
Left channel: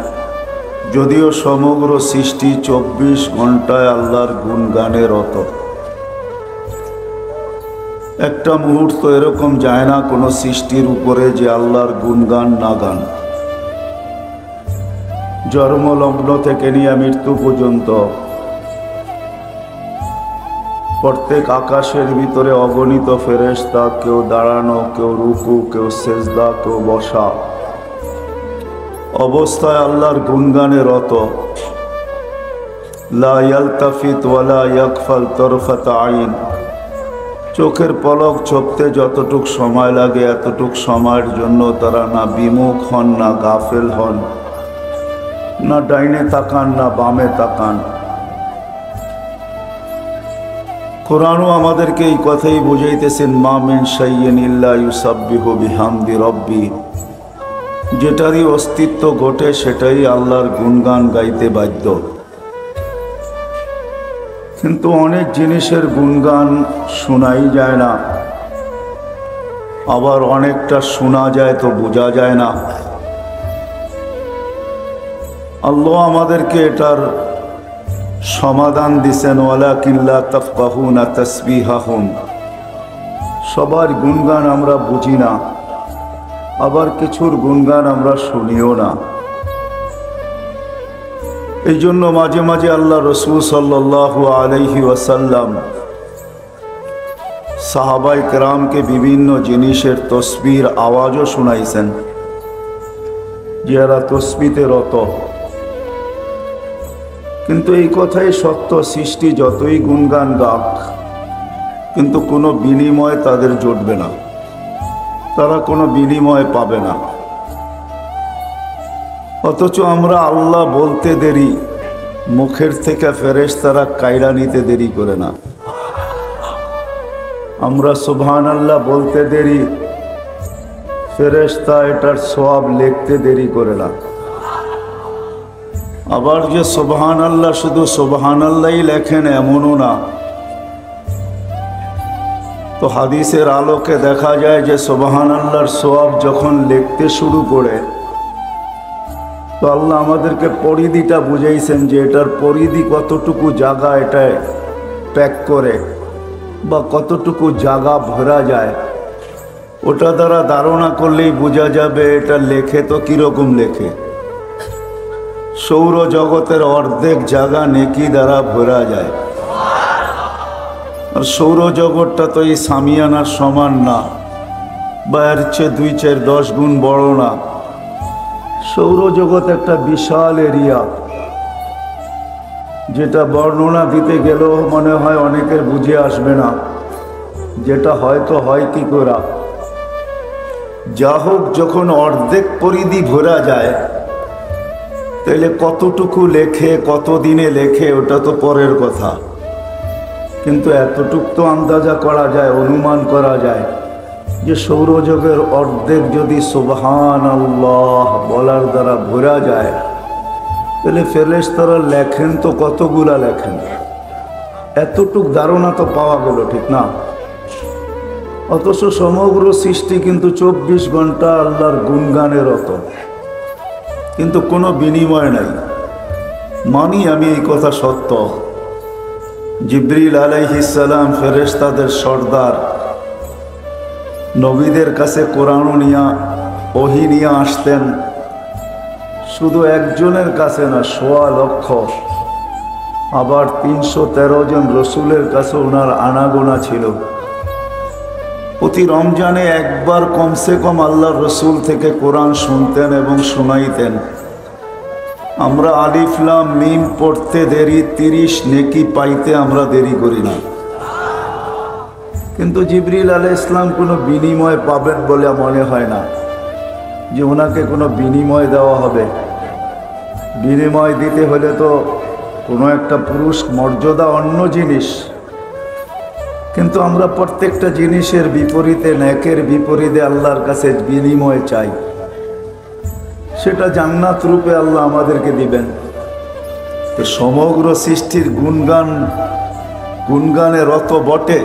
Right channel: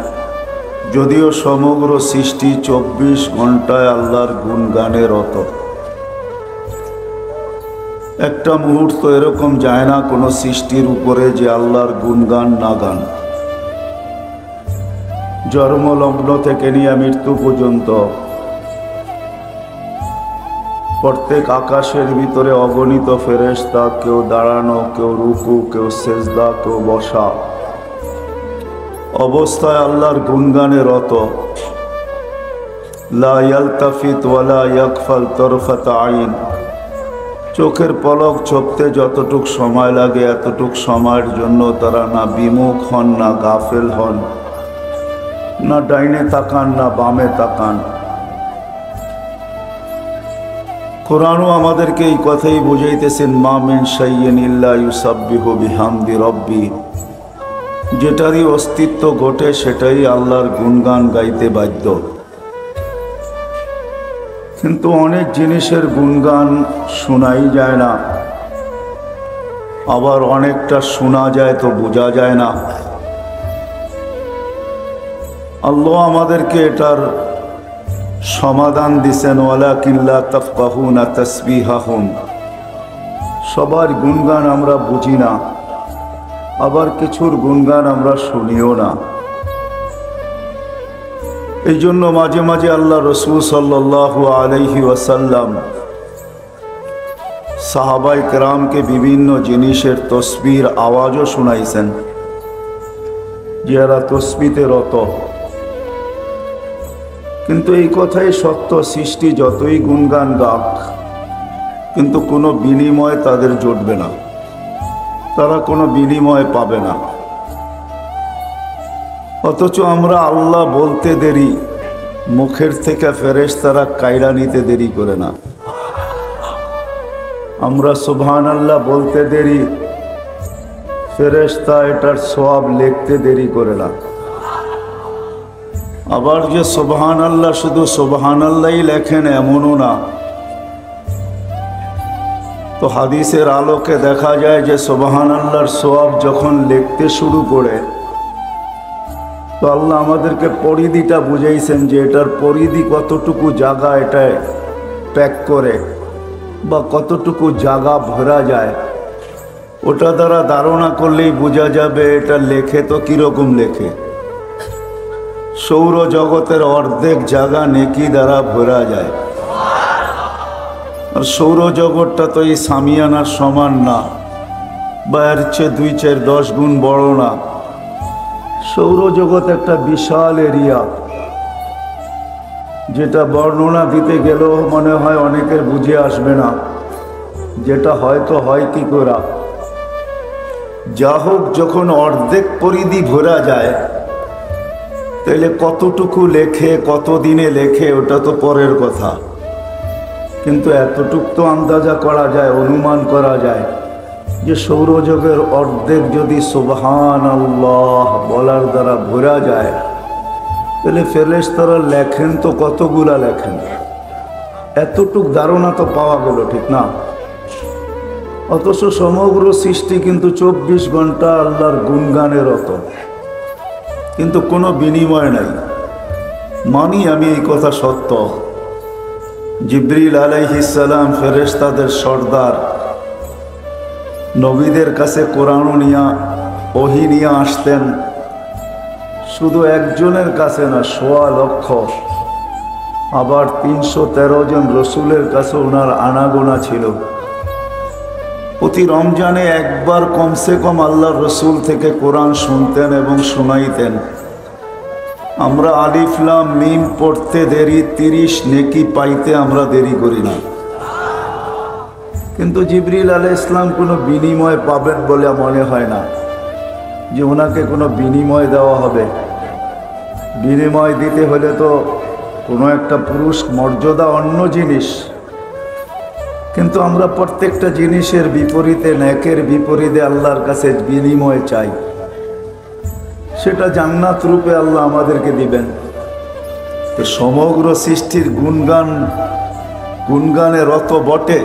যদিও সমগ্র সৃষ্টি 24 ঘন্টায় আল্লাহর গুণগানে রত। একটা মুহূর্ত এরকম যায় না কোনো সৃষ্টির উপরে যে আল্লাহর গুণগান না গান। জন্মলগ্ন থেকে নিয়ে মৃত্যু পর্যন্ত প্রত্যেক আকাশের ভিতরে অগণিত ফেরেশতা, কেউ দাঁড়ানো, কেউ রুকু, কেউ সেজদা, কেউ বসা অবস্থায় আল্লাহর গুণগানে রত। লা ইয়ালতাফিত ওয়ালা ইয়াগফাল তরফাত আইন। চোখের পলক ঝপতে যতটুক সময় লাগে এতটুক সময়ের জন্য তারা না বিমুখ হন, না গাফেল হন, না ডাইনে তাকান, না বামে তাকান। কোরআনও আমাদেরকে এই কথাই বুঝাইতেছেন, মা মিন শাইইন ইল্লা ইউসাব্বিহু বিহামদি রাব্বি। যেটারই অস্তিত্ব ঘটে সেটাই আল্লাহর গুণগান গাইতে বাধ্য। কিন্তু অনেক জিনিসের গুণগান শোনাই যায় না, আবার অনেকটা শোনা যায় তো বোঝা যায় না। আল্লাহ আমাদেরকে এটার সমাধান দিছেন, ওয়ালাকিন লা তাফকাহুনা তাসবিহাহুম। সবার গুণগান আমরা বুঝি না, আবার কিছুর গুণগান আমরা শুনিও না। এই জন্য মাঝে মাঝে আল্লাহ রসূল সাল্লাল্লাহু আলাইহি ওয়াসাল্লাম সাহাবায়ে কেরামকে বিভিন্ন জিনিসের তসবির আওয়াজও শোনাইছেন, যারা তসবিতে রত। কিন্তু এই কথাই সত্য, সৃষ্টি যতই গুণগান গাক, কিন্তু কোনো বিনিময় তাদের জুটবে না, তারা কোনো বিনিময় পাবে না। অথচ আমরা আল্লাহ বলতে দেরি, মুখের থেকে ফেরেশতারা কায়রা নিতে দেরি করে না। আমরা সুবহানাল্লাহ বলতে দেরি, ফেরেশতা এটার সওয়াব লিখতে দেরি করে না। আবার যে সুবহানাল্লাহ শুধু সুবহানাল্লাহই লেখেন এমনও না। তো হাদিসের আলোকে দেখা যায় যে সুবহানাল্লাহর সওয়াব যখন লিখতে শুরু করে, তো আল্লাহ আমাদেরকে পরিধিটা বুঝাইছেন যে এটার পরিধি কতটুকু জায়গা এটায় প্যাক করে বা কতটুকু জায়গা ভরা যায়, ওটা দ্বারা ধারণা করলেই বোঝা যাবে এটা লেখে তো কিরকম লেখে। সৌরজগতের অর্ধেক জায়গা নেকি দ্বারা ভরা যায়। আর সৌরজগৎটা তো এই সামিয়ানার সমান না, বা এর চেয়ে 2-4-10 গুণ বড় না। সৌরজগৎ একটা বিশাল এরিয়া, যেটা বর্ণনা দিতে গেলেও মনে হয় অনেকের বুঝে আসবে না, যেটা হয়তো হয় কি করে। যা হোক, যখন অর্ধেক পরিধি ভরা যায়, তাহলে কতটুকু লেখে, কত দিনে লেখে, ওটা তো পরের কথা। কিন্তু এতটুকু তো আন্দাজা করা যায়, অনুমান করা যায় যে সৌরজগতের অর্ধেক যদি সুবহানাল্লাহ বলার দ্বারা ভরা যায়, তাহলে ফেরেশতারা লেখেন তো কতগুলা লেখেন। এতটুক ধারণা তো পাওয়া গেল, ঠিক না? অথচ সমগ্র সৃষ্টি কিন্তু 24 ঘন্টা আল্লাহর গুণগানে রত, কিন্তু কোনো বিনিময় নাই। মানি আমি এই কথা সত্য। জিবরিল আলাইহিস সালাম ফেরেশতাদের সর্দার, নবীদের কাছে কোরআন নিয়া ওহী নিয়ে আসতেন। শুধু একজনের কাছে না, 1.25 লক্ষ। আবার 313 জন রসুলের কাছে ওনার আনাগোনা ছিল। প্রতি রমজানে একবার কমসে কম আল্লাহর রসুল থেকে কোরআন শুনতেন এবং শোনাইতেন। আমরা আলিফ লাম মিম পড়তে দেরি, 30 নেকি পাইতে আমরা দেরি করি না। কিন্তু জিবরিল আলাইহিস সালাম কোনো বিনিময় পাবেন বলে মনে হয় না, যে ওনাকে কোনো বিনিময় দেওয়া হবে। বিনিময় দিতে হলে তো কোনো একটা পুরুষ মর্যাদা, অন্য জিনিস। কিন্তু আমরা প্রত্যেকটা জিনিসের বিপরীতে, নেকের বিপরীতে আল্লাহর কাছে বিনিময় চাই। সেটা জান্নাত রূপে আল্লাহ আমাদেরকে দিবেন। তো সমগ্র সৃষ্টির গুণগানে রত বটে,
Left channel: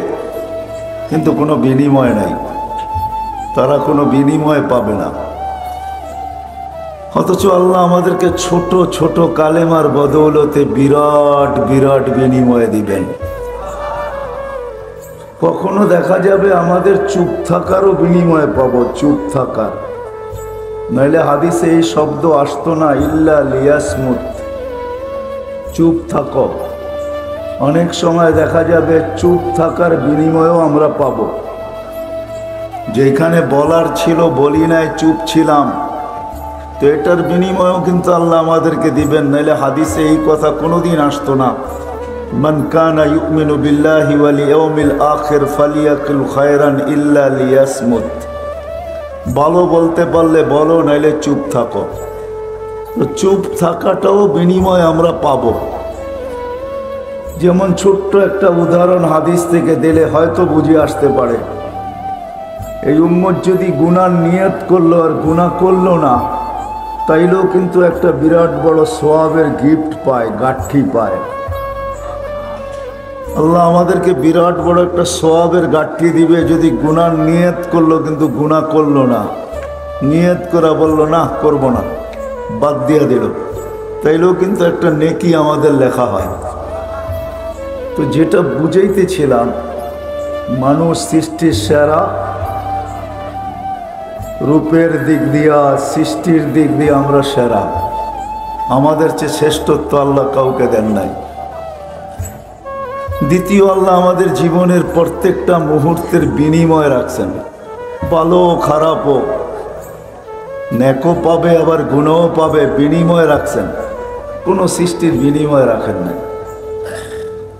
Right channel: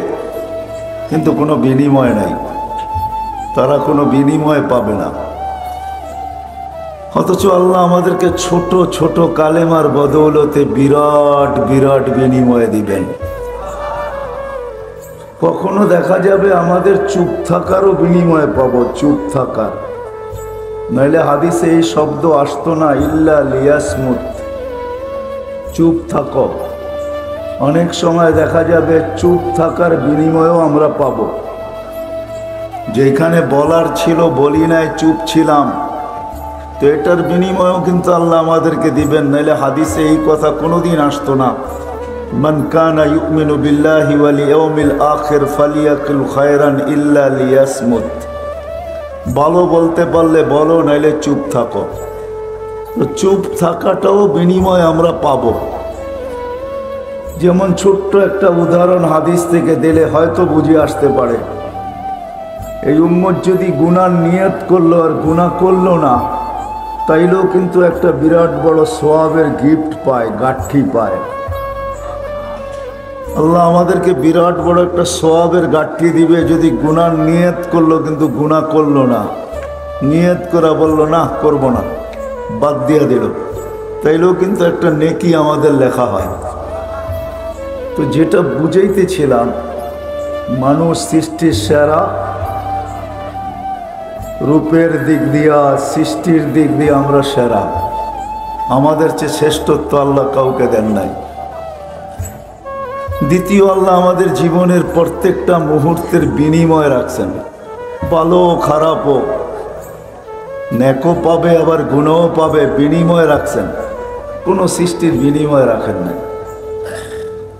কিন্তু কোনো বিনিময় নাই, তারা কোনো বিনিময় পাবে না। অথচ আল্লাহ আমাদেরকে ছোট ছোট কালেমার বদৌলতে বিরাট বিরাট বিনিময় দিবেন। কখনো দেখা যাবে আমাদের চুপ থাকারও বিনিময় পাবো, চুপ থাকার। নইলে হাদিসে এই শব্দ আসতো না, ইল্লা লিয়াসমুত, চুপ থাকো। অনেক সময় দেখা যাবে চুপ থাকার বিনিময়ও আমরা পাবো। যেখানে বলার ছিল বলি নাই, চুপ ছিলাম, তো এটার বিনিময়ও কিন্তু আল্লাহ আমাদেরকে দিবেন। নাইলে হাদিসে এই কথা কোনোদিন আসতো না, মান কানা ইউমিনু বিল্লাহি ওয়াল ইয়াউমিল আখির ফালিয়াকুল খায়রান ইল্লা লিয়াসমুত। ভালো বলতে পারলে বলো, নাইলে চুপ থাকো। তো চুপ থাকাটাও বিনিময় আমরা পাবো। যেমন ছোট্ট একটা উদাহরণ হাদিস থেকে দিলে হয়তো বুঝে আসতে পারে। এই উম্মত যদি গুনার নিয়ত করলো আর গুনাহ করলো না, তাইলেও কিন্তু একটা বিরাট বড় সওয়াবের গিফট পায়, গাঠি পায়। আল্লাহ আমাদেরকে বিরাট বড় একটা সওয়াবের গাঠি দিবে যদি গুনার নিয়ত করলো কিন্তু গুনাহ করলো না। নিয়ত করা বললো না করব না, বাদ দিয়ে দিল, তাইলেও কিন্তু একটা নেকি আমাদের লেখা হয়। তো যেটা বুঝাইতেছিলাম, মানুষ সৃষ্টির সেরা, রূপের দিক দিয়া সৃষ্টির দিক দিয়ে আমরা সেরা, আমাদের চেয়ে শ্রেষ্ঠত্ব আল্লাহ কাউকে দেন নাই। দ্বিতীয়, আল্লাহ আমাদের জীবনের প্রত্যেকটা মুহূর্তের বিনিময় রাখছেন, ভালো খারাপও, নেকও পাবে আবার গুণও পাবে, বিনিময় রাখছেন, কোনো সৃষ্টির বিনিময় রাখেন নাই।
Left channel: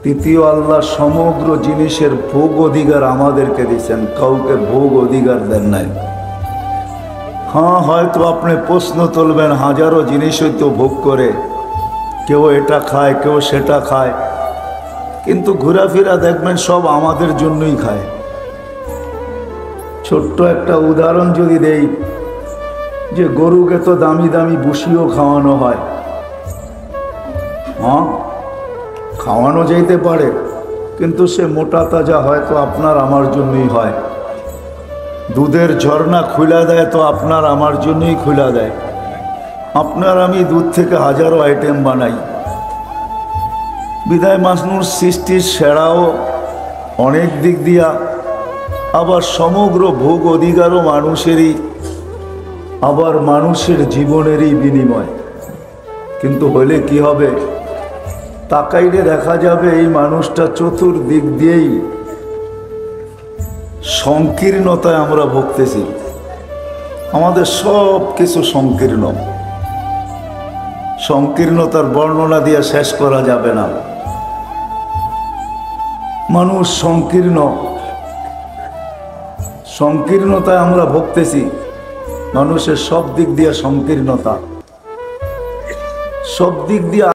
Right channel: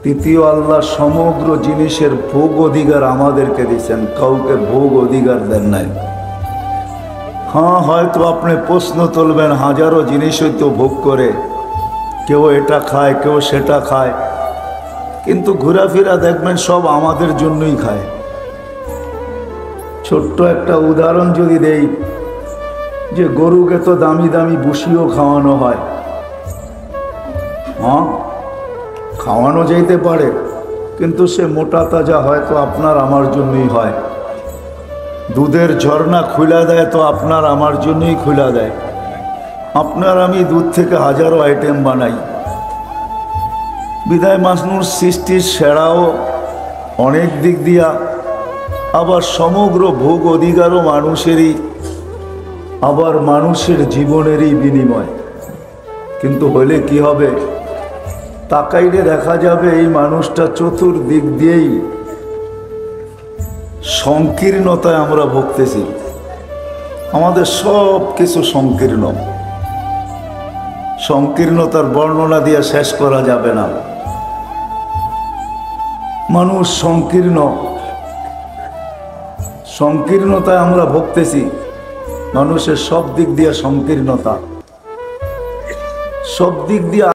তৃতীয়, আল্লাহ সমগ্র জিনিসের ভোগ অধিকার আমাদেরকে দিচ্ছেন, কাউকে ভোগ অধিকার দেন নাই। হ্যাঁ, হয়তো আপনি প্রশ্ন তুলবেন, হাজারো জিনিস হয়তো ভোগ করে, কেউ এটা খায়, কেউ সেটা খায়, কিন্তু ঘোরাফেরা দেখবেন সব আমাদের জন্যই খায়। ছোট্ট একটা উদাহরণ যদি দেই, যে গরুকে তো দামি দামি ভুসিও খাওয়ানো হয়, হ্যাঁ খাওয়ানো যাইতে পারে, কিন্তু সে মোটা তাজা হয়তো আপনার আমার জন্যই হয়। দুধের ঝর্ণা খুলে দেয় তো আপনার আমার জন্যই খুলে দেয়। আপনার আমি দুধ থেকে হাজারো আইটেম বানাই। বিদায় মানুষ সৃষ্টির সেরাও অনেক দিক দিয়া, আবার সমগ্র ভোগ অধিকারও মানুষেরই, আবার মানুষের জীবনেরই বিনিময়। কিন্তু হলে কি হবে, তাকাইলে দেখা যাবে এই মানুষটা চতুর্দিক দিয়েই সংকীর্ণতায় আমরা ভুগতেছি। আমাদের সব কিছু সংকীর্ণ, সংকীর্ণতার বর্ণনা দিয়ে শেষ করা যাবে না। মানুষ সংকীর্ণ, সংকীর্ণতায় আমরা ভুগতেছি। মানুষের সব দিক দিয়ে সংকীর্ণতা, সব দিক দিয়ে